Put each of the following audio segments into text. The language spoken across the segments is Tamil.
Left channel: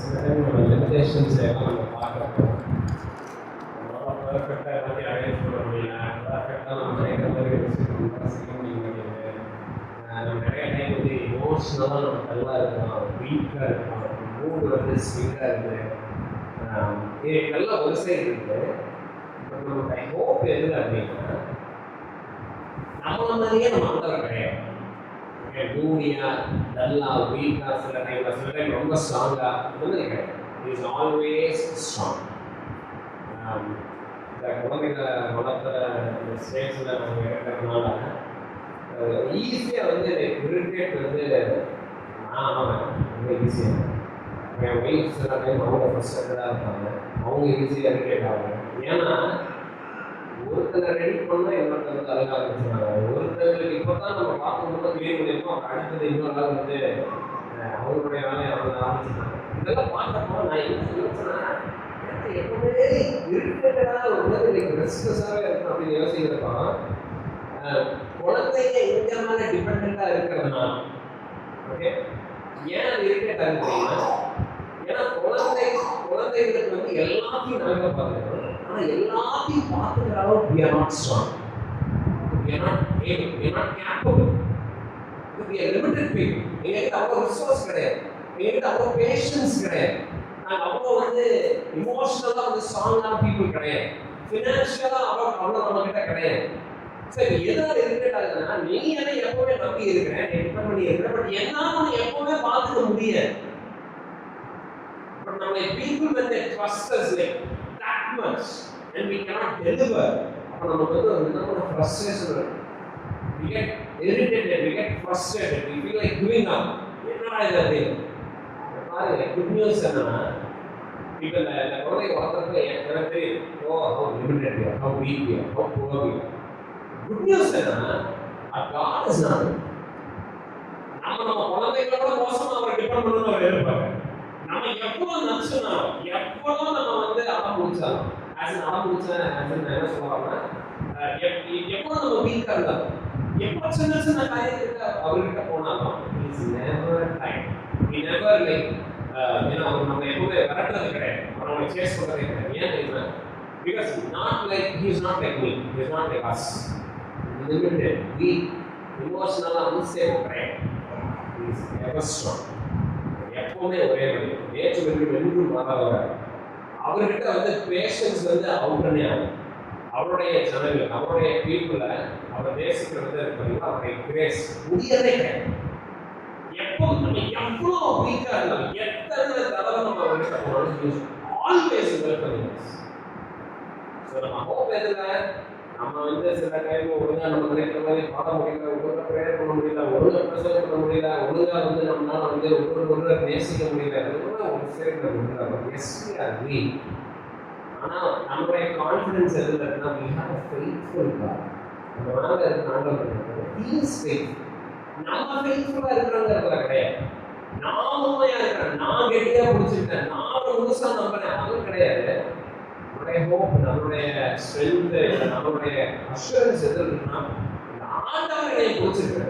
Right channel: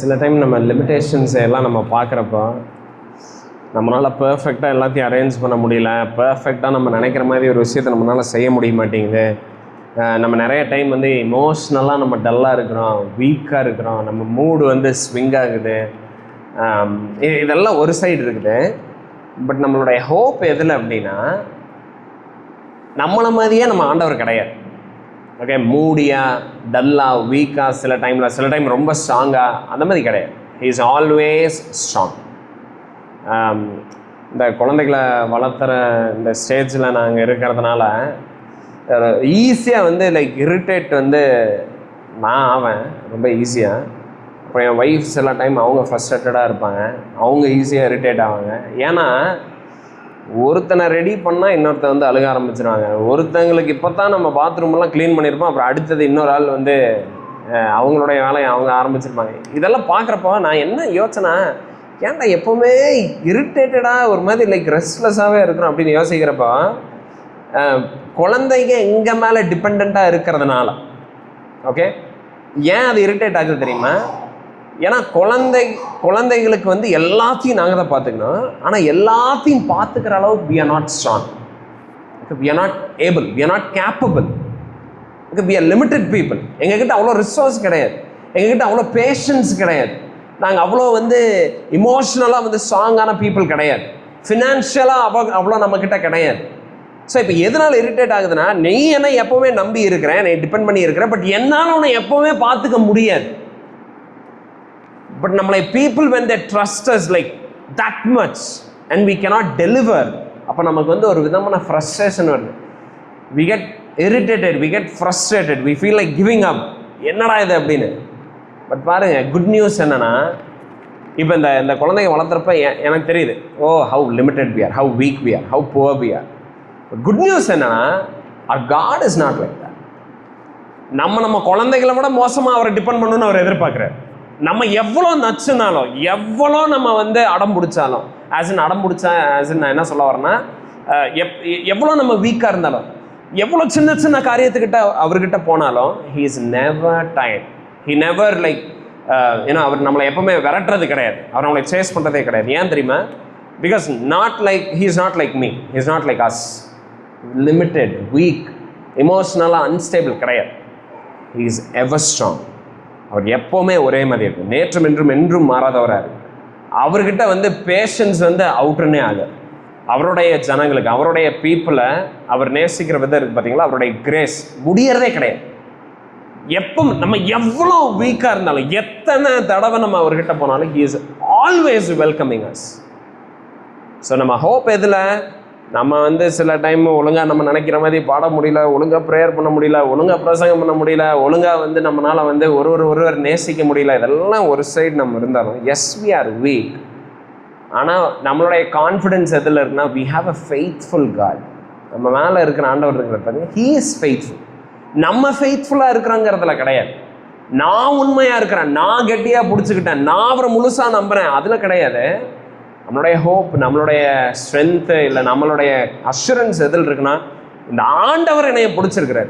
சில டைம் நம்ம லிமிட்டேஷன்ஸை எல்லாம் நம்ம பார்க்குறப்போ நம்மளால் பர்ஃபெக்டாக எல்லாத்தையும் அரேஞ்ச் பண்ண முடியல, பர்ஃபெக்டாக நம்ம நினைக்கிற மாதிரி ஒரு விஷயத்தை நம்மளால் செய்ய முடிய மாட்டேங்குது. நம்ம நிறைய டைம் வந்து இமோஷ்னலாக நம்ம டல்லாக இருக்கிறோம், வீக்காக இருக்கிறோம், நம்ம மூடு வந்து ஸ்விங் ஆகுது. இதெல்லாம் ஒரு சைடு இருக்குது. பட் நம்மளுடைய ஹோப் எதில் அப்படின்னா, நம்மளை மாதிரியே நம்ம ஆண்டவர் கிடையாது. ஓகே, மூடியாக, டல்லாக, வீக்காக, சில டைம் ரொம்ப ஸ்ட்ராங்காக, அந்த மாதிரி கிடையாது. He is always strong. இந்த குழந்தைகளை வளர்த்துற இந்த ஸ்டேஜில் நாங்கள் இருக்கிறதுனால ஈஸியாக வந்து லைக் இரிட்டேட் வந்து நான் ஆவேன் ரொம்ப ஈஸியாக. அப்புறம் என் ஒய்ஃப் சில டைம் அவங்க ஃப்ரஸ்ட்ரேட்டடாக இருப்பாங்க, அவங்க ஈஸியாக இரிட்டேட் ஆவாங்க. ஏன்னா ஒருத்தனை ரெடி பண்ணால் இன்னொருத்தன் வந்து அழுக ஆரம்பிச்சிருவாங்க. ஒருத்தங்களுக்கு இப்போ தான் நம்ம பாத்ரூமெல்லாம் க்ளீன் பண்ணியிருப்போம், அப்புறம் அடுத்தது இன்னொரு ஆள் வந்து அவங்களுடைய வேலையை அவங்க ஆரம்பிச்சிருப்பாங்க. இதெல்லாம் பார்க்குறப்போ நான் என்ன யோசனை, ஏன்டா எப்போவுமே இரிட்டேட்டடாக ஒரு மாதிரி லைக் ரெஸ்ட்லெஸ்ஸாகவே இருக்கிறோம் அப்படின்னு யோசிக்கிறப்போ, குழந்தைங்க எங்கள் மேலே டிபெண்ட்டாக இருக்கிறதுனால. ஓகே, ஏன் அது இரிட்டேட் ஆகுது தெரியுமா? ஏன்னா குழந்தைகளுக்கு வந்து எல்லாத்தையும் நாங்கள் தான் பார்த்துக்கணும். ஆனால் எல்லாத்தையும் பார்த்துக்கிற அளவுக்கு we are not strong, we are not able, we are not capable, we are limited people. எங்ககிட்ட அவ்வளோ ரிசோர்ஸ் கிடையாது, எங்ககிட்ட அவ்வளோ பேஷன்ஸ் கிடையாது, நாங்கள் அவ்வளோ வந்து இமோஷ்னலாக வந்து ஸ்ட்ராங்கான பீப்புள் கிடையாது, ஃபினான்ஷியலாக அவ்வளோ நம்மக்கிட்ட கிடையாது. ஸோ இப்போ எதனால் இரிட்டேட் ஆகுதுன்னா, நீ என்ன எப்போவுமே நம்பி இருக்கிறேன், நீ டிபெண்ட் பண்ணி இருக்கிறேன், பட் என்னால் உன்னை எப்போவுமே பார்த்துக்க முடியாது. பட் நம்மளை people when they trust us like that much and we cannot deliver, அப்போ நமக்கு வந்து ஒரு விதமான ஃப்ரஸ்ட்ரேஷன் வருது. we get irritated, we get frustrated, we feel like giving up. என்னடா இது அப்படின்னு. பட் பாருங்கள், குட் நியூஸ் என்னென்னா, இப்போ இந்த குழந்தைங்க வளர்த்துறப்ப எனக்கு தெரியுது, ஓ how limited we are, how weak we are, how poor we are. Good news என்னென்னா, our God is not like that. நம்ம குழந்தைகளை விட மோசமாக அவரை டிபெண்ட் பண்ணணும்னு அவர் எதிர்பார்க்குறாரு. நம்ம எவ்வளோ நச்சுனாலும், எவ்வளோ நம்ம வந்து அடம் பிடிச்சாலும், நான் என்ன சொல்ல வரேன்னா, எவ்வளோ நம்ம வீக்காக இருந்தாலும், எவ்வளோ சின்ன காரியத்துக்கிட்ட அவர்கிட்ட போனாலும், he is never tired, he never like ஏன்னா அவர் நம்மளை எப்பவுமே விரட்டுறது கிடையாது, அவர் நம்மளை சேஸ் பண்ணுறதே கிடையாது. ஏன் தெரியுமா? Because he is not like me, he is not like us, limited, weak, emotionally unstable கிடையாது. he is ever strong. அவர் எப்போவுமே ஒரே மாதிரி இருக்கும், நேற்றும் என்றும் மாறாதவராக. அவர்கிட்ட வந்து பேஷன்ஸ் வந்து அவுட்ருன்னே ஆகுது. அவருடைய ஜனங்களுக்கு, அவருடைய பீப்புளை அவர் நேசிக்கிற விதம் இருக்குது பார்த்தீங்களா, அவருடைய கிரேஸ் முடியறதே கிடையாது. எப்போ நம்ம எவ்வளோ வீக்காக இருந்தாலும், எத்தனை தடவை நம்ம அவர்கிட்ட போனாலும், he is always welcoming us. So நம்ம ஹோப் எதில்? நம்ம வந்து சில டைம் ஒழுங்காக நம்ம நினைக்கிற மாதிரி பாட முடியல, ஒழுங்காக ப்ரேயர் பண்ண முடியல, ஒழுங்காக பிரசங்கம் பண்ண முடியல, ஒழுங்காக வந்து நம்மளால் வந்து ஒருவர் நேசிக்க முடியல. இதெல்லாம் ஒரு சைடு நம்ம இருந்தாலும், எஸ் we are weak. ஆனால் நம்மளுடைய கான்ஃபிடென்ஸ் எதில் இருக்குன்னா, we have a faithful God. நம்ம மேலே இருக்கிற ஆண்டவர் இருக்கிற பாருங்க, he is faithful. நம்ம ஃபெய்த்ஃபுல்லாக இருக்கிறோங்கிறதுல கிடையாது. நான் உண்மையாக இருக்கிறேன், நான் கெட்டியாக பிடிச்சிக்கிட்டேன், நான் அவரை முழுசாக நம்புகிறேன், அதில் கிடையாது. நம்மளுடைய ஹோப், நம்மளுடைய ஸ்ட்ரென்த்து, இல்லை நம்மளுடைய அஷூரன்ஸ் எதில் இருக்குன்னா, இந்த ஆண்டவர் என்னையை பிடிச்சிருக்கிறார்,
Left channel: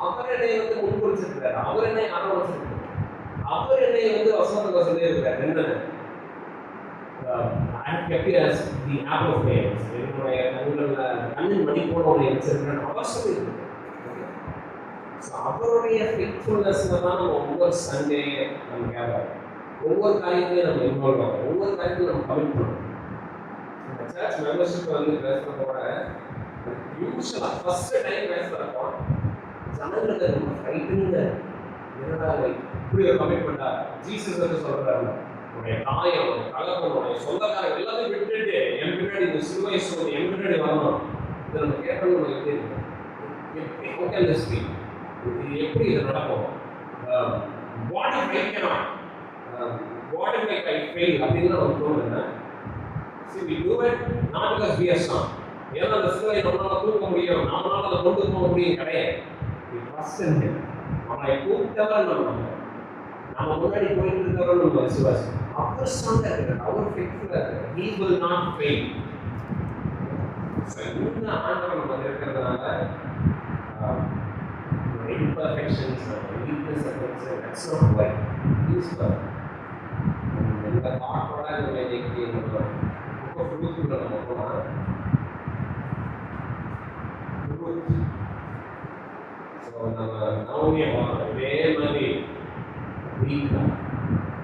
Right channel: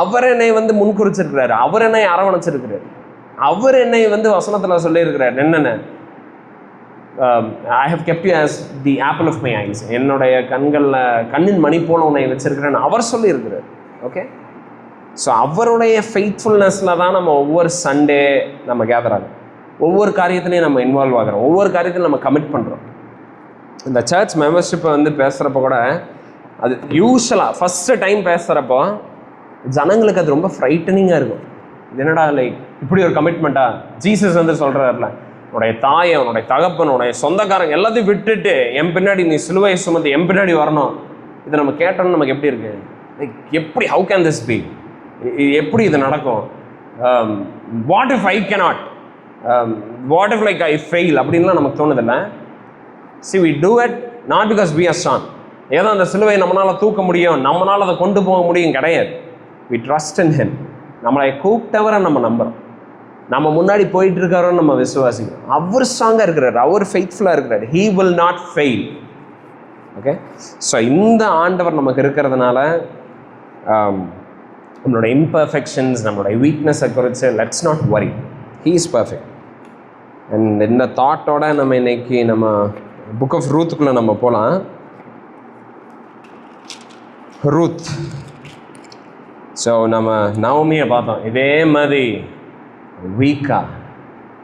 அவர் என்னை வந்து முன்குறிச்சிருக்கிறார், அவர் என்னை அரவணைச்சிருக்கிறார், அவர் என்னை வந்து வசனத்தில் சொல்லியிருக்கிறார் என்னென்ன, I have kept you as the apple of my eyes, என்னுடைய கண்ணின் மணி போல உன்னை வச்சிருக்கிறேன்னு அவர் சொல்லியிருக்கிறார். ஓகே, ஸோ அவருடைய ஃபெய்த்ஃபுல்னஸில் தான் நம்ம ஒவ்வொரு சண்டே நம்ம கேதர் ஆகும், ஒவ்வொரு காரியத்திலையும் நம்ம இன்வால்வ் ஆகிறோம், ஒவ்வொரு காரியத்திலையும் நம்ம கமிட் பண்ணுறோம். இந்த சர்ச் மெம்பர்ஷிப்பை வந்து பேசுகிறப்ப கூட, அது யூஸ்வலாக ஃபஸ்ட்டு டைம் பேசுகிறப்போ ஜனங்களுக்கு அது ரொம்ப ஃப்ரைட்டனிங்காக இருக்கும். என்னடா லைக் இப்படி ஒரு கமிட்மெண்ட்டா? ஜீசஸ் வந்து சொல்கிறாருல, உன்னுடைய தாயை, உன்னுடைய தகப்பன், உன்னுடைய சொந்தக்காரங்க எல்லாத்தையும் விட்டுட்டு என் பின்னாடி நீ சிலுவை சுமந்து என் பின்னாடி வரணும். இதை நம்ம கேட்டோம்னு நமக்கு எப்படி இருக்குது? லைக் எப்படி, ஹவு கேன் திஸ் பி, எப்படி இது நடக்கும்? What if I cannot, what if like I fail அப்படின்லாம் நமக்கு தோணுதில்லை. See we do it not because we are strong, ஏதோ அந்த சிலுவை நம்மளால் தூக்க முடியும், நம்மளால் அதை கொண்டு போக முடியும் கிடையாது. we trust in him. நம்மளை கூப்பிட்டவரை நம்ம நம்புறோம், நம்ம முன்னாடி போயிட்டு இருக்காரோன்னு நம்ம விசுவாசிக்கிறோம். அவர் ஸ்ட்ராங்காக இருக்கிறார், அவர் ஃபெய்த்ஃபுல்லாக இருக்கிறார், he will not fail. Okay, so இந்த ஆண்டவர் நமக்கு இருக்கிறதுனால நம்மளோட இம்பர்ஃபெக்ஷன்ஸ், நம்மளோட வீக்னஸை குறித்து let's not worry, he is perfect. And இந்த தாட்டோட நம்ம இன்னைக்கு நம்ம புக் ஆஃப் ரூத்துக்குள்ளே நம்ம போகலாம். ரூத். ஸோ நம்ம நவமியை பார்த்தோம். இதே மாதிரி வீக்காக,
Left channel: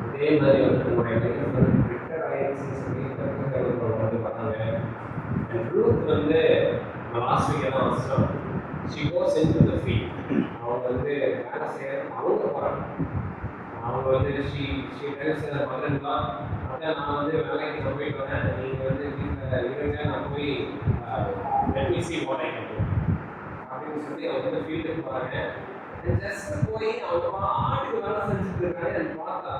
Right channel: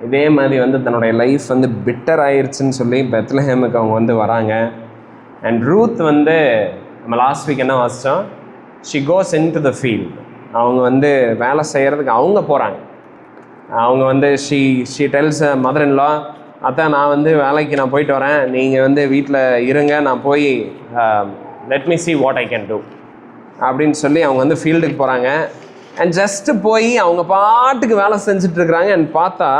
இதே மாதிரி வந்து தன்னுடைய லைஃப் வந்து பிட்டர் ஆயிடுச்சுன்னு சொல்லி பெத்லஹேமுக்கு அவங்க வந்து வராங்க. அண்ட் ரூத் வந்து நம்ம லாஸ்ட் வீக் என்ன வாசித்தோம்? She goes into the field. அவங்க வந்து வேலை செய்கிறதுக்கு அவங்க போகிறாங்க. அவங்க வந்து ஷீ டெல்ஸ் மதர் இன் லா, அதான் நான் வந்து வேலைக்கு நான் போயிட்டு வரேன், நீங்கள் வந்து வீட்டில் இருங்க, நான் போய் let me see what I can do அப்படின்னு சொல்லி அவங்க வந்து ஃபீல்டுக்கு போகிறாங்க. அண்ட் ஜஸ்ட்டு போய் அவங்க பாட்டுக்கு வேலை செஞ்சிட்ருக்குறாங்க. அண்ட் பார்த்தா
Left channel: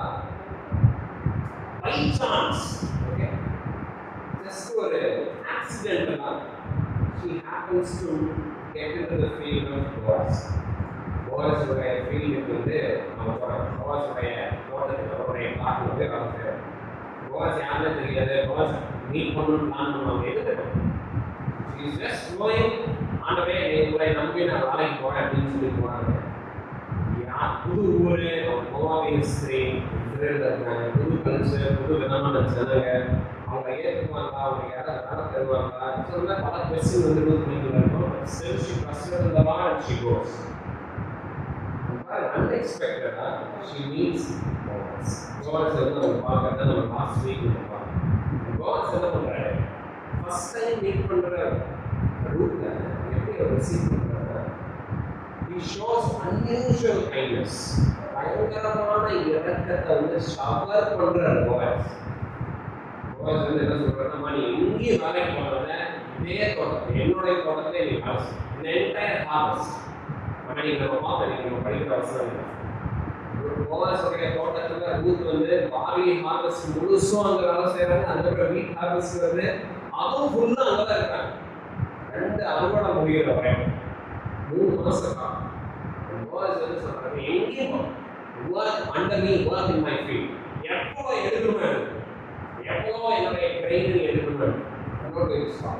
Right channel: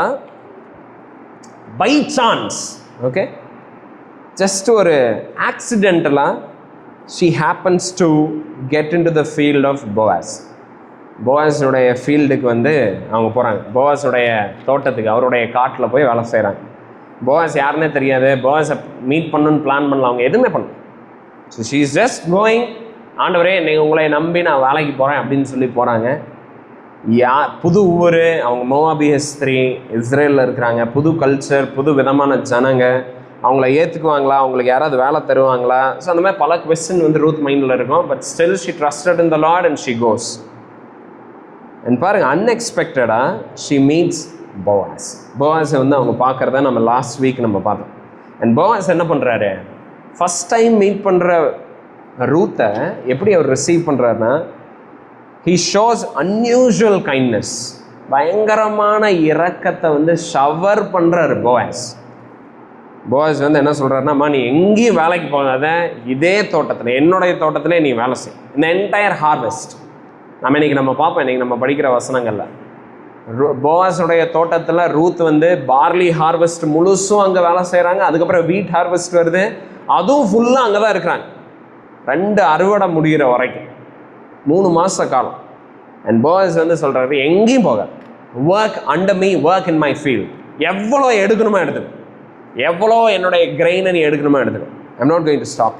பை சான்ஸ், ஓகே, ஜஸ்ட் ஒரு ஆக்சிடென்டலாக she happens to get into the field of Boaz. போவாஸுடைய ஃபீல்டுக்கு வந்து அவங்க போகிறாங்க. போவாஸுடைய தோட்டத்துக்கு, அவருடைய காட்டில் போய் வேலை செய்கிறாங்க. போவாஸ் யாருன்னே தெரியாது. போவாஸை மீட் பண்ணணுன்னு பிளான் பண்ணலாம், அவங்க எதுவுமே பண்ணல. So she is just going. ஆண்டவரே, இன்னைக்கு உங்களை நம்பி நான் வேலைக்கு போகிறேன் அப்படின்னு சொல்லி போகிறாங்க. புது ஊர், அவங்க மோவாபிய ஸ்திரீ, இஸ்ரேலில் இருக்கிறாங்க. புது கல்ச்சர், புது விதமான ஜனங்க, அவங்கள ஏற்றுக்குவாங்களா, அவங்களுக்கு யாராவது வேலை தருவாங்களா? ஸோ அந்த மாதிரி பல கொஸ்டின் வந்து ரூத் மைண்டில் இருக்கும். But still she trusted in the Lord and she goes. And பாருங்கள், அன்எக்ஸ்பெக்டடாக ஷி மீட்ஸ் போவாஸ். போவாஸை வந்து அவங்க பார்க்குறத நம்ம லாஸ்ட் வீக் நம்ம பார்த்தோம். அண்ட் போவாஸ் என்ன பண்ணுறாரு? ஃபஸ்ட் டைம் மீட் பண்ணுற ரூத்தை எப்படி அவர் ரிசீவ் பண்ணுறாருன்னா, ஹீ ஷோஸ் அன்யூஷுவல் கைண்ட்னஸ். பயங்கரமான இரக்கத்தை வந்து ஷவர் பண்ணுறாரு போவாஸ். போவாஸ் வந்து என்ன சொல்கிறாருன்னா, நீ எங்கேயும் வேலைக்கு போகாத, இதே தோட்டத்தில், என்னுடைய தோட்டத்திலே நீ வேலை செய். இந்த என்டையர் ஹார்வெஸ்ட் நம்ம இன்றைக்கி நம்ம பார்ப்போம். இன்றைக்கி நம்ம படிக்கிற வசனங்களில் போவாஸுடைய தோட்டத்தில் ரூத் வந்து பார்லி ஹார்வெஸ்ட் முழுசும் அங்கே வேலை செய்கிறாங்க. அதுக்கப்புறம் வீட் ஹார்வெஸ்ட் வருது, அதுவும் ஃபுல்லாக அங்கே தான் இருக்கிறாங்க. 2 அறுவடை முடிகிற வரைக்கும் 3 மாத காலம். அண்ட் போவாஸ் வந்து சொல்கிறாரு, எங்கேயும் போக, work under me, work in my field. எவ்வளோ எடுக்கணுமோ எடுத்துக்க, எவ்வளோ என்னுடைய கிரெயினை நீ எடுக்கணுமோ எடுத்துக்க, I'm not going to stop.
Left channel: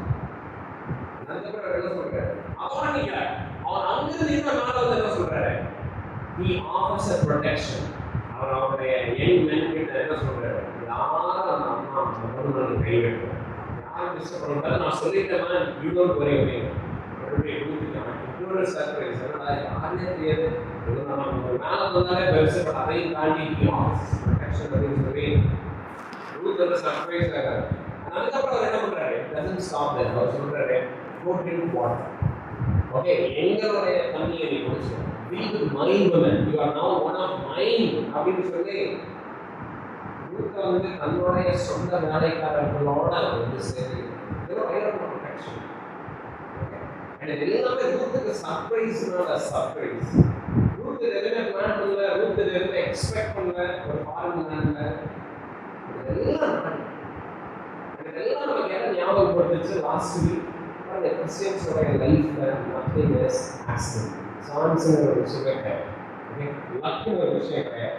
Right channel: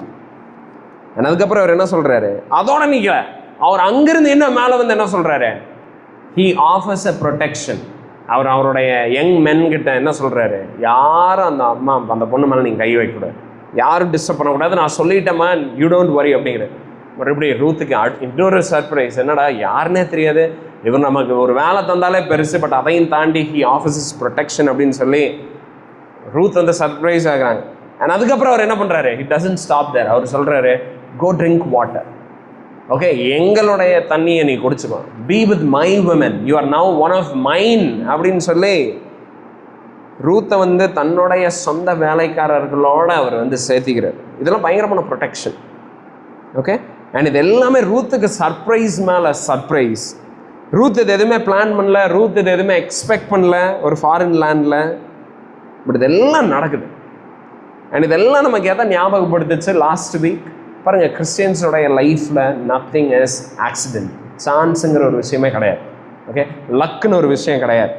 And அதுக்கப்புறம் அவர் என்ன சொல்கிறாரு? அதோட நிற்கல, அவர் அங்கிருந்து என்ன மேலே வந்து என்ன சொல்கிறாரு? He offers a protection. அவருடைய யங் மென் கிட்ட என்ன சொல்கிறாரு? யாரும் அந்த பொண்ணு மேலே நீங்கள் கை வைக்கக்கூடாது, யாரும் டிஸ்டர்ப் பண்ணக்கூடாது, நான் சொல்லிட்டேம்மா, யூ டோன்ட் வரி அப்படிங்கிறது. மறுபடியும் ரூத்துக்கு இன்னொரு சர்ப்ரைஸ். என்னடா, யாருன்னே தெரியாது, இவர் நமக்கு ஒரு வேலை தந்தாலே பெருசு, பட் அதையும் தாண்டி ஹீ ஆஃபர்ஸ் ப்ரொடெக்ஷன் அப்படின்னு சொல்லி ரூத் வந்து சர்ப்ரைஸ் ஆகிறாங்க. அண்ட் அதுக்கப்புறம் அவர் என்ன பண்ணுறாரு? It doesn't stop there. அவர் சொல்கிறாரு, கோ ட்ரிங்க் வாட்டர். ஓகே, எங்களுடைய தண்ணியை நீ குடிச்சுக்கோ. Be with my women, you are now one of mine அப்படின்னு சொல்லி ரூத்தை வந்து தன்னுடைய சொந்த வேலைக்காரர்களோடு அவர் வந்து சேர்த்திக்கிறார். இதெல்லாம் பயங்கரமான ப்ரொடெக்ஷன். ஓகே, அண்ட் இது எல்லாமே ரூத்துக்கு சர்ப்ரைஸ் மேலே சர்ப்ரைஸ். ரூத் இது எதுவுமே பிளான் பண்ணல, ரூத் இது எதுவுமே எக்ஸ்பெக்ட் பண்ணல ஒரு ஃபாரின் லேண்டில். பட் இதெல்லாம் நடக்குது. அண்ட் இதெல்லாம் நமக்கு எதை ஞாபகப்படுத்துச்சு லாஸ்ட் வீக்? பாருங்கள், கிறிஸ்டியன்ஸோடைய லைஃப்பில் நத்திங் இஸ் ஆக்சிடென்ட். சான்ஸுங்கிற ஒரு விஷயமே கிடையாது. ஓகே, லக்குன்னு ஒரு விஷயம் கிடையாது.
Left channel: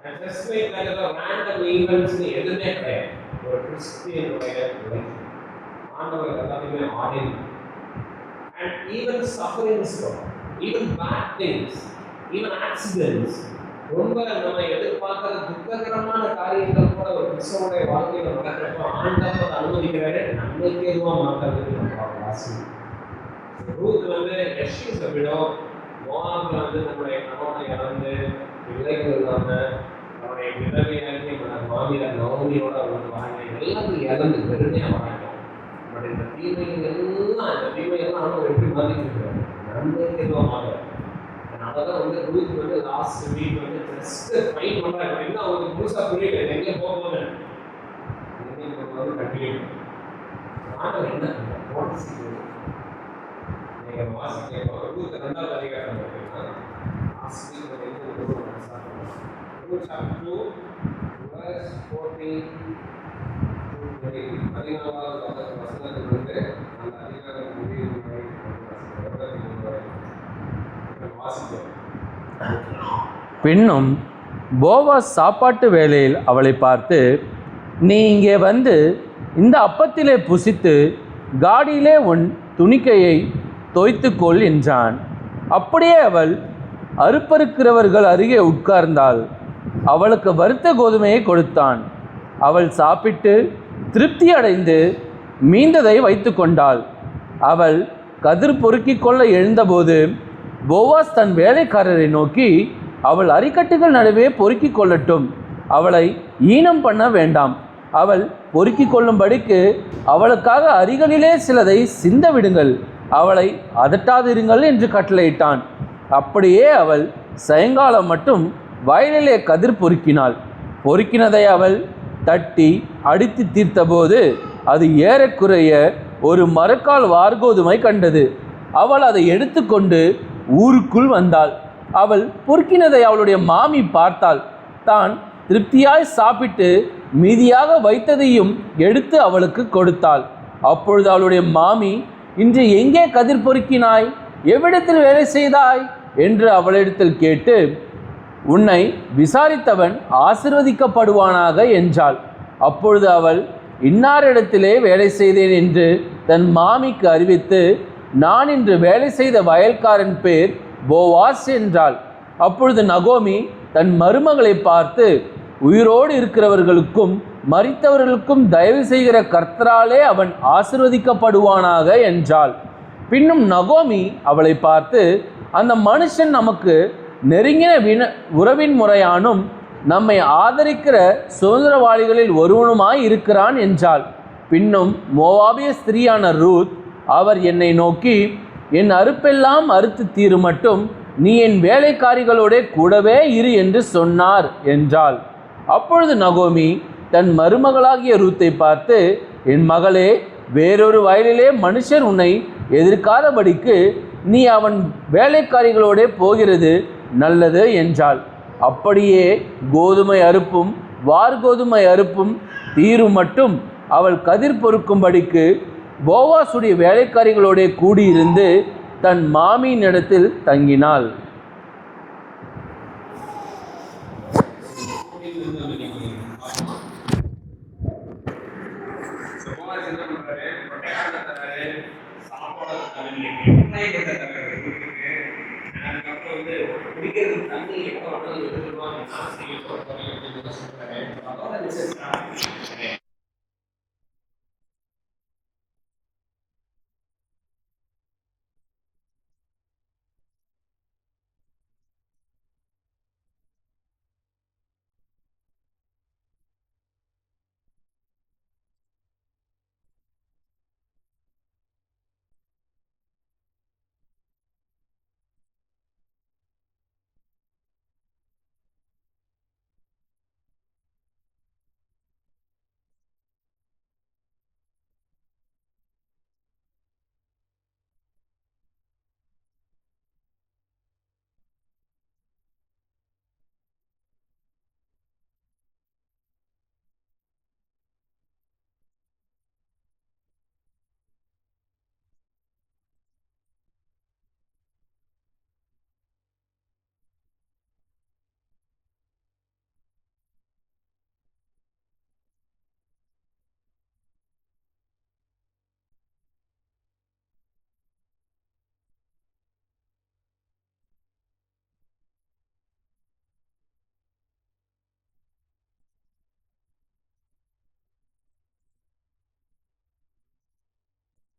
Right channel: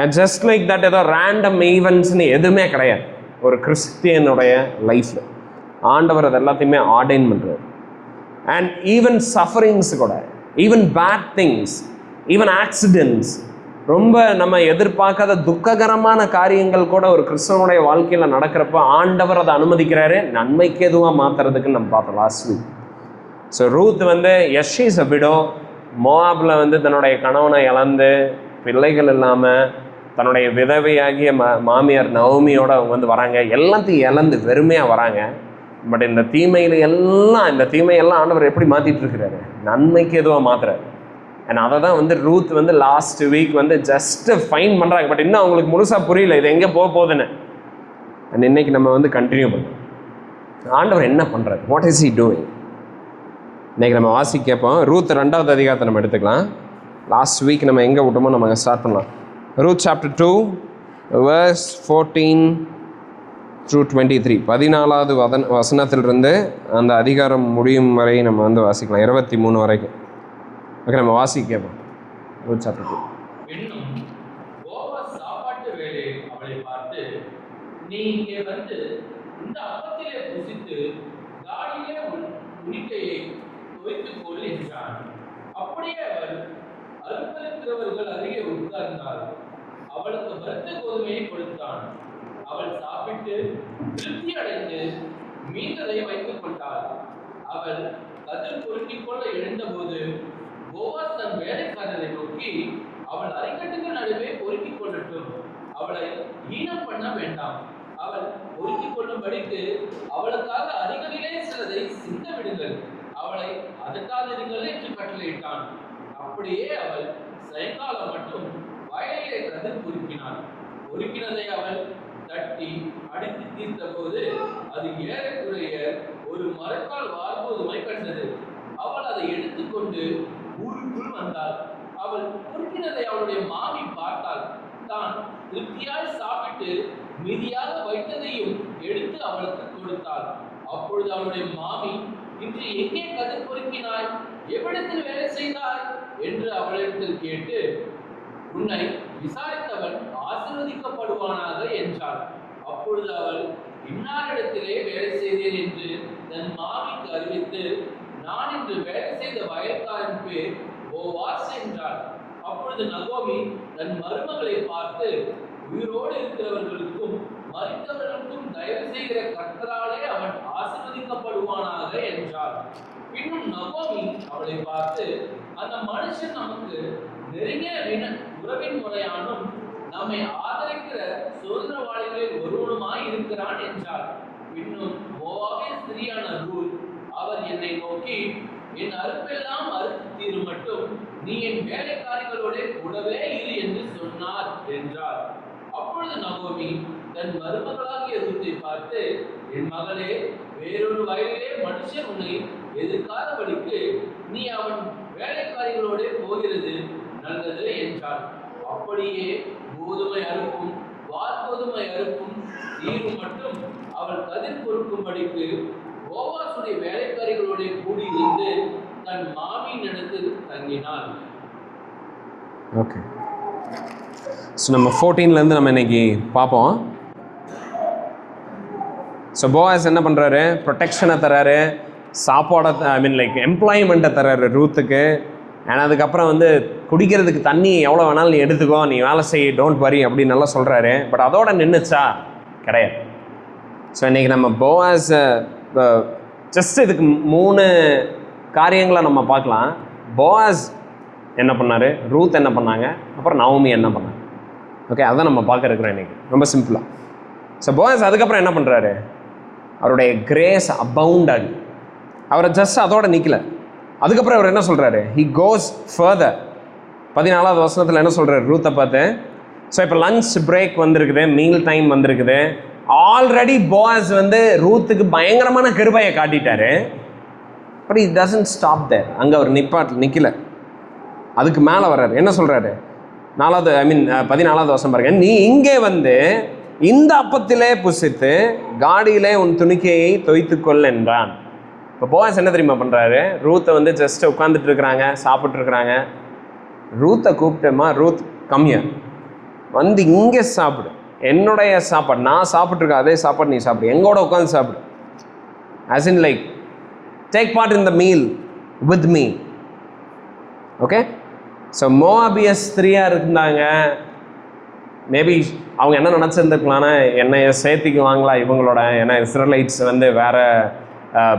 அண்ட் ஜஸ்ட் லைக் தட் ஏதோ ரேண்டம் ஈவெண்ட்ஸ்னு எதுவுமே கிடையாது ஒரு கிறிஸ்டியனுடைய லைஃப்பில். ஆண்டவர் அது எல்லாத்தையுமே ஆர்டைன் பண்ணுறார். அண்ட் ஈவன் சஃபரிங்ஸ் கூட, even bad things, even accidents, ரொம்ப நம்ம எதிர்பார்க்காத துக்ககரமான காரியங்கள் கூட ஒரு கிறிஸ்தவனுடைய வாழ்க்கையில் நடக்கிறப்ப ஆண்டவர் அதை அனுமதிக்கிறாரு, நன்மைக்கு எதுவாக மாற்றுறதுக்குன்னு நம்ம பார்த்தோம் லாஸ்ட் வீக். ஸோ ரூத் வந்து ஷீ இஸ் அ விடோ. மோவாபில் வந்து தன்னுடைய கணவனை இழந்து, பிள்ளைகள் இல்லாமல், தன்னுடைய விதவையாகிய மாமியார் நவமியோடு அவங்க வந்து வராங்க. எல்லாத்தையும் இழந்து வெறுமையாக வராங்க. பட் இந்த தீமையெல்லாம் ஆண்டவர் எப்படி மாற்றிட்டு இருக்கிறாரு? நன்மைக்கு எதுவாக மாற்றுறாரு. அண்ட் அதை தான் வந்து ரூத் வந்து லாஸ்ட் வீக் வந்து ஜஸ்ட்டு ஃபைன் பண்ணுறாங்க. பட் இன்னும் அவங்களுக்கு முழுசாக புரியல இது எங்கே போகுதுன்னு. அண்ட் இன்னைக்கு நம்ம வந்து கண்டினியூ பண்ணுவோம். ஆண்டவர் என்ன பண்ணுறாரு? What is he doing? இன்றைக்கி நம்ம வாசி கேட்போம். ரூத் 2வது அதிகாரத்தை நம்ம எடுத்துக்கலாம். லாஸ்ட் வீக் நம்ம எங்கே விட்டோமோ நம்ம ஸ்டார்ட் பண்ணலாம். Ruth chapter 2 verse 14 through 23. 14வது வசனத்திலிருந்து அந்த அதிகாரம் முடியும் வரை நம்ம வந்து வாசிக்கலாம், 23 வரைக்கும். ஓகே, நம்ம வாசி கேட்போம். Ruth chapter 2. பின்னும் போவாஸ் சாப்பாட்டு வேளையில் அவளை பார்த்து, நீ இங்கே வந்து இந்த அப்பத்திலே புசித்து காடியிலே உன் துணிக்கையை தோய்த்துக்கொள் என்றான். அப்படியே அவள் அறுப்பறுக்கிறவர்கள் அருகே உட்கார்ந்தாள். அவளுக்கு வறுத்த கோதுமையை கொடுத்தான். அவள் சாப்பிட்டு திருப்தி அடைந்து மீந்ததை வைத்து கொண்டாள். அவள் கதிர் பொறுக்கிக் கொள்ள எழுந்தபோது போவாஸ் தன் வேலைக்காரரை நோக்கி, அவள் அரிக்கட்டுகள் நடுவே பொறுக்கிக் கொள்ளட்டும், அவளை ஈனம் பண்ண வேண்டாம். அவள் பொறுக்கிக் கொள்ளும்படிக்கு அவளுக்காக அரிகளிலே சிலதை சிந்த விடுங்கள், அவளை அதட்டாதிருங்கள் என்று கட்டளையிட்டான். அப்படியே அவள் சாயங்காலம் மட்டும் வயலிலே கதிர் பொறுக்கினாள். பொறுக்கினதை அவள் தட்டி அடித்து தீர்த்தபோது அது ஏறக்குறைய ஒரு மரக்கால் வார்கோதுமை கண்டது. அவள் அதை எடுத்துக்கொண்டு ஊருக்குள் வந்தாள். அவள் பொறுக்கினதை அவளுடைய மாமி பார்த்தாள். தான் திருப்தியாய் சாப்பிட்டு மீதியாக வைத்ததையும் எடுத்து அவளுக்கு கொடுத்தாள். அப்பொழுது அவளுடைய மாமி, இன்று எங்கே கதிர் பொறுக்கினாய், எவ்விடத்தில் வேலை செய்தாய் என்று அவளிடத்தில் கேட்டு, உன்னை விசாரித்தவன் ஆசீர்வதிக்கப்படுவானாக என்றாள். அப்பொழுது அவள், இன்னாரிடத்திலே வேலை செய்தேன் என்று தன் மாமிக்கு அறிவித்து, நான் இன்று வேலை செய்த வயல்காரன் பேர் போவாஸ் என்றாள். அப்பொழுது நகோமி தன் மருமகளை பார்த்து, உயிரோடு இருக்கிறவர்களுக்கும் மரித்தவர்களுக்கும் தயவு செய்கிற கர்த்தராலே அவன் ஆசீர்வதிக்கப்படுவானாக என்றாள். பின்னும் நகோமி அவளை பார்த்து, அந்த மனுஷன் நமக்கு நெருங்கின உறவின் முறையானும் நம்மை ஆதரிக்கிற சுதந்திரவாளிகளில் ஒருவனுமாய் இருக்கிறான் என்றாள். பின்னும் மோவாபிய ஸ்திரீயான ரூத், அவர் என்னை நோக்கி, என் அறுப்பெல்லாம் அறுத்து தீரு மட்டும் நீ என் வேலைக்காரிகளோட கூடவே இரு என்று சொன்னார் என்றாள். அப்பொழுது நகோமி தன் மருமகளாகிய ரூத்தை பார்த்து, என் மகளே, வேறொரு வயலிலே மனுஷர் உன்னை எதிர்க்காதபடிக்கு நீ அவன் வேலைக்காரிகளோட போகிறது நல்லது என்றாள். அப்படியே கோதுமை அறுப்பும் வார்கோதுமை அறுப்பும் தீரும் மட்டும் அவள் கதிர் பொறுக்கும்படிக்கு போவாசுடைய வேலைக்காரிகளோட கூடியிருந்து தன் மாமியின் இடத்தில் தங்கினாள். ஓகே, ஸோ நம்ம 14லேருந்து நம்ம இன்னைக்கு பார்ப்போம். ஸோ போவாஸ் என்ன பண்ணுறாரு, ப்ரொடெக்ஷனை தராரு, சாப்பாடை லைக் எம்ப்ளாய்மெண்ட்டை தராரு ரூத்துக்கு. அண்ட் அதுக்கப்புறம் வந்து குடிக்கிறதுக்கு தண்ணி எவ்வளோ வேணாலும் நீ எடுத்துக்கோ, நீ வேலை செய், டோன்ட் வரி அப்படின்னு நல்லா சொல்கிறாரு. பட் அதோட நின்றுச்சா? கிடையாது. ஸோ இன்றைக்கி நம்ம போவாஸ் ஜஸ்ட் இதுக்கு 3 காரியங்களை நம்ம பார்க்கலாம். போவாஸ் என்ன பண்ணார், ரூத் என்ன பண்ணாங்க, அப்புறம் நவோமி என்ன பண்ணாங்க. ஓகே, அதான் நம்ம பார்க்க இருக்கிறோம் இன்றைக்கி, ரொம்ப சிம்பிளாக. ஸோ போவாஸ் அதுக்கப்புறம் என்ன பண்ணுறாரு, அவருடைய கிரேஸ் அபவுண்ட் ஆகி அவரை ஜஸ்ட் அதோட நிற்கல. அதுக்கப்புறம் அவர் என்ன சொல்கிறாரு, ஹி கோஸ் ஃபர்தர். 14வது வசனத்தில் என்ன சொல்கிறார் ரூத்தை பார்த்து, ஸோ இப்போ லன்ச் பிரேக் வந்திருக்குது, மீல் டைம் வந்திருக்குது. ஆல்ரெடி போவாஸ் வந்து ரூத்துக்கு பயங்கரமான கிருபையை காட்டிட்டாரு. But it doesn't stop there. அங்கே அவர் நிற்கல, அதுக்கு மேலே வர்றாரு. என்ன சொல்கிறாரு, 14வது வசனம் பாருங்க, நீ இங்கே வந்து இந்த அப்பத்திலே புசித்து காடியிலே உன் துணிக்கையை தோய்த்துக்கொள் என்றான். இப்போ போவாஸ் என்ன தெரியுமா பண்ணுறாரு, ரூத்தை வந்து ஜஸ்ட் உட்காந்துட்டு இருக்கிறாங்க, சாப்பிட்ருக்குறாங்க. ரூத்தை கூப்பிட்டேம்மா, ரூத் கம்மியா வந்து இங்கே சாப்பிடு, என்னுடைய சாப்பாடு, நான் சாப்பிட்ருக்கேன் அதே சாப்பாடு நீ சாப்பிடு, எங்கூட உட்காந்து சாப்பிடு. As in like take part in the meal with me. Okay, so மோவாபியஸ் ஸ்திரீயாக இருந்தாங்க. மேபி அவங்க என்ன நினச்சிருந்துருக்கலான்னா, என்னை சேர்த்திக்குவாங்களா இவங்களோட, ஏன்னா இஸ்ரேலைட்ஸ் வந்து வேறு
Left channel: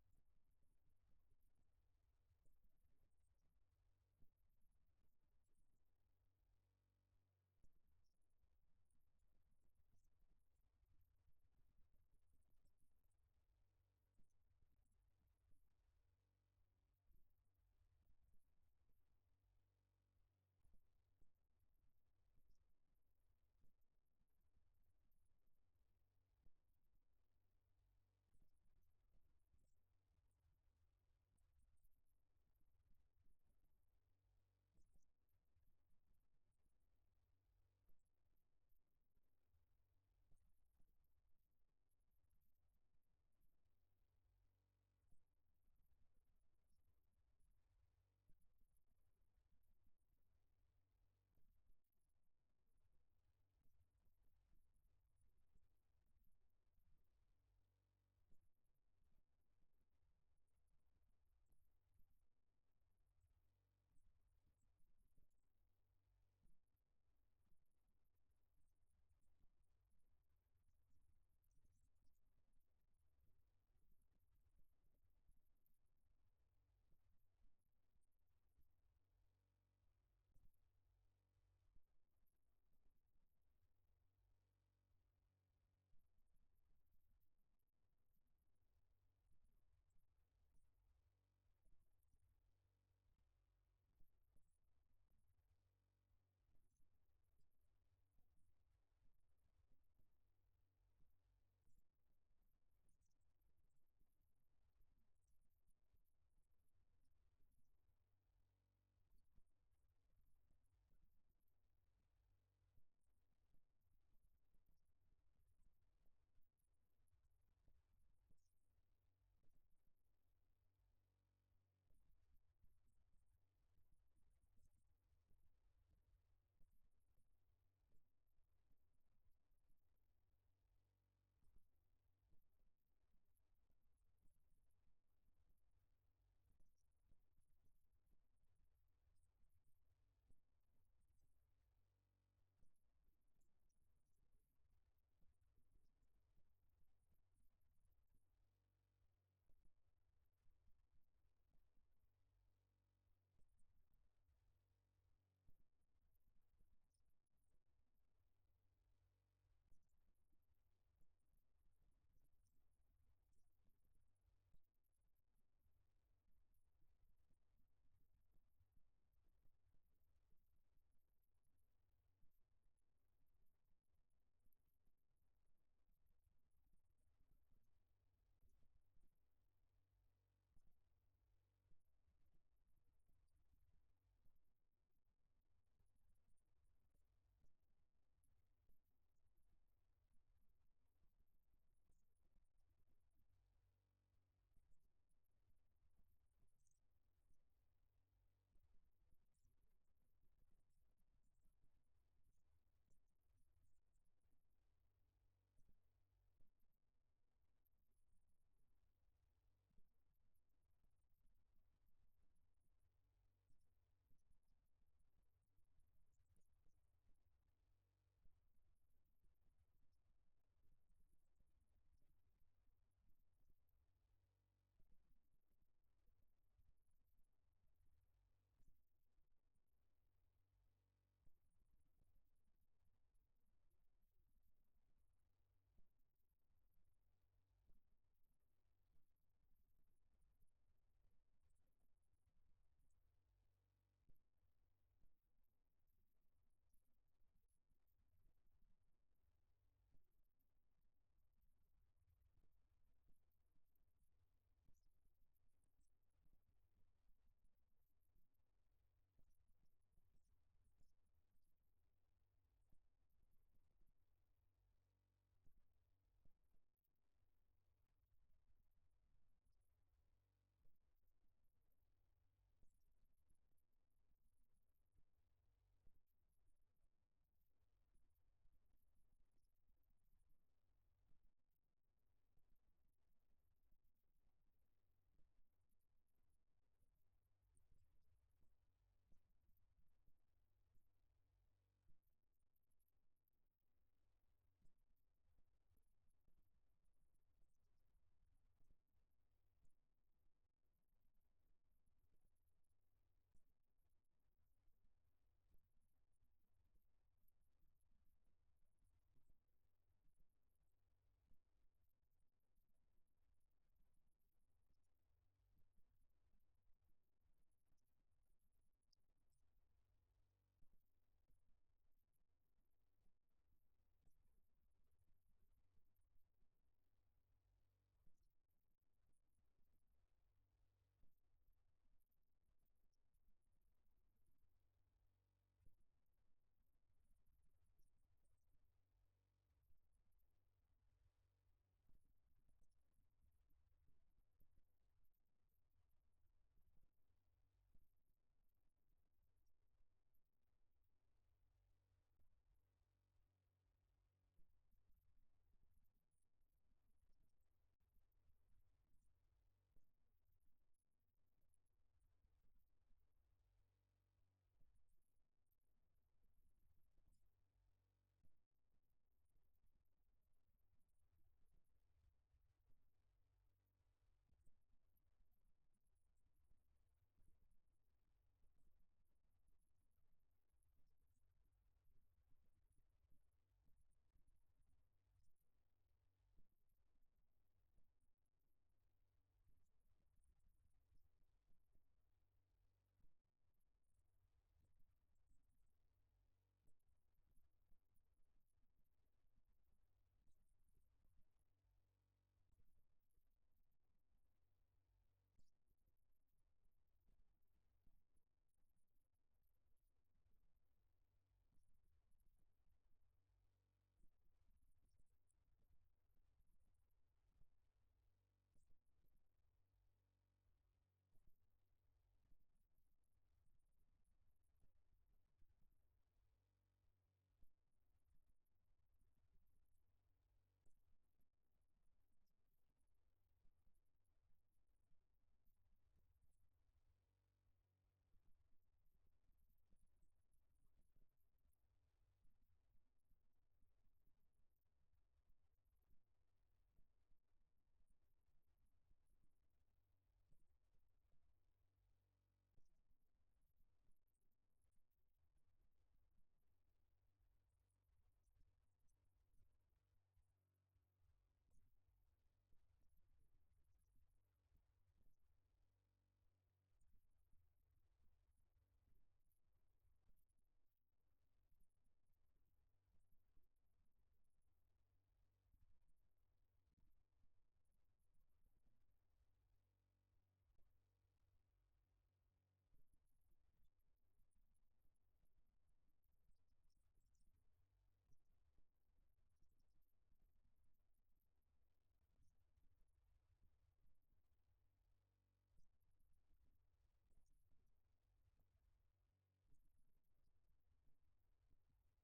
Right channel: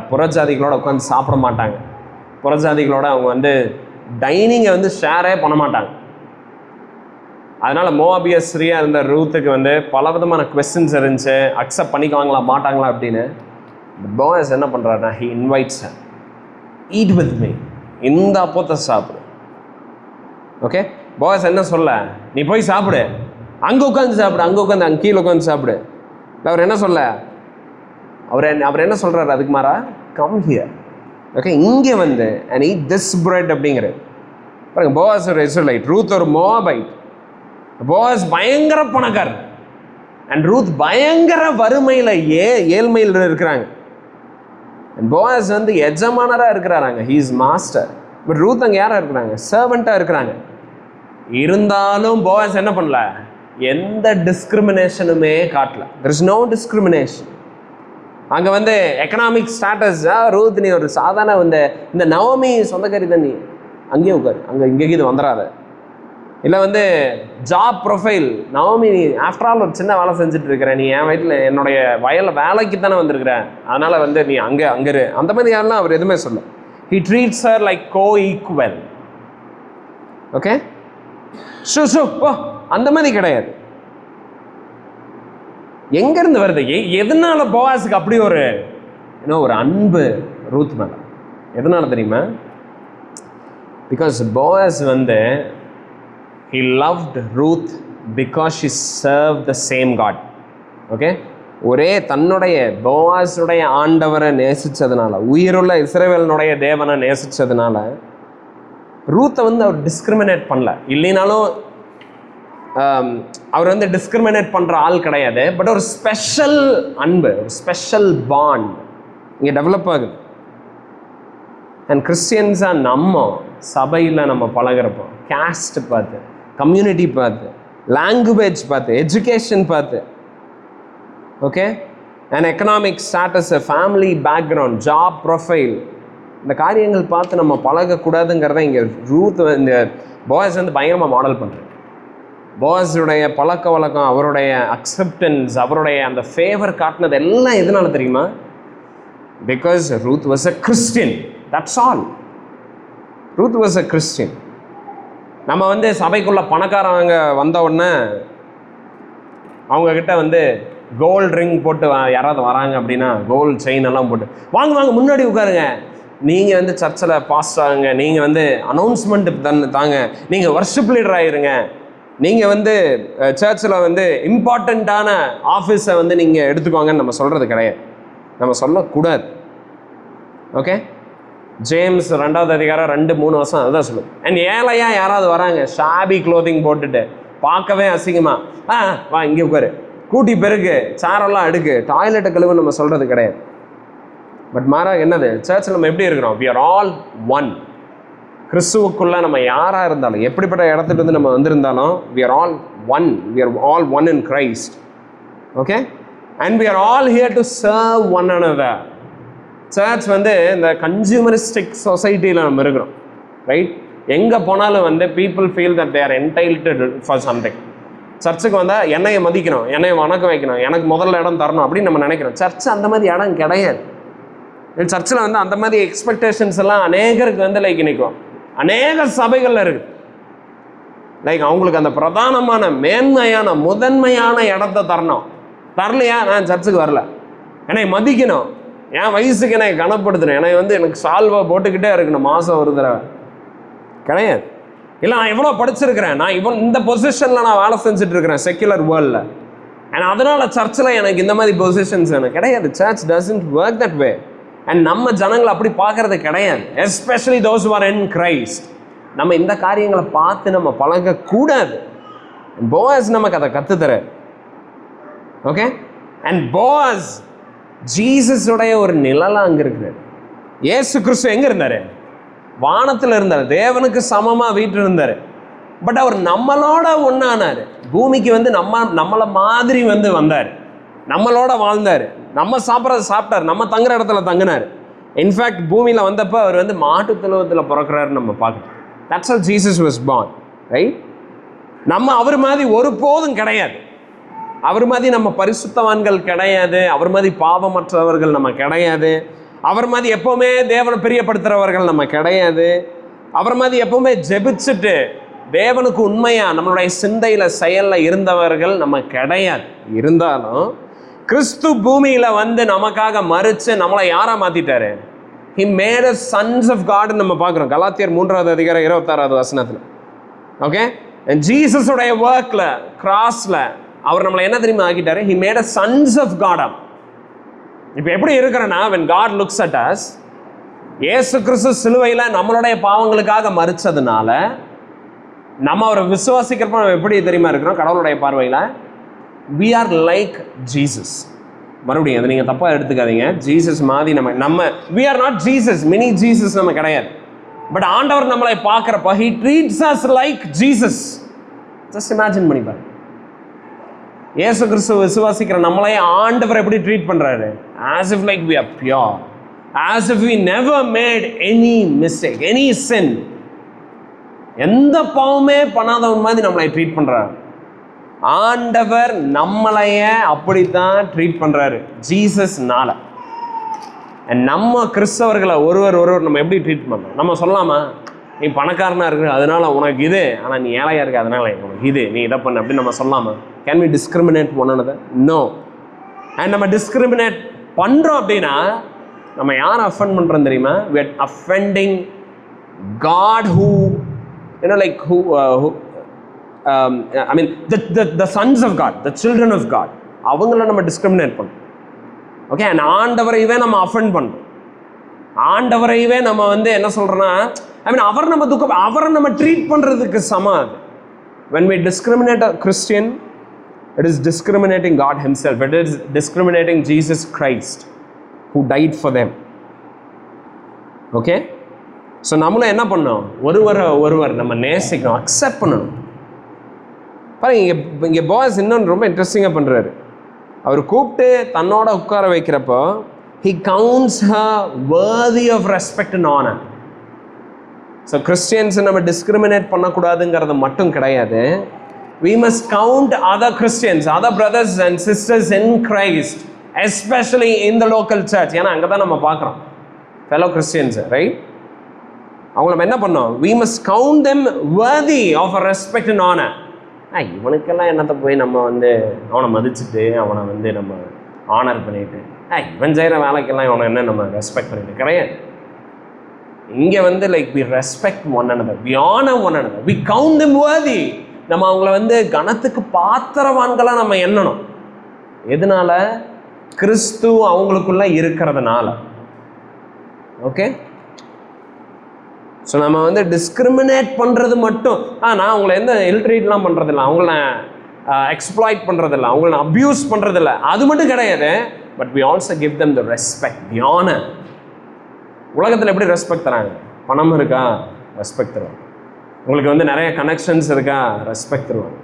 புறஜாதிகளோட உட்காந்து சாப்பிட மாட்டாங்க. புறஜாதிகளோட அவங்க வந்து டைனிங்கை வந்து ஷேரே பண்ண மாட்டாங்க. அதனால் மோவாபியஸ் ஸ்திரீயாக இருந்த ரூத்துக்கு வந்து பல விதமான கொஸ்டின்ஸ் இருந்துச்சு, அக்செப்ட் பண்ணிக்குவாங்களா மாட்டாங்களா அப்படின்னு. போவாஸ் என்ன பண்ணுறாருன்னா, he invites eat with me, இந்த அப்பத்தை சாப்பிடு. ஓகே, போவாஸ் என்ன சொல்ல, நீ போய் சாப்பிடு, அங்கே உட்காந்து சாப்பிடு, அங்கே கீழே உட்காந்து சாப்பிடு. அவர் என்ன சொல்ல, அவர் என்ன சொல்கிறாரு, அதுக்கு மாறா கம் ஹியர். ஓகே, இங்கே வந்து அண்ட் ஈட் திஸ் பிரெட் அப்படிங்கிறது பாருங்க. போவாஸ் ஒரு இஸ்ரேலைட், ரூத் ஒரு மோவாபைட். போவாஸ் பயங்கர பணக்காரர் அண்ட் ரூத் பயங்கர வறுமையில் ஏழ்மையில் இருக்கிறாங்க. அண்ட் போவாஸ் வந்து எஜமானராக இருக்கிறாராங்க, he is master. But Ruth அங்கே யாராக இருக்கிறாங்க, சர்வெண்ட்டாக இருக்கிறாங்க. இருந்தாலும் போவாஸ் என்ன பண்ணல, எந்த டிஸ்கிரிமினேஷனுமே காட்டல. There is no discrimination. அங்கே வந்து எக்கனாமிக் ஸ்டாட்டஸ், ரூத் நீ ஒரு சாதாரண இந்த நவோமி சொந்தக்காரி தான், நீ அங்கேயே உட்காரு, இங்கே இது வந்துடாத. இல்லை வந்து ஜாப் ப்ரொஃபைல், நவமி நீ ஆஃப்டர் ஆல் ஒரு சின்ன வேலை செஞ்சுட்டு இருக்கிற, நீ என் வீட்டில் என்னுடைய வயலில் வேலைக்கு தானே வந்திருக்கிற, அதனால் வந்து நீ அங்கே இரு, அந்த மாதிரி யாரெல்லாம் அவர் எதுவுமே சொல்ல. He treats her like co-equal. Okay, so அந்த மாதிரி கிடையாது. எங்கேருந்து வருது? எதனால போவாஸுக்கு அப்படி ஒரு ஒரு அன்பு ரூத் மேலே? எதனால தெரியுமா? பிகாஸ் போவாஸ் வந்து he loved Ruth because she served the same God. Okay, ஒரே தன்னுடைய போவாஸுடைய ஆண்டவரை நேசித்ததுனால, உயிருள்ள இஸ்ரவேலினுடைய தேவனை நேசித்ததுனால ரூத்தை வந்து அவர் டிஸ்கிரிமினேட் பண்ணல. இல்லைனாலும் அவர் வந்து டிஸ்கிரிமினேட் பண்ணுற ஆள் கிடையாது. பட் ஒரு ஸ்பெஷல் அன்பு, ஒரு ஸ்பெஷல் பாண்ட் இங்கே டெவலப் ஆகுது. அண்ட் கிறிஸ்டியன்ஸாக நம்ம சபையில் நம்ம பழகிறப்போ கேஸ்ட் பார்த்து, கம்யூனிட்டி பார்த்து, லாங்குவேஜ் பார்த்து, எஜுகேஷன் பார்த்து, okay, and economic status, family background, job profile, இந்த காரியங்கள் பார்த்து நம்ம பழகக்கூடாதுங்கிறத இங்கே ரூத் இந்த போவாஸ் வந்து பயங்கரமாக மாடல் பண்ணுறது. போவாஸுடைய பழக்க வழக்கம், அவருடைய அக்செப்டன்ஸ், அவருடைய அந்த ஃபேவர் காட்டினது எல்லாம் எதனால தெரியுமா? Because Ruth was a Christian. That's all. Ruth was a Christian. நம்ம வந்து சபைக்குள்ள பணக்காரவங்க வந்த உடனே அவங்கக்கிட்ட வந்து கோல்டு ரிங் போட்டு யாராவது வராங்க அப்படின்னா, கோல்டு செயின் எல்லாம் போட்டு வாங்க முன்னாடி உட்காருங்க, நீங்கள் வந்து சர்ச்சில் பாஸ்ட் ஆகுங்க, நீங்கள் வந்து அனௌன்ஸ்மெண்ட் தாங்க, நீங்கள் வர்ஷிப் லீடர் ஆகிருங்க, நீங்கள் வந்து சர்ச்சில் வந்து இம்பார்ட்டண்ட்டான ஆஃபீஸை வந்து நீங்கள் எடுத்துக்கோங்கன்னு நம்ம சொல்கிறது கிடையாது. நம்ம சொல்லக்கூடாது. ஓகே, ஜேம்ஸ் 2வது அதிகாரம் 2-3 வருஷம் அதுதான் சொல்லுது. அண்ட் ஏழையாக யாராவது வராங்க, ஷாபி க்ளோத்திங் போட்டுட்டு, பார்க்கவே அசிங்கமா, வா இங்கே உட்காரு, கூட்டி பெருக்கு, சாரெல்லாம் அடுக்கு, டாய்லெட்டை கழுவு நம்ம சொல்கிறது கிடையாது. பட் மாறாக என்னது, சர்ச்சில் நம்ம எப்படி இருக்கிறோம்? we are all one. கிறிஸ்துவுக்குள்ளே நம்ம யாராக இருந்தாலும், எப்படிப்பட்ட இடத்துலேருந்து நம்ம வந்திருந்தாலும், we are all one. we are all one in Christ. Okay, and we are all here to serve one another. Church வந்து இந்த கன்சியூமரிஸ்டிக் சொசைட்டியில் நம்ம இருக்கிறோம், ரைட்? எங்கே போனாலும் வந்து people feel that they are entitled for something. சர்ச்சுக்கு வந்தால் என்னையை மதிக்கணும், என்னையை வணக்கம் வைக்கணும், எனக்கு முதல்ல இடம் தரணும் அப்படின்னு நம்ம நினைக்கிறோம். சர்ச் அந்த மாதிரி இடம் கிடையாது. சர்ச்சில் வந்து அந்த மாதிரி எக்ஸ்பெக்டேஷன்ஸ் எல்லாம் அநேகருக்கு வந்து லைக் நிற்கும். அநேக சபைகளில் இருக்குது. லைக் அவங்களுக்கு அந்த பிரதானமான மேன்மையான முதன்மையான இடத்த தரணும். தரலையா, நான் சர்ச்சுக்கு வரல. என்னை மதிக்கணும், என் வயசுக்கு என்னை கனப்படுத்தணும், என்னை வந்து எனக்கு சால்வா போட்டுக்கிட்டே இருக்கணும் மாதம் ஒரு தடவை கிடையாது. இல்லை நான் எவ்வளோ படிச்சிருக்கிறேன், நான் இந்த பொசிஷனில் நான் வேலை செஞ்சுட்டு இருக்கிறேன் செக்குலர் வேர்ல்டில், அண்ட் அதனால் சர்ச்சில் எனக்கு இந்த மாதிரி பொசிஷன்ஸ் எனக்கு கிடையாது. Church doesn't work that way. And நம்ம ஜனங்களை அப்படி பார்க்கறது கிடையாது. Especially those who are in Christ. நம்ம இந்த காரியங்களை பார்த்து நம்ம பழகக்கூடாது. போவாஸ் நமக்கு அதை கற்றுத்தர. ஓகே, அண்ட் போவாஸ் ஜீசஸுடைய ஒரு நிழலாக அங்கே இருக்கிறார். ஏசு கிறிஸ்து எங்கே இருந்தார்? வானத்தில் இருந்தார், தேவனுக்கு சமமாக வீட்டில் இருந்தார். பட் அவர் நம்மளோட ஒன்றானார். பூமிக்கு வந்து நம்மளை மாதிரி வந்து வந்தார், நம்மளோட வாழ்ந்தார், நம்ம சாப்பிட்றத சாப்பிட்டார், நம்ம தங்குற இடத்துல தங்கினார். இன்ஃபேக்ட் பூமியில் வந்தப்போ அவர் வந்து மாட்டு தொழுவத்தில் பிறக்கிறாருன்னு நம்ம பார்க்கணும். That's how Jesus was born, right? நம்ம அவர் மாதிரி ஒருபோதும் கிடையாது. அவர் மாதிரி நம்ம பரிசுத்தவான்கள் கிடையாது, அவர் மாதிரி பாவமற்றவர்கள் நம்ம கிடையாது, அவர் மாதிரி எப்போவுமே தேவனை பிரியப்படுத்துகிறவர்கள் நம்ம கிடையாது, அவர் மாதிரி எப்போவுமே ஜெபிச்சுட்டு தேவனுக்கு உண்மையாக நம்மளுடைய சிந்தையில் செயலில் இருந்தவர்கள் நம்ம கிடையாது. இருந்தாலும் கிறிஸ்து பூமியில் வந்து நமக்காக மறித்து நம்மளை யாராக மாற்றிட்டாரு? He made us sons of God நம்ம பார்க்குறோம் கலாத்தியர் 3வது அதிகாரம் 26வது வசனத்தில். ஓகே, ஜீசஸுடைய ஒர்க்கில் கிராஸில் அவர் நம்மளை என்ன தெரியுமா ஆக்கிட்டாரு? He made us sons of God. இப்போ எப்படி இருக்கிறேன்னா, when God looks at us, இயேசு கிறிஸ்து சிலுவையில் நம்மளுடைய பாவங்களுக்காக மறிச்சதுனால நம்ம அவரை விசுவாசிக்கிறப்ப நம்ம எப்படி தெரியுமா இருக்கிறோம் கடவுளுடைய பார்வையில்? we are like Jesus. மறுபடியும் அதை நீங்கள் தப்பாக எடுத்துக்காதீங்க. ஜீசஸ் மாதிரி நம்ம we are not Jesus, mini Jesus நம்ம கிடையாது. பட் ஆண்டவர் நம்மளை பார்க்குறப்ப he treats us like Jesus. Just imagine பண்ணி பாருங்க. இயேசு கிறிஸ்துவ விசுவாசிக்கிற நம்மளே ஆண்டவர் எப்படி ட்ரீட் பண்ணுறாரு? as if like we are pure, as if we never made any mistake, any sin. எந்த பாவமே பண்ணாதவன் மாதிரி நம்மளை ட்ரீட் பண்றாரு. ஆண்டவர் நம்மளைய அப்படித்தான் ட்ரீட் பண்றாரு ஜீசஸ்னால. நம்ம கிறிஸ்தவர்களை ஒருவர் நம்ம எப்படி ட்ரீட் பண்ணோம்? நம்ம சொல்லலாமா, நீ பணக்காரனா இருக்கு அதனால உனக்கு இது, ஆனா நீ ஏழையா இருக்க அதனால உனக்கு இது, நீ இதை பண்ண அப்படின்னு நம்ம சொல்லலாமா? Can we discriminate one another? No. And நம்ம டிஸ்கிரிமினேட் பண்றோம் அப்படின்னா நம்ம யாரை அஃபெண்ட் பண்றோம் தெரியுமா? we are offending God who I mean the sons of God, the children of God, அவங்கள நம்ம டிஸ்கிரிமினேட் பண்ணோம். ஓகே, அண்ட் ஆண்டவரையவே நம்ம அஃபெண்ட் பண்றோம். ஆண்டவரையவே நம்ம வந்து என்ன சொல்றோம்னா, ஐ மீன் அவரை நம்ம ட்ரீட் பண்றதுக்கு சமம் அது. when we discriminate a Christian, it is discriminating God himself. It is discriminating Jesus Christ who died for them. Okay, so நம்மளும் என்ன பண்ணோம், ஒருவர் நம்ம நேசிக்கணும், அக்செப்ட் பண்ணணும். பாருங்க, இங்கே பாய்ஸ் இன்னொன்று ரொம்ப இன்ட்ரெஸ்டிங்காக பண்ணுறாரு. அவர் கூப்பிட்டு தன்னோட உட்கார வைக்கிறப்போ he counts her worthy of respect and honor. So Christians நம்ம டிஸ்கிரிமினேட் பண்ணக்கூடாதுங்கிறது மட்டும் கிடையாது. we must count other Christians, other brothers and sisters in Christ, especially in the local church. ஏன்னா அங்கே தான் நம்ம பார்க்குறோம் fellow Christians, right? அவங்க நம்ம என்ன பண்ணோம், we must count them worthy of a respect and honor. இவனுக்கெல்லாம் என்னத்தை போய் நம்ம வந்து அவனை மதிச்சுட்டு அவனை வந்து நம்ம ஆனர் பண்ணிட்டு, இவன் செய்கிற வேலைக்கெல்லாம் இவனை என்ன நம்ம ரெஸ்பெக்ட் பண்ணிட்டு கிடையாது. இங்கே வந்து we respect one another, we honor one another, we count them worthy. நம்ம அவங்கள வந்து கனத்துக்கு பாத்திரவான்களா நம்ம எண்ணணும். எதனால? கிறிஸ்து அவங்களுக்குள்ள இருக்கிறதுனால. ஓகே, ஸோ நம்ம வந்து டிஸ்கிரிமினேட் பண்ணுறது மட்டும், நான் அவங்கள எந்த இல்ட்ரீட்லாம் பண்ணுறதில்ல, அவங்கள எக்ஸ்ப்ளாய்ட் பண்ணுறதில்ல, அவங்கள அப்யூஸ் பண்ணுறதில்ல, அது மட்டும் கிடையாது. But we also give them the respect, the honor. உலகத்தில் எப்படி ரெஸ்பெக்ட் தராங்க? பணம் இருக்கா, ரெஸ்பெக்ட் தருவாங்க. உங்களுக்கு வந்து நிறைய கனெக்ஷன்ஸ் இருக்கா, ரெஸ்பெக்ட் தருவாங்க.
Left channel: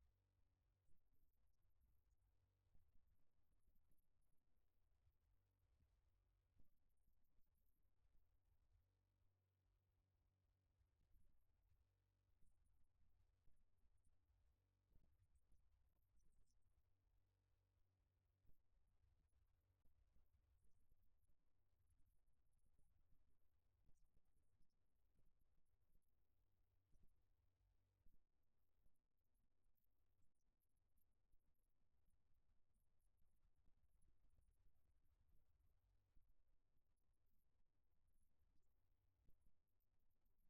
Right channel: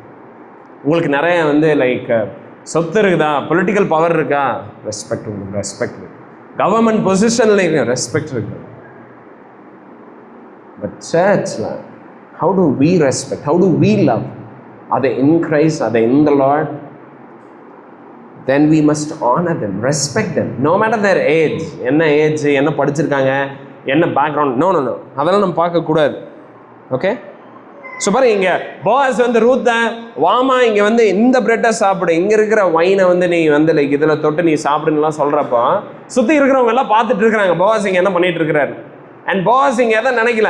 உங்களுக்கு நிறைய வந்து சொத்து இருக்குதா, பொலிட்டிக்கல் பவர் இருக்கா, ரெஸ்பெக்ட் உங்களுக்கு, ரெஸ்பெக்ட் இருக்கு. கவர்மெண்ட் பொசிஷன்ல ரெஸ்பெக்ட் இருக்கு. But churchல how do we respect, how do we love? Are they in Christ, are they in the Lord? Then we must honor them, respect them, no matter their age. என்ன ஏஜ், என்ன படிச்சிருக்காங்க, என்ன பேக்ரவுண்ட், நோ அதெல்லாம் நம்ம பார்க்கக்கூடாது. ஓகே, ஸோ பாருங்க, இங்கே பாஸ் வந்து ரூத்த வாமா இங்கே வந்து இந்த பிரெட்டை சாப்பிடு, இங்கே இருக்கிற வைனை வந்து நீ வந்து இதில் தொட்டு நீ சாப்பிடுன்னுலாம் சொல்கிறப்போ சுற்றி இருக்கிறவங்க எல்லாம் பார்த்துட்டு இருக்கிறாங்க பாஸ் இங்கே என்ன பண்ணிட்டு இருக்கிறாரு. அண்ட் பாஸ் இங்கே எதை நினைக்கல,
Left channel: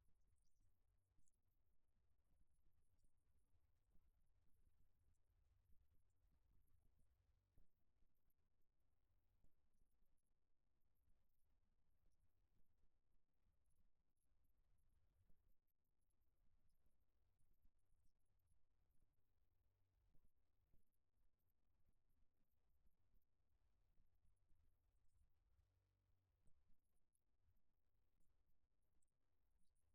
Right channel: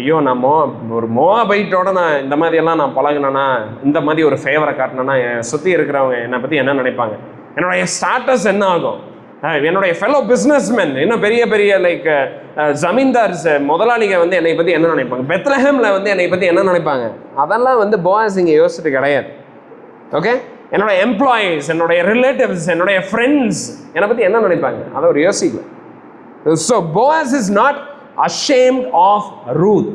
ஐயோ நான் ஒரு மோபைட்டோட நான் இந்த மாதிரியெல்லாம் நான் பழகினேன்னா, இந்த மாதிரி ஒரு ஃபேவரை காட்டினேன்னா என் சுற்றி இருக்கிறவங்க என்னை பற்றி என்ன நினைப்பாங்க, என்னுடைய ஸ்டாட்டஸ் என்ன ஆகும், என்னுடைய ஃபெலோ பிஸ்னஸ்மேன், இன்னும் பெரிய பெரிய ஜமீன்தார்ஸ் முதலாளிங்க வந்து என்னை பற்றி என்ன நினைப்பாங்க, பெத்லஹேமில் வந்து என்னை பற்றி என்ன நினைப்பாங்க, அதெல்லாம் வந்து பாஸ் இங்கே யோசிச்சுட்டு கிடையாது. ஓகே, என்னோட எம்ப்ளாயீஸ், என்னுடைய ரிலேட்டிவ்ஸ், என்னுடைய ஃப்ரெண்ட்ஸ் என்னை பற்றி என்ன நினைப்பாங்க, அதை ஒரு யோசிக்கல. So Boaz is not ashamed of Ruth.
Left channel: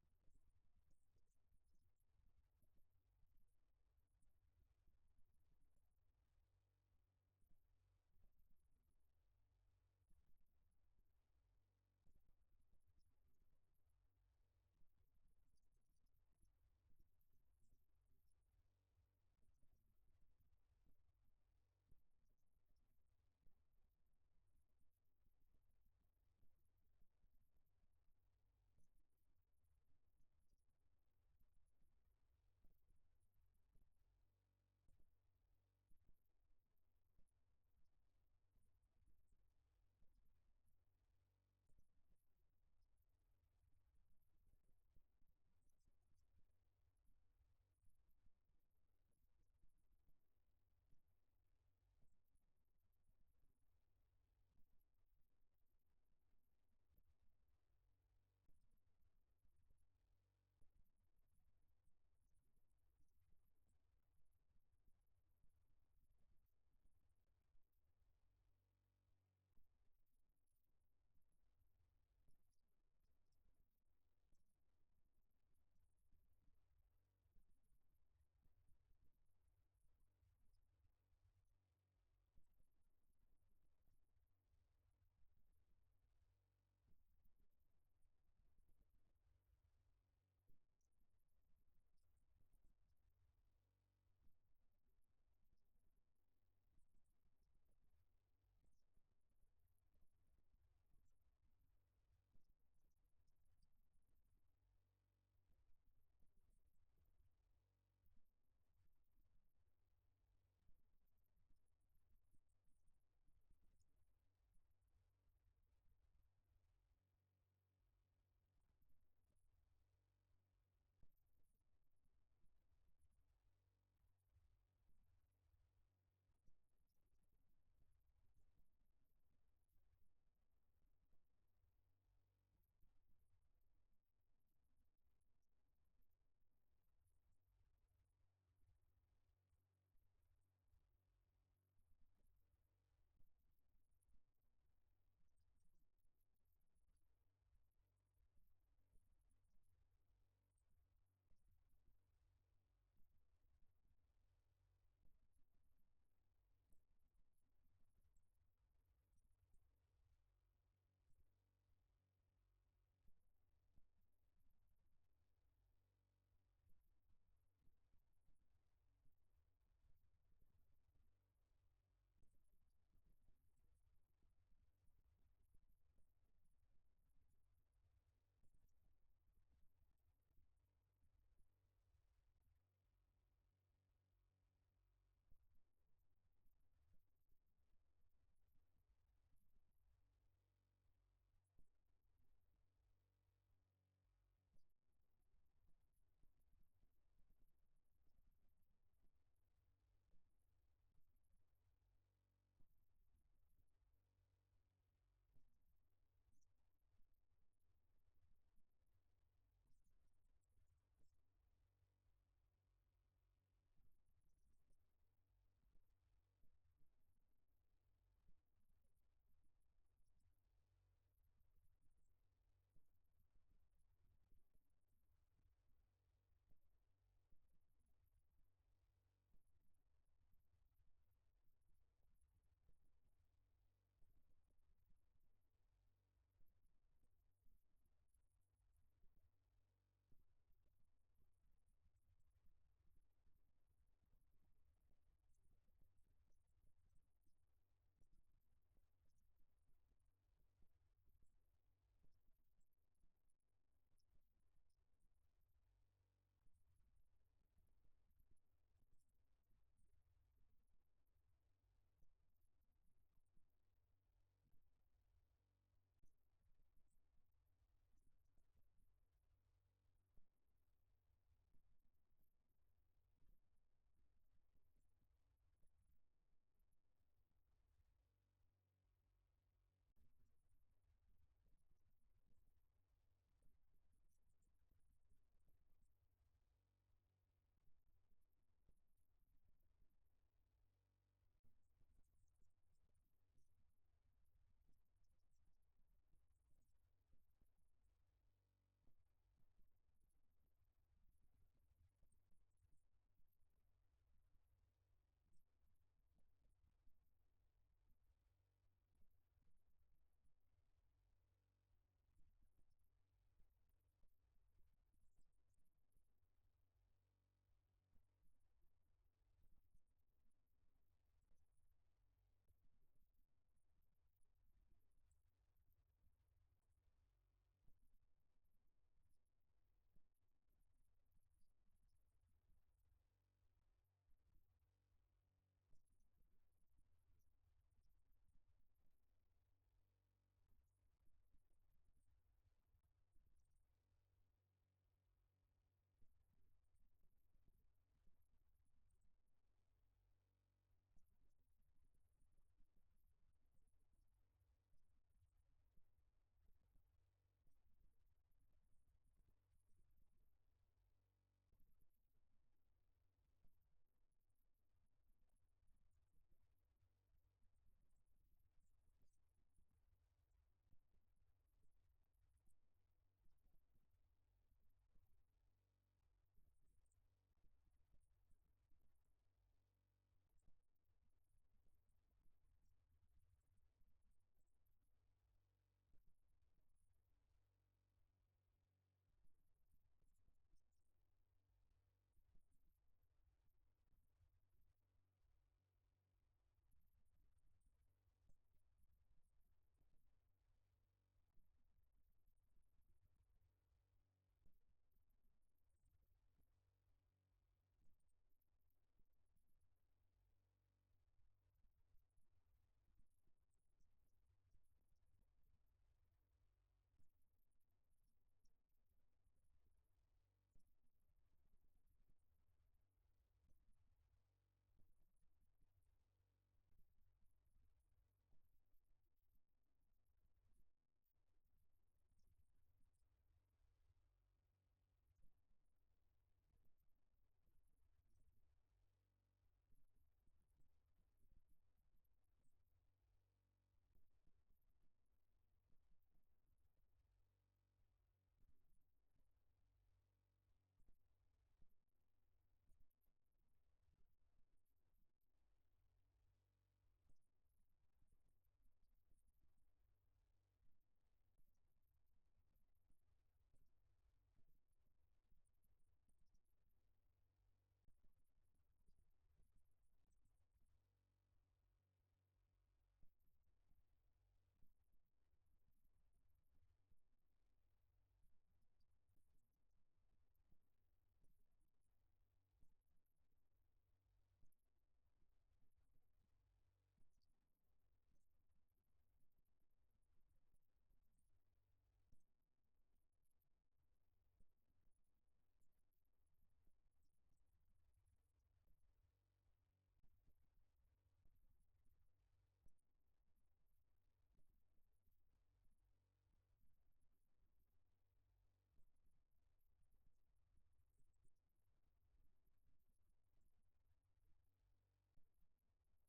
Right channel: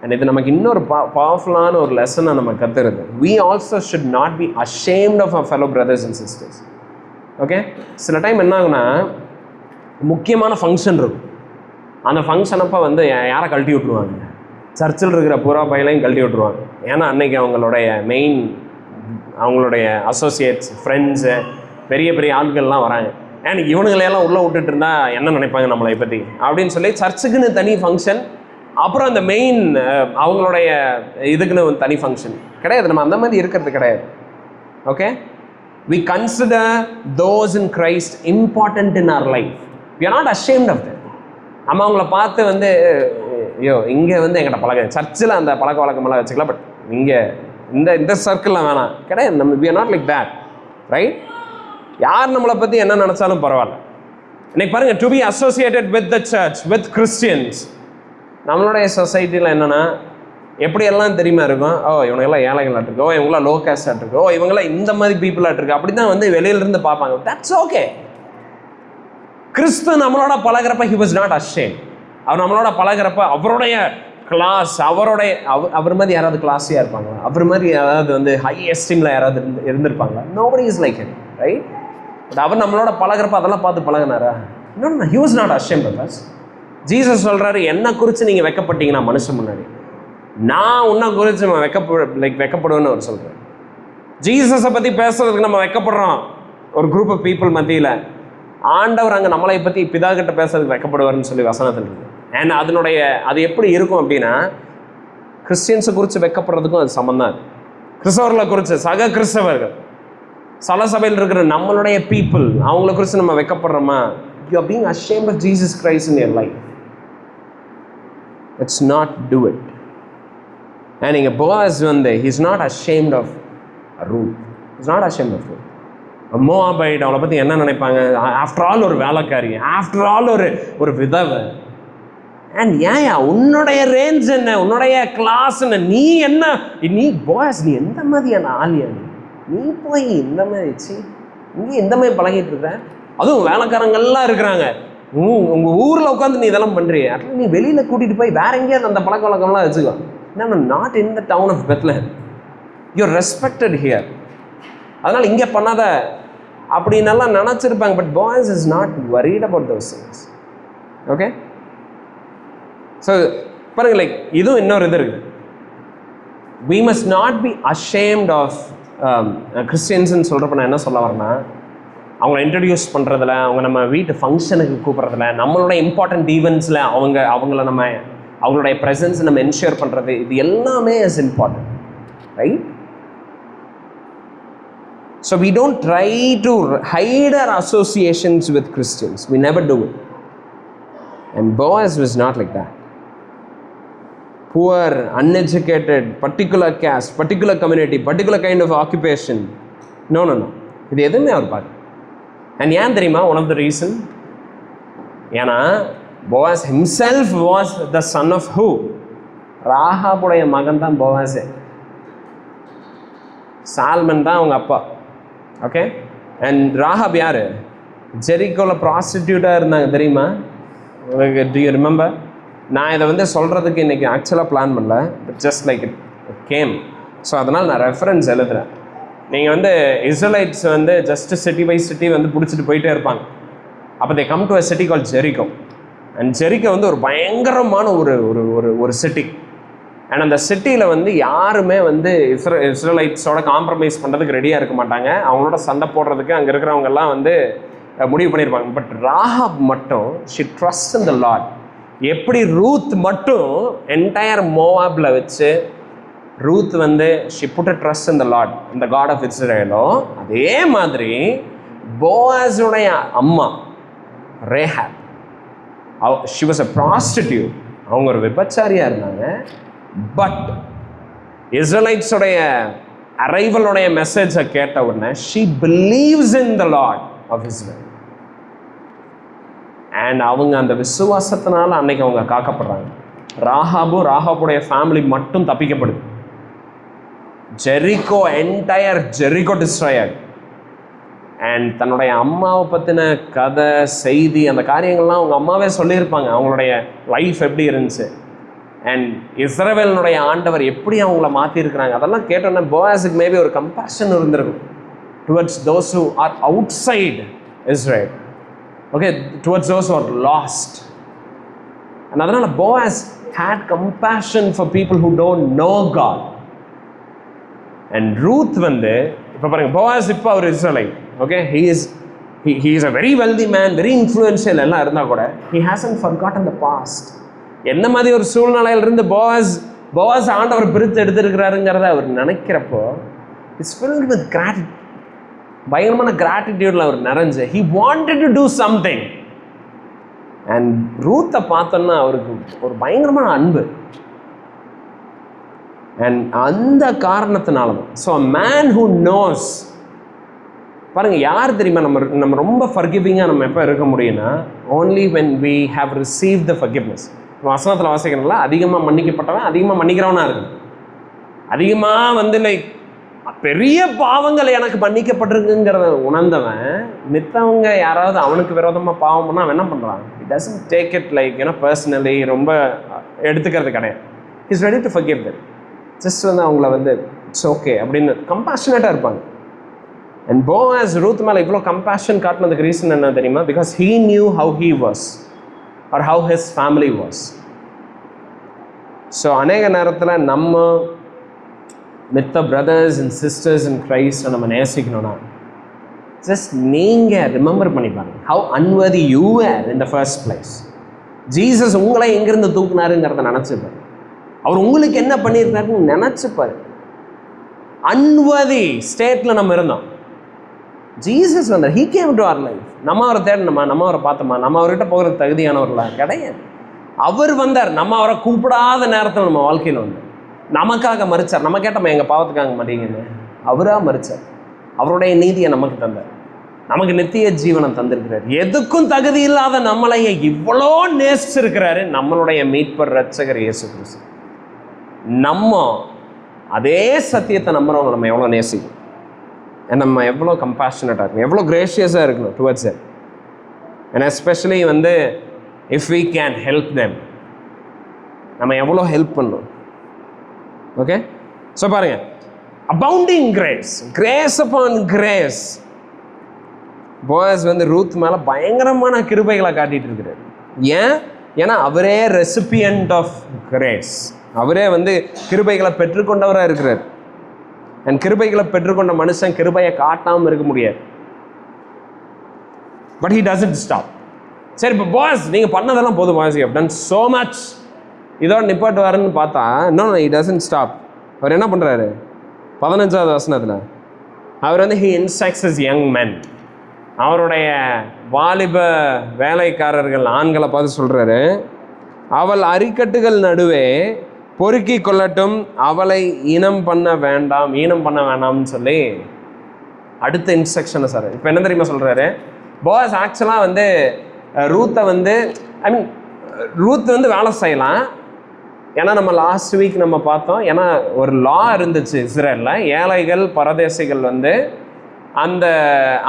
And இது நமக்கு இன்னொரு பவர்ஃபுல்லான ஒரு லெசனை நம்ம கத்துறது. We also should not be ashamed of our fellow brothers and sisters. Okay, சில டைம் என்ன ஆகுனா, முக்கியமான ஃபங்க்ஷன் இருக்கும், அந்த ஃபங்க்ஷன் அப்போ வந்து யாரை கழட்டி விட்டுருவாங்க, சர்ச்சில் இருக்கிற பூரா பையலையும் கழட்டி விட்டுருவாங்க. ஏன்னா அன்னைக்கு அவங்களுடைய அசோசியேட்ஸ், ஃப்ரெண்ட்ஸு, பெரிய பெரிய ஆட்கள்லாம் வராங்க. அண்ட் இவனுங்களையெல்லாம் உள்ளே விட்டுட்டு இருந்தா என்ன நினைப்பாங்க நம்மளை பற்றி அப்படின்னு சொல்லி சர்ச்சுக்குன்னு தனி ஃபங்க்ஷன், அப்புறம் அந்த மெயின் அவங்களுடைய இதுக்குன்னு ஒரு தனி ஃபங்க்ஷன் கிடையாது. நம்ம அந்த மாதிரி இருக்கிறது கிடையாது. Okay, we consider those in Christ important in our life. We are not ashamed of them. நம்ம அவங்கள பார்த்து வந்து ஐயோ இங்கே வந்து எங்கிட்ட பழக்கம், சர்ச்சில் அந்த பழக்க வழக்கமெல்லாம் வச்சுக்கலாம், பட் இங்கே இந்த சர்க்கிளில் வேணாம் கிடையாது. நம்ம we are not like that, right? யார் நம்மளை பற்றி என்ன நினச்சாலும் பரவாயில்ல. இன்னைக்கு பாருங்க, to be associated with the church, with Christians, நம்மளுடைய சொசைட்டியில் என்னென்னா எப்படியெல்லாம் தெரியுமா இருக்கும், இவங்கெல்லாம் ஏழைகளாக இருக்கு, இவங்களாம் லோ கேஸ்டாக இருக்கு, இவங்களாம் இந்த மாதிரி பீப்புளாக இருக்கு, அப்படி தான் வந்து வெளியிலிருந்து பார்ப்பாங்க. That's okay. கிறிஸ்து நம்மளோட பழகிறப்ப he was not ashamed. அவர் நம்மளோட பழகிறப்ப அவருடைய கிளாஸ், அவர் மாதிரி யாராவது கிளாஸியாக இருப்பாங்களா, அவர் மாதிரி யாராவது வந்து ஹை எஸ்டீமில் யாராவது இருந்திருப்பாங்களா? nobody is like him, right? But அவர் நம்மளோட பழகிறப்ப அதெல்லாம் பார்த்து பழகினாரா? No, he was not ashamed of us. Jesus சொல்கிறாரு, என்ன குறித்து நீங்கள் வெக்கப்பட்டீங்கன்னா மனுஷன் முன்னாடி, நான் உன்னை குறித்து நம்ம வெக்கப்படுவேன்னு அவர் சொல்கிறேன். ஜீசஸை பற்றி பேசுறதுக்கு நம்ம வெக்கப்படுறோம் ஒரு குரூப் ஆஃப் பீப்புள் மத்தியில். ஆண்டவர் அங்கே நம்மளை பற்றி பிதா கிட்ட பேசுறதுக்கு வெக்கப்படுவார்னு சொல்லி வசனத்தில் இருக்கு. அண்ட் அது எப்படி இருக்கும் அப்படின்னா, கிறிஸ்டியன்ஸை குறித்து வெக்கப்படுறதுக்கும் அது சம்பந்தம். கிறிஸ்தவர்களை குறித்து, சக கிறிஸ்தவர்கள், சல சபையில் இருக்கிற நம்மளுடைய பீப்புள், அவங்கள குறித்து நம்ம வெக்கப்படுறோமா? You are being ashamed of Jesus Christ in your life. Let's not do it. And இங்கே போவாஸ் வந்து he is not ashamed of Ruth. he is not ashamed of Ruth. மோவாபைட் அவளை பற்றி என்ன நினைப்பாங்க? ஆஃப்டர் ஆல் ஒரு வேலைக்காரி, ஆஃப்டர் ஆல் ஒரு விதவை. அண்ட் ஏன் உன்னுடைய ரேஞ்ச் என்ன, உன்னுடைய கிளாஸ் என்ன, நீ பாய்ஸ், நீ எந்த மாதிரியான ஆளியா? நீ போய் இந்த மாதிரி இங்கே இந்த மாதிரி பழகிட்டு இருக்க? அதுவும் வேலைக்காரங்கள்லாம் இருக்கிறாங்க, உங்கள் ஊரில் உட்காந்து நீ இதெல்லாம் பண்ணுறிய. அட்லீஸ்ட் நீ வெளியில் கூட்டிகிட்டு போய் வேற எங்கேயாவது அந்த பழக்க வழக்கம்லாம் வச்சுக்கோ. Not in the town of Bethlehem. You're respected here. அதனால் இங்கே பண்ணாத அப்படின்னெல்லாம் நினச்சிருப்பாங்க. But Boaz is not worried about those things. Okay, so பாருங்க, இதுவும் இன்னொரு இது இருக்குது. we must not be ashamed of கிறிஸ்டியன்ஸ்ன்னு சொல்கிறப்ப நான் என்ன சொல்ல வரேன்னா, அவங்கள இன்ட்ரடியூஸ் பண்ணுறதுல, அவங்க நம்ம வீட்டு ஃபங்க்ஷனுக்கு கூப்பிட்றதுல, நம்மளோட இம்பார்ட்டண்ட் ஈவெண்ட்ஸில் அவங்கள நம்ம அவங்களுடைய ப்ரெசன்ஸ் நம்ம என்ஷூர் பண்ணுறது, இது எல்லாமே is important, right? So we don't try to hide our associations with Christians. We never do it. And Boaz was not like that. Poor, uneducated, particular caste, particular community, particular kind of occupation. No. இது எதுவுமே அவர் பார்க்க. And ஏன் தெரியுமா? One of the reason, ஏன்னா Boaz himself was the son of who? ராகாபுடைய மகன் தான் போவாஸே. சால்மன் தான் அவங்க அப்பா. ஓகே, அண்ட் ராகாப் யார்? ஜெரிகோவில் ப்ராஸ்டிடியூட்டாக இருந்தாங்க, தெரியுமா? To you remember? நான் இதை வந்து சொல்கிறதுக்கு இன்றைக்கி ஆக்சுவலாக பிளான் பண்ணல, but just like it came. So அதனால் நான் ரெஃபரன்ஸ் எழுதுகிறேன். நீங்கள் வந்து இஸ்ரேலைட்ஸ் வந்து ஜஸ்ட் சிட்டி பை சிட்டி வந்து பிடிச்சிட்டு போயிட்டே இருப்பாங்க. அப்போ they come to a city call Jericho. And Jericho வந்து ஒரு பயங்கரமான ஒரு சிட்டி. அண்ட் அந்த சிட்டியில் வந்து யாருமே வந்து இஸ்ரேலைட்ஸோட காம்ப்ரமைஸ் பண்ணுறதுக்கு ரெடியாக இருக்க மாட்டாங்க. அவங்களோட சண்டை போடுறதுக்கு அங்கே இருக்கிறவங்கெல்லாம் வந்து முடிவு பண்ணியிருப்பாங்க. பட் ராகாப் மட்டும் she trust in the Lord. எப்படி ரூத் மட்டும் என்டையர் மோவாபில் வச்சு ரூத் வந்து she put a trust in the Lord, இந்த காட் ஆஃப் இஸ்ரேலோ, அதே மாதிரி போவாஸுடைய அம்மா Rahab, she was a prostitute. அவங்க ஒரு விபச்சாரியாக இருந்தாங்க. பட் இஸ்ரேலைட்ஸோடைய அரைவலுடைய மெசேஜை கேட்ட உடனே she believes in the Lord of Israel. And அவங்க அந்த விசுவாசத்தினால அன்னைக்கு அவங்க காக்கப்படுறாங்க. ராகாபுடைய ஃபேமிலி மட்டும் தப்பிக்கப்படுது. Jericho, entire Jericho destroyed. And தன்னுடைய அம்மாவை பற்றின கதை, செய்தி, அந்த காரியங்கள்லாம் அவங்க அம்மாவே சொல்லியிருப்பாங்க, அவங்களுடைய லைஃப் எப்படி இருந்துச்சு. அண்ட் இஸ்ரவேலினுடைய ஆண்டவர் எப்படி அவங்கள மாற்றிருக்கிறாங்க. அதெல்லாம் கேட்டோன்னா போவாஸுக்கு மேபி ஒரு கம்பேஷன் இருந்திருக்கும் towards those who are outside Israel. Okay, towards those who are lost. And அதனால் Boaz had compassion for people who don't know God. And Ruth வந்து இப்போ பாருங்கள், போவாஸ் இப்போ அவர் Israelite. Okay, he is a very wealthy man, very influential எல்லாம் இருந்தால் கூட he hasn't forgotten the past. என்ன மாதிரி ஒரு சூழ்நிலையிலிருந்து போவாஸ் ஆண்டவர் பிரித்து எடுத்திருக்கிறாருங்கிறத அவர் நினைக்கிறப்போ இட்ஸ் filled with gratitude. பயங்கரமான கிராட்டிடியூடில் அவர் நிறைஞ்சு he wanted to do something. And ரூத்தை பார்த்தோன்னா அவருக்கு ஒரு பயங்கரமான அன்பு. அண்ட் அந்த காரணத்தினால தான். So a man who knows, பாருங்கள், யார் தெரியுமா நம்ம ரொம்ப ஃபர்கிவிங்காக நம்ம எப்போ இருக்க முடியும்னா only when we have received the forgiveness. வசனத்தில் வாசிக்கிறனால அதிகமாக மன்னிக்கப்பட்டவன் அதிகமாக மன்னிக்கிறவனாக இருக்கு. அதிகமாக வந்து லைக் பெரிய பாவங்கள் எனக்கு மன்னிக்கப்பட்டிருக்குங்கிறத உணர்ந்தவன் மித்தவங்க யாராவது அவனுக்கு விரோதமாக பாவம் பண்ணால் அவன் என்ன பண்ணுறான்? It doesn't take it like personally, ரொம்ப எடுத்துக்கிறது கிடையாது. Is ready to forgive that. Just வந்து அவங்கள வந்து இட்ஸ் ஓகே அப்படின்னு கம்பேஷனேட்டாக இருப்பாங்க. அண்ட் போவாஸ் ரூத் மேலே இவ்வளோ கம்பேஷன் காட்டினதுக்கு ரீசன் என்ன தெரியுமா? Because he knew how he was or how his family was. So அநேக நேரத்தில் நம்ம மித்த பிரதர்ஸ் அண்ட் சிஸ்டர்ஸ் அண்ட் கிரைஸ்ட்டை நம்ம நேசிக்கணும்னா ஜஸ்ட் நீங்கள் ரிமெம்பர் பண்ணி பாருங்க, how unworthy you are in the first place. Jesus உங்களை எங்கேருந்து தூக்குனாருங்கிறத நினச்சிப்பார். அவர் உங்களுக்கு என்ன பண்ணியிருக்காருன்னு நினச்சிப்பார். அன்வர்தி ஸ்டேட்டில் நம்ம இருந்தோம். ஜீசஸ் வந்தார், he came to our life. நம்ம அவரை தேடணுமா, நம்ம அவரை பார்த்தோமா, நம்ம அவர்கிட்ட போகிறது தகுதியானவர்களா? கிடையாது. அவர் வந்தார், நம்ம அவரை கூப்பிடாத நேரத்தில் நம்ம வாழ்க்கையில் வந்தார். நமக்காக மறிச்சார். நம்ம கேட்டோமா எங்கள் பாவத்துக்காக மாட்டீங்கன்னு? அவராக மறிச்சார். அவருடைய நீதியை நமக்கு தந்தார். நமக்கு நித்திய ஜீவனை தந்திருக்கிறார். எதுக்கும் தகுதி இல்லாத நம்மளையே இவ்வளோ நேசிச்சிருக்கிறாரு நம்மளுடைய மீட்பர் ரட்சகர் இயேசு கிறிஸ்து. நம்ம அதே சத்தியத்தை நம்புறவங்க நம்ம எவ்வளோ நேசிக்கும், நம்ம எவ்வளோ கம்பேஷனட்டாக இருக்கணும், எவ்வளோ கிரேஷியஸாக இருக்கணும் டுவர்ட்ஸ் இட். அண்ட் எஸ்பெஷலி வந்து if we can help them, நம்ம எவ்வளோ ஹெல்ப் பண்ணணும். ஓகே, ஸோ பாருங்க, abounding grace, grace upon grace. Boaz வந்து ரூத் மேலே பயங்கரமான கிருபைகளை காட்டிட்டு இருக்கிறார். ஏன்னா அவரே ரெசிபியன்ட் ஆஃப் கிரேஸ். அவரே வந்து கிருபைகளை பெற்றுக்கொண்டவராக இருக்கிறார். அண்ட் கிருபைகளை பெற்றுக்கொண்ட மனுஷன் கிருபையை காட்டாமல் இருக்க முடியாது. But he doesn't stop. சரி, இப்போ பாஸ் நீங்கள் பண்ணதெல்லாம் போதும், pass you have done so much, இதோட நிப்பாட்டுவாருன்னு பார்த்தா no, he doesn't stop. அவர் என்ன பண்ணுறாரு? 15வது வசனத்தில் அவர் வந்து he instructs his young men. அவருடைய வாலிப வேலைக்காரர்கள் ஆண்களை பார்த்து சொல்கிறாரு, அவள் அரிக்கட்டுகள் நடுவே பொறுக்கி கொள்ளட்டும், அவளை ஈனம் பண்ண வேண்டாம்னு சொல்லி அடுத்த இன்ஸ்ட்ரக்ஷனை சார். இப்போ என்ன தெரியுமா சொல்கிறாரு? பாஸ் ஆக்சுவலாக வந்து ரூத்தை வந்து ரூத் வந்து வேலை செய்யலாம். ஏன்னா நம்ம லாஸ்ட் வீக் நம்ம பார்த்தோம், ஏன்னா ஒரு லா இருந்துச்சு இஸ்ரேலில், ஏழைகள் பரதேசிகள் வந்து அந்த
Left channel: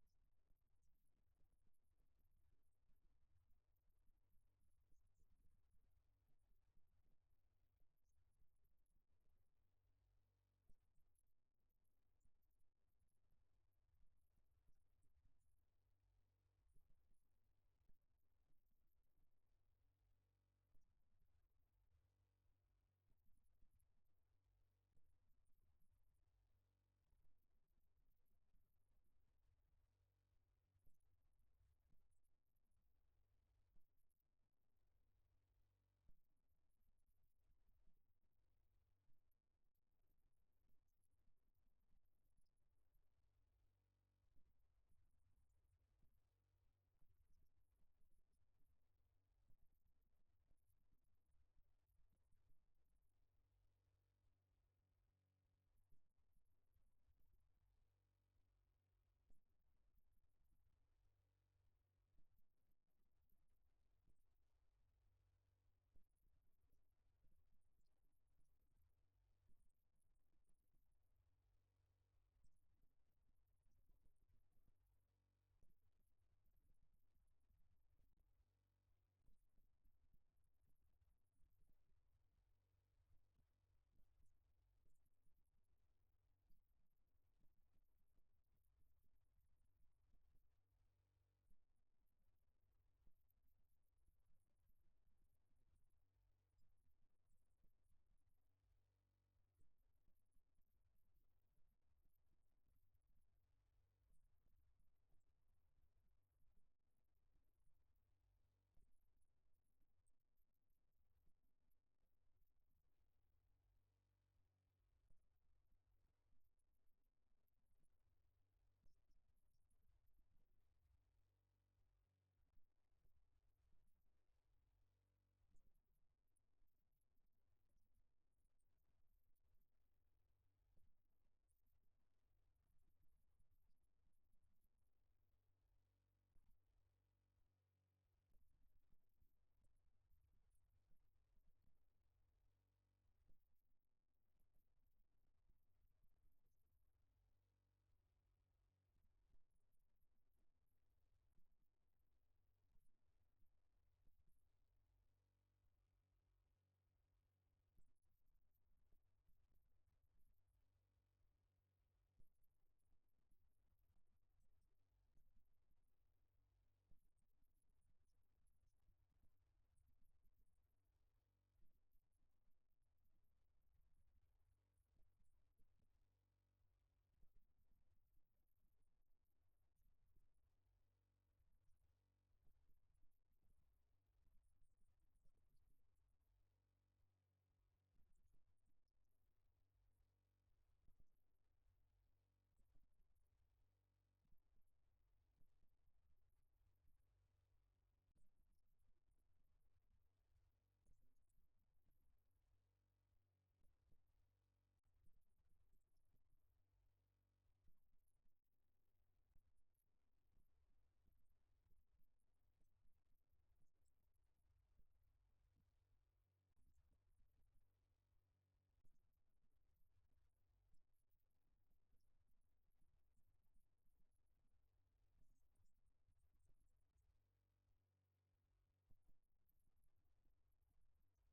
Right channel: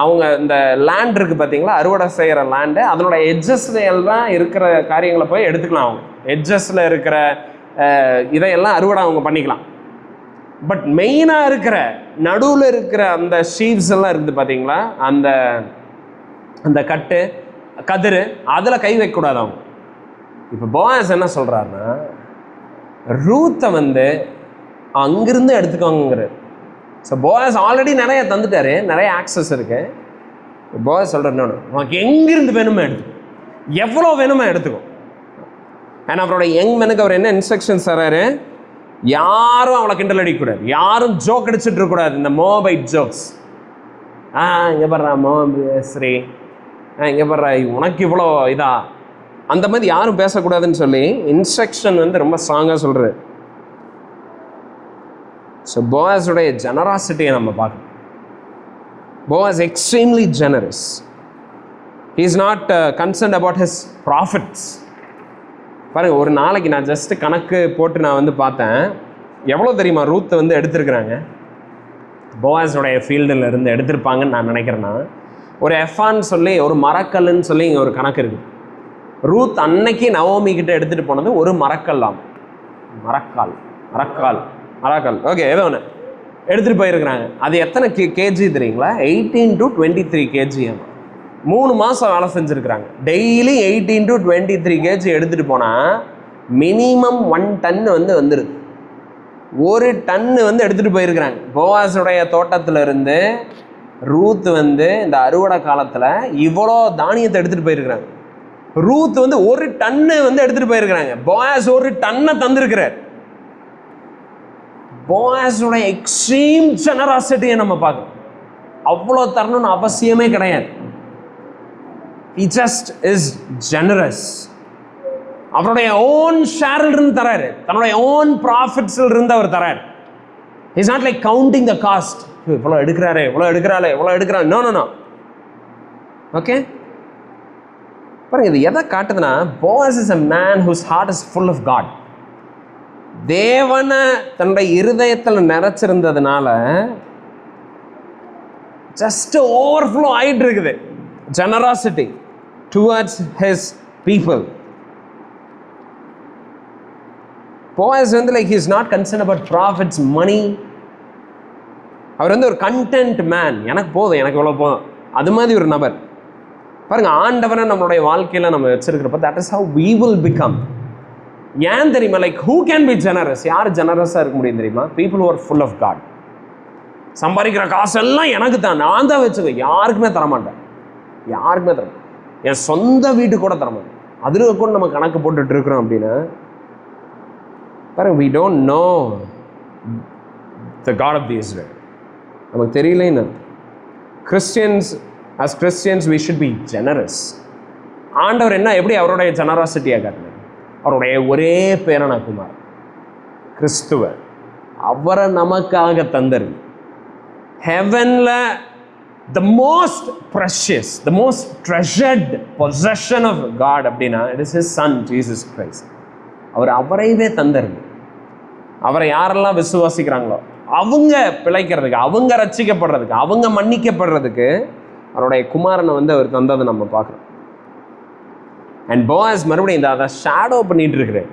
அவங்க இந்த லேண்ட் இருக்குது பார்த்தீங்களா, அறுவடை செய்கிற லேண்டு, அதனோட எட்ஜஸ்ல எல்லாம் இருக்கிற காரியங்களை போய் எடுத்துக்கலாம். அவங்க எட்ஜஸில் இருக்கிற இதையெல்லாம் அறுவடை அவங்க பண்ணிக்கலாம். பட் மெயினாக இருக்கிற நடுவில் இருக்கிற அந்த ஷீவ்ஸ் எல்லாம் இருக்குது பார்த்தீங்களா, அந்த அந்த கதிர், அதில் கை வைக்கக்கூடாது அவங்க. இப்போ போயாஸ் என்ன சொல்கிறாருன்னா, ரூத்தை வந்து அங்கிருந்து எடுத்துக்கோங்கிறார். ஸோ போயாஸ் ஆல்ரெடி நிறைய தந்துட்டாரு, நிறைய ஆக்சஸ் இருக்கு. போயாஸ் சொல்கிறார், உனக்கு எங்கிருந்து வேணுமோ எடுத்துக்கோ, எவ்வளோ வேணுமோ எடுத்துக்கோ. ஏன்னா அவரோட யங் மேனுக்கு அவர் என்ன இன்ஸ்ட்ரக்ஷன்ஸ் தராரு? யாரும் அவளை கிண்டல் அடிக்கக்கூடாது, யாரும் ஜோக் அடிச்சுட்டு இருக்கக்கூடாது. இந்த மோபைட் ஜோக்ஸ், இங்கே படுறா ஸ்ரீ, இங்கே படுறா உனக்கு இவ்வளோ இதா, அந்த மாதிரி யாரும் பேசக்கூடாதுன்னு சொல்லி இன்ஸ்ட்ரக்ஷன் வந்து ரொம்ப ஸ்ட்ராங்காக சொல்கிறார். ஸோ போயாஸுடைய ஜெனராசிட்டியை நம்ம பார்க்கணும். Boaz extremely generous. He is not concerned about his profits. பாருங்கள், ஒரு நாளைக்கு நான் ஜஸ்ட் கணக்கு போட்டு நான் வந்து பார்த்தேன், எவ்வளோ தெரியுமா ரூத் வந்து எடுத்திருக்கிறாங்க போயாஸுடைய ஃபீல்டில் இருந்து எடுத்திருப்பாங்கன்னு நான் நினைக்கிறேன்னா, ஒரு எஃபான்னு சொல்லி ஒரு மரக்கல்லுன்னு சொல்லி இங்கே ஒரு கணக்கு இருக்குது. ரூத் அன்னைக்கு நவோமி கிட்ட எடுத்துகிட்டு போனது ஒரு மரக்கல்லாம், மரக்கால் ஓகே, ஏதோ ஒன்று எடுத்துகிட்டு போயிருக்கிறாங்க. அது எத்தனை கேஜி தெரியுங்களா? 18 to 23 கேஜி. 3 மாதம் வேலை செஞ்சுருக்கிறாங்க. டெய்லி 18 to 23 கேஜி எடுத்துகிட்டு போனால் மினிமம் 1 டன் வந்து வந்துடுது. 1 டன்னு வந்து எடுத்துகிட்டு போயிருக்கிறாங்க. போவாஸுடைய தோட்டத்தில் இருந்து ரூத் வந்து இந்த அறுவடை காலத்தில் இவ்வளோ தானியத்தை எடுத்துகிட்டு போயிருக்கிறாங்க. ரூத் வந்து 1 டன்னு வந்து எடுத்துகிட்டு போயிருக்கிறாங்க. போயாஸ் 1 டன்னை தந்திருக்கிறார். போயாஸுடைய எக்ஸ்ட்ரீம் ஜெனராசிட்டியை நம்ம பார்க்கணும். அவ்வளோ தரணும்னு அவசியமே கிடையாது. He just is generous. அவருடைய ஓன் ஷேரில் இருந்து தராரு, தன்னுடைய ஓன் ப்ராஃபிட்ஸில் இருந்து அவர் தராரு. He's not like counting the cost. இவ்வளோ எடுக்கிறாரு. நோ. ஓகே, பாருங்க, இது எதை காட்டுதுன்னா, போயாஸ் is a man whose heart is full of God. தேவனை தன்னுடைய இருதயத்தில் நிறைச்சிருந்ததுனால ஜஸ்ட் ஓவர்ஃப்ளோ ஆகிட்டு இருக்குது ஜெனராசிட்டி டுவர்ட்ஸ் ஹிஸ் பீப்புள். போயாஸ் வந்து like he is not concerned about profits, money. அவர் வந்து ஒரு கண்டென்ட் மேன். எனக்கு போதும், எனக்கு இவ்வளோ போதும், அது மாதிரி ஒரு நபர். பாருங்கள், ஆண்டவரை நம்மளுடைய வாழ்க்கையில் நம்ம வச்சிருக்கிறப்ப that is how we will become. ஏன் தெரியுமா? Like who can be generous? யார் ஜெனரஸாக இருக்க முடியும் தெரியுமா? People are full of God. சம்பாதிக்கிற காசெல்லாம் எனக்கு தான், நான் தான் வச்சுக்கோ, யாருக்குமே தரமாட்டேன், யாருக்குமே தரமாட்டேன், என் சொந்த வீட்டுக்கு கூட தரமாட்டேன். அதில் கூட நம்ம கணக்கு போட்டுட்டு இருக்கிறோம் அப்படின்னா பாருங்க, we don't know the God of the Israel. நமக்கு தெரியலன்னு. as Christians we should be generous. ஆண்டவர் என்ன எப்படி அவருடைய ஜெனராசிட்டியாக காட்டினார்? அவருடைய ஒரே பேரான குமார் கிறிஸ்துவ அவரை நமக்காக தந்தார். ஹெவன்ல the most precious, the most treasured possession of God அப்படின்னா it is his son Jesus Christ. அவரைவே தந்தார். அவரை யாரெல்லாம் விசுவாசிக்கிறாங்களோ அவங்க பிழைக்கிறதுக்கு, அவங்க ரட்சிக்கப்படுறதுக்கு, அவங்க மன்னிக்கப்படுறதுக்கு அவருடைய குமாரனை அவர் தந்ததை நம்ம பார்க்குறோம். அண்ட் போவாஸ் மறுபடியும் அதை ஷேடோ பண்ணிட்டு இருக்கிறேன்.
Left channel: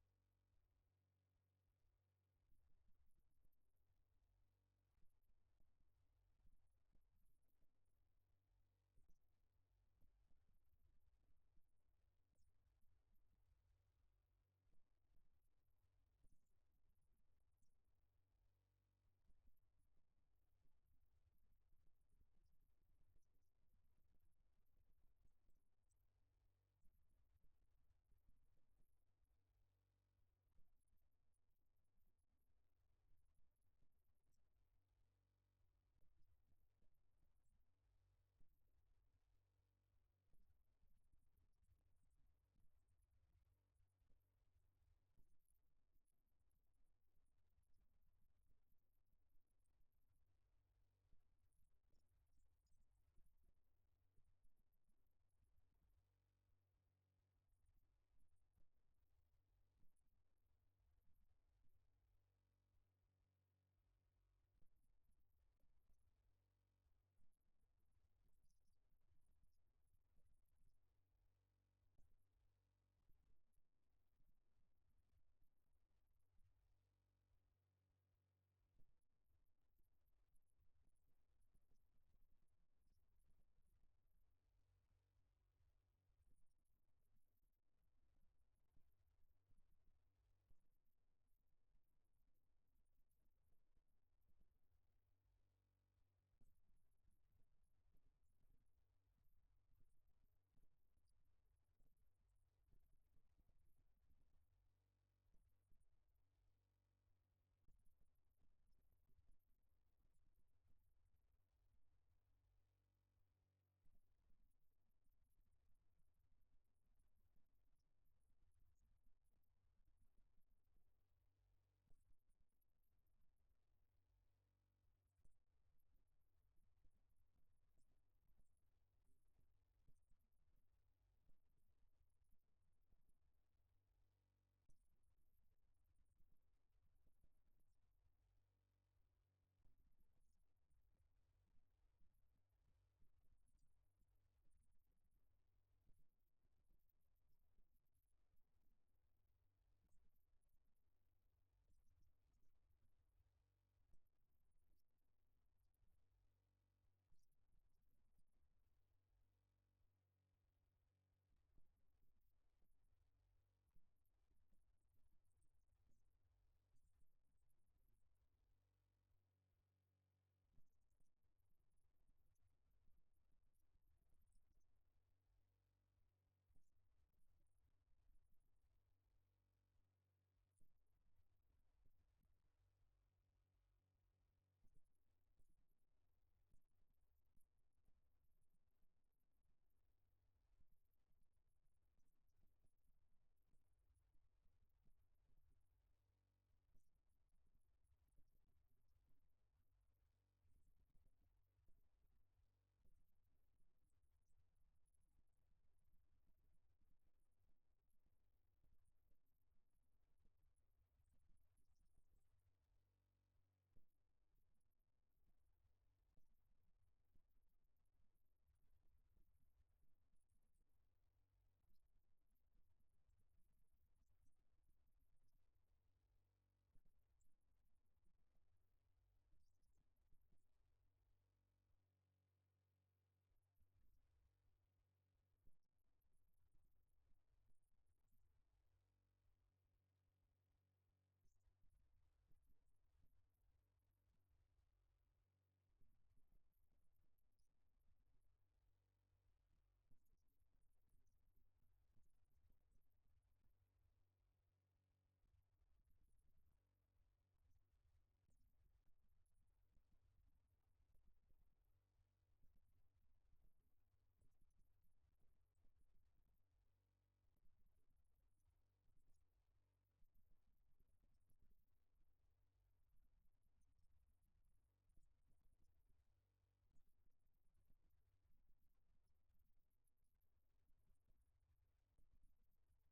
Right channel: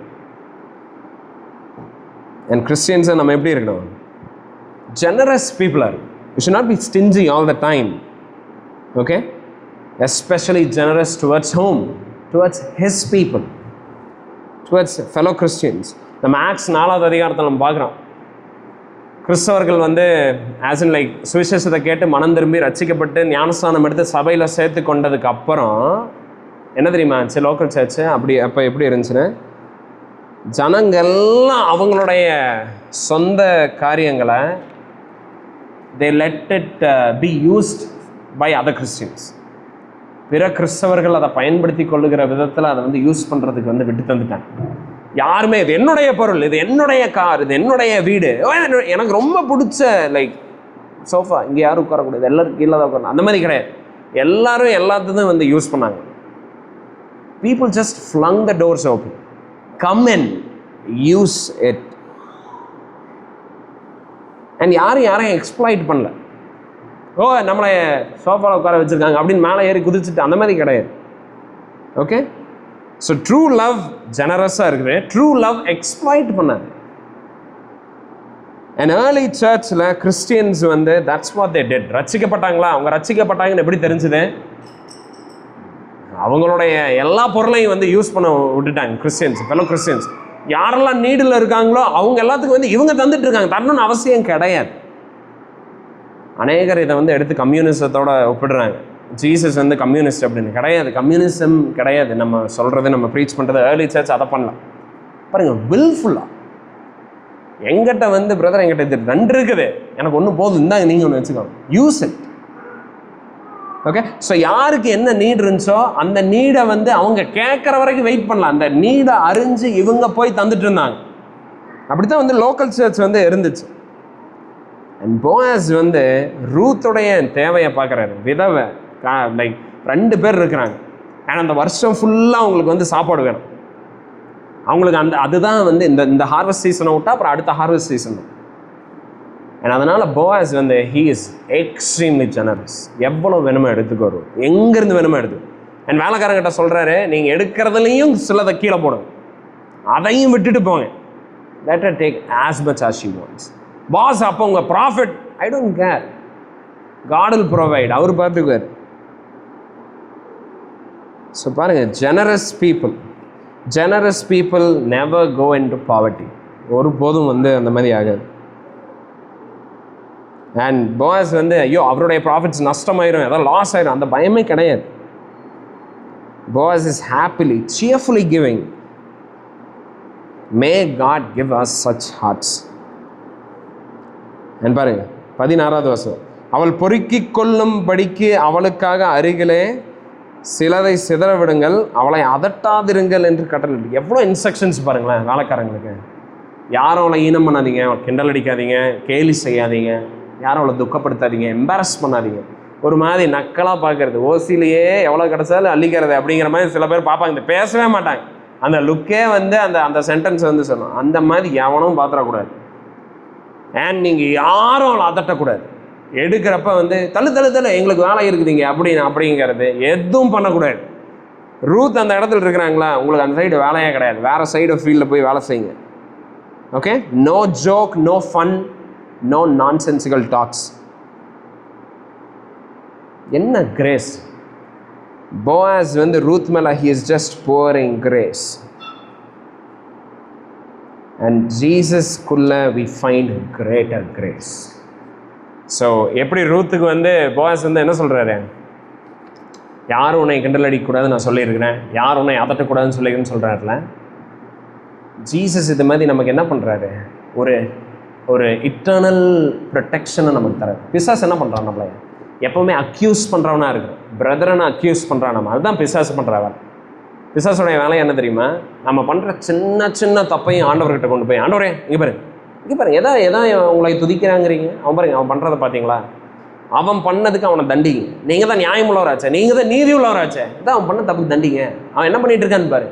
அண்ட் கிறிஸ்டியன்ஸை நம்ம எப்படி இருக்கணும்? ஜெனரஸ் பீப்புளாக இருக்கும். You should not be stingy all the time. Okay? Especially generous towards whom? Towards his people. Towards fellow Christians. நம்ம ஆக்ஸ் 4வது அதிகாரத்தில் நம்ம பார்க்குறோம். கிறிஸ்தவர்கள் ஆஸ் இன் லைக் சுவிசேஷத்தை கேட்டு மனம் திரும்பி ரட்சிக்கப்பட்டு ஞானஸ்தானம் எடுத்து சபையில் சேர்த்து கொண்டதுக்கு அப்புறம் என்ன தெரியுமா ஆச்சு? லோக்கல் சர்ச்சு அப்போ எப்படி இருந்துச்சுன்னா, ஜனங்கள்லாம் அவங்களுடைய சொந்த காரியங்களை they let it be used by other Christians. பிற கிறிஸ்தவர்கள் அதை பயன்படுத்தி கொள்ளுகிற விதத்தில் அதை யூஸ் பண்ணுறதுக்கு விட்டு தந்துட்டாங்க. யாருமே இது என்னுடைய பொருள், இது என்னுடைய கார், இது என்னுடைய வீடு, எனக்கு ரொம்ப பிடிச்ச லைக் சோஃபா, இங்கே யாரும் உட்காரக்கூடாது, எல்லாரும் கீழே தான் உட்காரணும், அந்த மாதிரி கிடையாது. எல்லாரும் எல்லாத்தையும் யூஸ் பண்ணாங்க. People just flung the doors open. Come and use it. And யாரையும் எக்ஸ்ப்ளாய்ட் பண்ணல. நம்மளை சோஃபாவில் உட்கார வச்சுருக்காங்க அப்படின்னு மேலே ஏறி குதிச்சுட்டு அந்த மாதிரி கிடையாது. ஓகே, ஸோ ட்ரூ லவ் ஜெனரஸாக இருக்குது. ட்ரூ லவ் எக்ஸ்ப்ளாய்ட் பண்ணாது. அண்ட் ஏர்லி சர்ச்சில் Christians that's what they did. ரட்சிக்கப்பட்டாங்களா? அவங்க ரட்சிக்கப்பட்டாங்கன்னு எப்படி தெரிஞ்சுது? அவங்களுடைய எல்லா பொருளையும் யூஸ் பண்ண விட்டுட்டாங்க கிறிஸ்டியன்ஸ், ஃபெலோ கிறிஸ்டியன்ஸ். யாரெல்லாம் நீடில் இருக்காங்களோ அவங்க எல்லாத்துக்கும் இவங்க தந்துட்டு இருக்காங்க, தரணும்னு அவசியம் கிடையாது. அநேகர் இதை எடுத்து கம்யூனிசத்தோட ஒப்பிடுறாங்க. ஜீசஸ் கம்யூனிஸ்ட் அப்படின்னு. கிடையாது, கம்யூனிசம் கிடையாது. நம்ம சொல்கிறது, நம்ம ப்ரீச் பண்ணுறது, ஏர்லி சர்ச் அதை பண்ணலாம். பாருங்கள், வில்ஃபுல்லாக எங்கிட்ட பிரதர் எங்கிட்ட இது 2 இருக்குது, எனக்கு ஒன்று போதும், இந்தாங்க நீங்கள் ஒன்று வச்சுக்கோங்க, யூஸ் இட். ஓகே, ஸோ யாருக்கு என்ன நீட் இருந்துச்சோ அந்த நீடை அவங்க கேட்குற வரைக்கும் வெயிட் பண்ணலாம். அந்த நீடை அறிஞ்சு இவங்க போய் தந்துட்டு இருந்தாங்க. அப்படி தான் லோக்கல் சர்ச் இருந்துச்சு. அண்ட் போயாஸ் ரூத்துடைய தேவையை பார்க்குறாரு. விதவை லைக் 2 பேர் இருக்கிறாங்க. ஆனால் அந்த வருஷம் ஃபுல்லாக அவங்களுக்கு சாப்பாடு வேணும். அவங்களுக்கு அதுதான் இந்த ஹார்வெஸ்ட் சீசனை விட்டா அப்புறம் அடுத்த ஹார்வெஸ்ட் சீசன். அண்ட் அதனால் Boaz he is extremely generous. எவ்வளோ வேணுமோ எடுத்துக்கோ, எங்கேருந்து வேணுமோ எடுத்து. அண்ட் வேலைக்காரங்கிட்ட சொல்கிறாரு, நீங்கள் எடுக்கிறதுலையும் சிலதை கீழே போடுங்க, அதையும் விட்டுட்டு போங்க. let her take as much as she wants. பாஸ் அப்போ உங்கள் profit, I don't care, God will provide, அவர் பார்த்துக்குவார். ஸோ பாருங்கள், generous people never go into poverty. ஒருபோதும் அந்த மாதிரி ஆகாது. அண்ட் போயாஸ் ஐயோ அவருடைய ப்ராஃபிட்ஸ் நஷ்டமாயிரும், ஏதாவது லாஸ் ஆயிரும், அந்த பயமே கிடையாது. Boaz is happily cheerfully giving. May God give us such hearts. And பாருங்க 16வது வசனம், அவள் பொறுக்கிக் கொள்ளும்படிக்கு அவளுக்காக அருகிலே சிலதை சிதற விடுங்கள், அவளை அதட்டாதிருங்கள் என்று கட்டளை. எவ்வளோ இன்ஸ்ட்ரக்ஷன்ஸ் பாருங்களேன் வேலைக்காரங்களுக்கு. யாரும் அவளை ஈனம் பண்ணாதீங்க, கிண்டல் அடிக்காதீங்க, கேலி செய்யாதீங்க, யாரும் அவளை துக்கப்படுத்தாதீங்க, எம்பாரஸ் பண்ணாதீங்க. ஒரு மாதிரி நக்கலாக பார்க்கறது, ஓசிலேயே எவ்வளோ கிடச்சாலும் அள்ளிக்கிறது அப்படிங்கிற மாதிரி சில பேர் பார்ப்பாங்க. இந்த பேசவே மாட்டாங்க, அந்த லுக்கே அந்த சென்டென்ஸ் சொல்லணும். அந்த மாதிரி எவனும் பார்த்துடக்கூடாது. அண்ட் நீங்கள் யாரும் அவளை அதட்டக்கூடாது. எடுக்கிறப்ப தள்ளு எங்களுக்கு வேலை இருக்குதுங்க அப்படிங்கிறது எதுவும் பண்ணக்கூடாது. ரூத் அந்த இடத்துல இருக்கிறாங்களா, உங்களுக்கு அந்த சைடு வேலையே கிடையாது, வேறு சைடு ஃபீல்டில் போய் வேலை செய்யுங்க. Okay, no joke, no fun, no nonsensical talks. என்ன கிரேஸ்! போயாஸ் ரூத் மேலே he is just pouring grace. And ஜீசஸ்குள்ளே we find greater grace. So எப்படி ரூத்துக்கு வந்து போவாஸ் வந்து என்ன சொல்கிறாரு, யாரும் உன்னை கிண்டல் அடிக்கக்கூடாதுன்னு நான் சொல்லியிருக்கிறேன், யாரும் உன்னை அதட்டக்கூடாதுன்னு சொல்லியிருக்கேன்னு சொல்கிறாருல. ஜீசஸ் இது மாதிரி நமக்கு என்ன பண்ணுறாரு, ஒரு இட்டர்னல் ப்ரொடெக்ஷனை நமக்கு தராரு. பிசாஸ் என்ன பண்ணுறான், நம்மளை எப்போவுமே அக்யூஸ் பண்ணுறவனா இருக்கிறான், பிரதரனை அக்யூஸ் பண்ணுறான். நம்ம அதுதான் பிசாஸ் பண்ணுறாங்க. பிசாஸோடைய வேலை என்ன தெரியுமா, நம்ம பண்ணுற சின்ன சின்ன தப்பையும் ஆண்டவர்கிட்ட கொண்டு போய், ஆண்டவரே இங்கே பாருங்க எதா உங்களை துதிக்கிறாங்கிறீங்க, அவன் பண்ணுறதை பார்த்தீங்களா, அவன் பண்ணதுக்கு அவனை தண்டிங்க, நீங்கள் தான் நியாயம் உள்ளவராச்சே, நீங்கள் தான் நீதி உள்ளவராச்சே, இதான் அவன் பண்ண தப்புக்கு தண்டிங்க. அவன் என்ன பண்ணிட்டு இருக்கான்னு பாரு,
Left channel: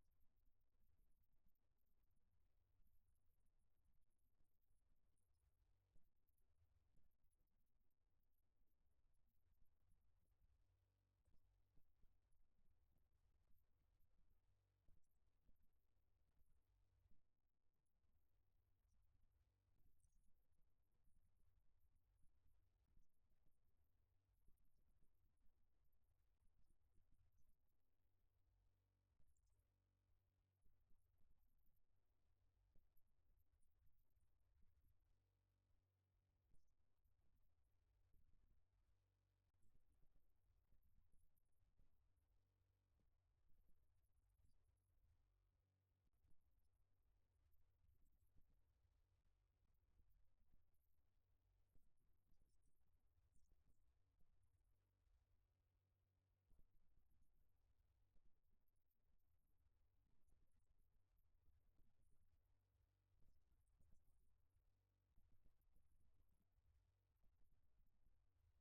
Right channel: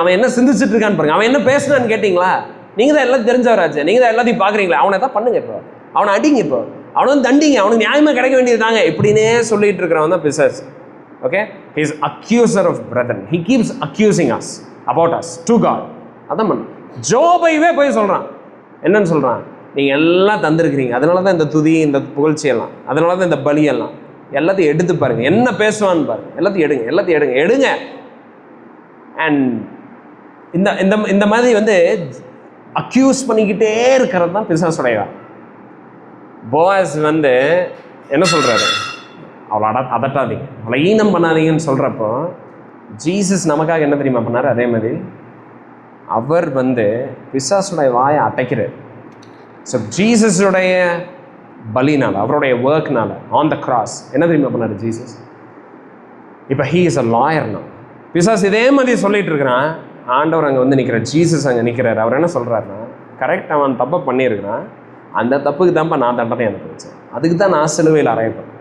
அவன் என்ன சிந்திச்சுட்டு இருக்கான்னு பாருங்க, அவன் என்ன பேசுனான்னு கேட்டிங்களா, நீங்கள் தான் எல்லாம் தெரிஞ்சவராச்சே, நீங்கள் தான் எல்லாத்தையும் பார்க்குறீங்களா, அவனை தான் பண்ணுங்க, இப்போ அவனை அடிங்க, இப்போ அவனை வந்து தண்டிங்க, அவனுக்கு நியாயமாக கிடைக்க வேண்டியது தாங்க, இப்படின்னே சொல்லிட்டு இருக்கிறவன் தான் பிசாஸ். Okay, he is accuser of brethren, he keeps accusing us about us to God. அதான் பண்ண ஜோபைவே போய் சொல்கிறான், என்னன்னு சொல்கிறான், நீங்கள் எல்லாம் தந்திருக்கிறீங்க, அதனால தான் இந்த துதி, இந்த புகழ்ச்சியெல்லாம், அதனால தான் இந்த பலியெல்லாம், எல்லாத்தையும் எடுத்து பாருங்கள், என்ன பேசுவான்னு பாருங்கள், எல்லாத்தையும் எடுங்க. அண்ட் இந்த மாதிரி வந்து அக்யூஸ் பண்ணிக்கிட்டே இருக்கிறது தான் பிசாசுடைய. போவாஸ் வந்து என்ன சொல்கிறாரு, அவளை அதட்டாதீங்க, அவளை ஈனம் பண்ணாதீங்கன்னு சொல்கிறப்போ ஜீசஸ் நமக்காக என்ன தெரியுமா பண்ணார், அதே மாதிரி அவர் வந்து பிசாசுடைய வாயை அடைக்கிறார். ஸோ ஜீசஸுடைய பலினால், அவருடைய ஒர்க்னால ஆன் த கிராஸ் என்ன தெரியுமா பண்ணார் ஜீசஸ், இப்போ ஹீ இஸ் அ லாயர்னா. பிசாஸ் இதே மாதிரி சொல்லிட்டு இருக்கிறான், ஆண்டவர் அங்கே வந்து நிற்கிறார், ஜீசஸ் அங்கே நிற்கிறார். அவர் என்ன சொல்கிறாருன்னா, கரெக்ட், அவன் தப்பை பண்ணியிருக்கிறான், அந்த தப்புக்கு தான்ப்பா நான் தண்டனை அனுப்பிச்சேன், அதுக்கு தான் நான் சிலுவையில் அறையப்பட்டேன்,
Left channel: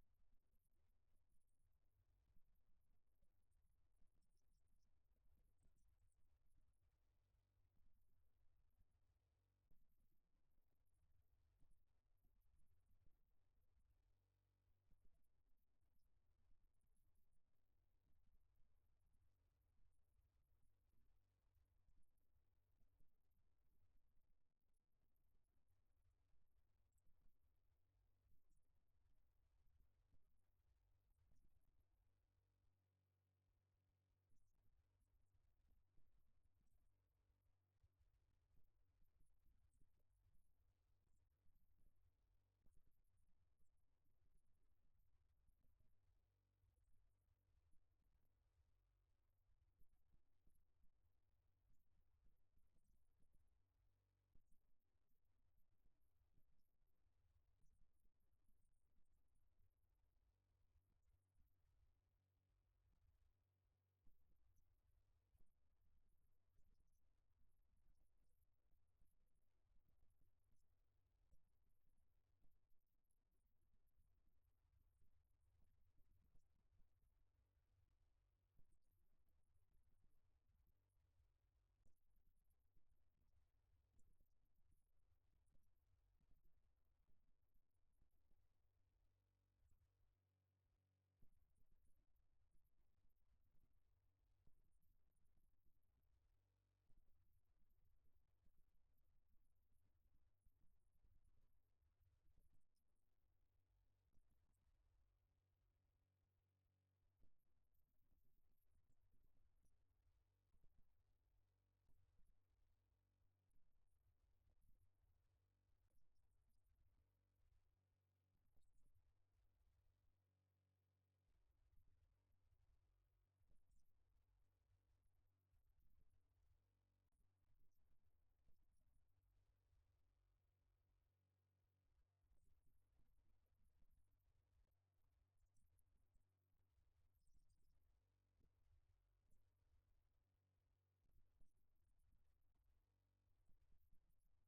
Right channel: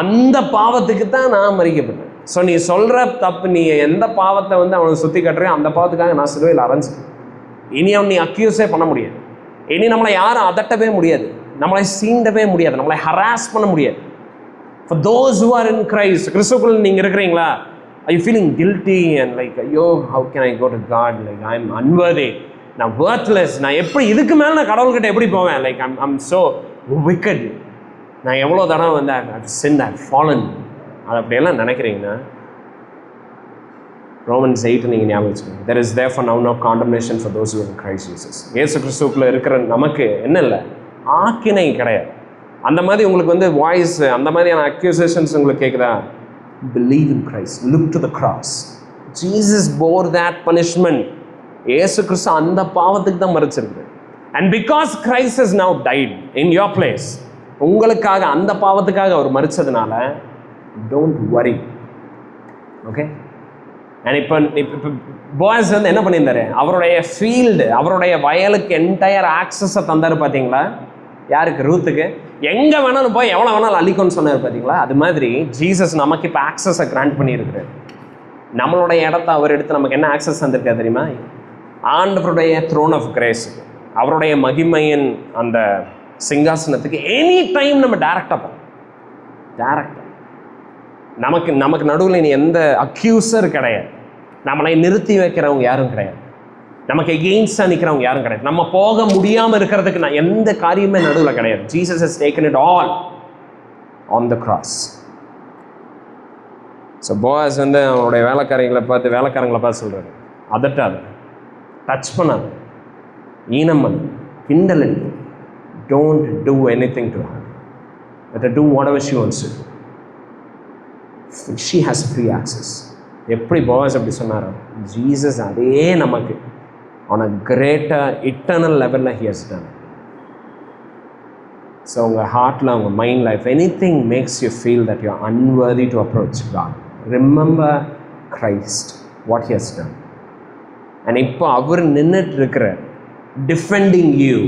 அந்த பாவத்துக்கு தான் நான் மறிக்கப்பட்டேன். ஸோ நீ சொல்கிற தப்பு, நீ எந்த பாவத்தை வந்து அவனை சுற்றி கட்டுறியோ அந்த பாவத்துக்காக நான் சிலுவையில் அரைஞ்சிட்டேன். இனி அவன் நீ அக்யூஸே பண்ண முடியாது, இனி நம்மளை யாரும் அதட்டவே முடியாது, நம்மளை சீண்டவே முடியாது, நம்மளை ஹராஸ் பண்ண முடியாது. For those who are in Christ, கிறிஸ்துக்குள் நீங்கள் இருக்கிறீங்களா, are you feeling guilty and like, ஐயோ how can I go to God, like I am unworthy, நான் worthless, நான் எப்படி இதுக்கு மேலே நான் கடவுள்கிட்ட எப்படி போவேன், like I'm so wicked, நான் எவ்வளோ தடவை வந்து I've sinned, I've fallen, அது அப்படியெல்லாம் நினைக்கிறீங்கன்னா Romans 8 நீங்கள் ஞாபகம் வச்சுக்கோங்க. There is therefore now no condemnation for those who are in Christ Jesus. இயேசு கிறிஸ்துவுக்குள்ள இருக்கிற நமக்கு என்ன இல்லை, ஆக்கினை கிடையாது. அந்த மாதிரி உங்களுக்கு வந்து வாய்ஸ், அந்த மாதிரியான அக்யூசேஷன்ஸ் உங்களுக்கு கேட்குதா, believe in Christ, look to the cross, Jesus bore that punishment. இயேசு கிறிஸ்து அந்த பாவத்துக்கு தான் மரிச்சிருக்கு. And because Christ has now died in your place, உங்களுக்காக அந்த பாவத்துக்காக அவர் மரிச்சதுனால don't worry. ஓகே, அண்ட் இப்போ போவாஸ் வந்து என்ன பண்ணியிருந்தாரு, அவருடைய ஃபீல்டு, அவருடைய வயலுக்கு என்டையர் ஆக்சஸை தந்தார் பார்த்தீங்களா, யாருக்கு, ரூத்துக்கு. எங்கே வேணாலும் போய் எவ்வளோ வேணாலும் அழிக்கும்னு சொன்னார் பார்த்தீங்களா. அது மாதிரி ஜீசஸ் நமக்கு இப்போ ஆக்சஸை கிராண்ட் பண்ணியிருக்கிறார். நம்மளுடைய இடத்த அவர் எடுத்து நமக்கு என்ன ஆக்சஸ் தந்திருக்கா தெரியுமா, ஆண்டவருடைய த்ரோன் ஆஃப் கிரேஸ், அவருடைய மகிமையின் அந்த சிங்காசனத்துக்கு எனி டைம் நம்ம டேரக்டாக நமக்கு நடுவில் இனி எந்த அக்யூசர் கிடையாது, நம்மளை நிறுத்தி வைக்கிறவங்க யாரும் கிடையாது, நமக்கு எகெயின்ஸ்டாக நிற்கிறவங்க யாரும் கிடையாது, நம்ம போக முடியாமல் இருக்கிறதுக்கு நான் எந்த காரியமே நடுவில் கிடையாது. Jesus has taken it all on the cross. So Boaz வந்து அவனுடைய வேலைக்காரங்களை பார்த்து சொல்கிறாரு, அதட்டாத, டச் பண்ணாது, ஈனம் பண்ணு, கிண்டல் அடி, don't do anything to her, let her do whatever she wants to do, she has free access. எப்படி போவாஸ் அப்படி சொன்னாரோ, ஜீசஸ் அதே நமக்கு on a greater eternal level he has done. So உங்கள் ஹார்ட்டில், உங்கள் மைண்டில், if anything makes you feel that you are unworthy to approach God, remember Christ, what he has done. And இப்போ அவர் நின்றுட்டு இருக்கிற டிஃபெண்டிங் யூ.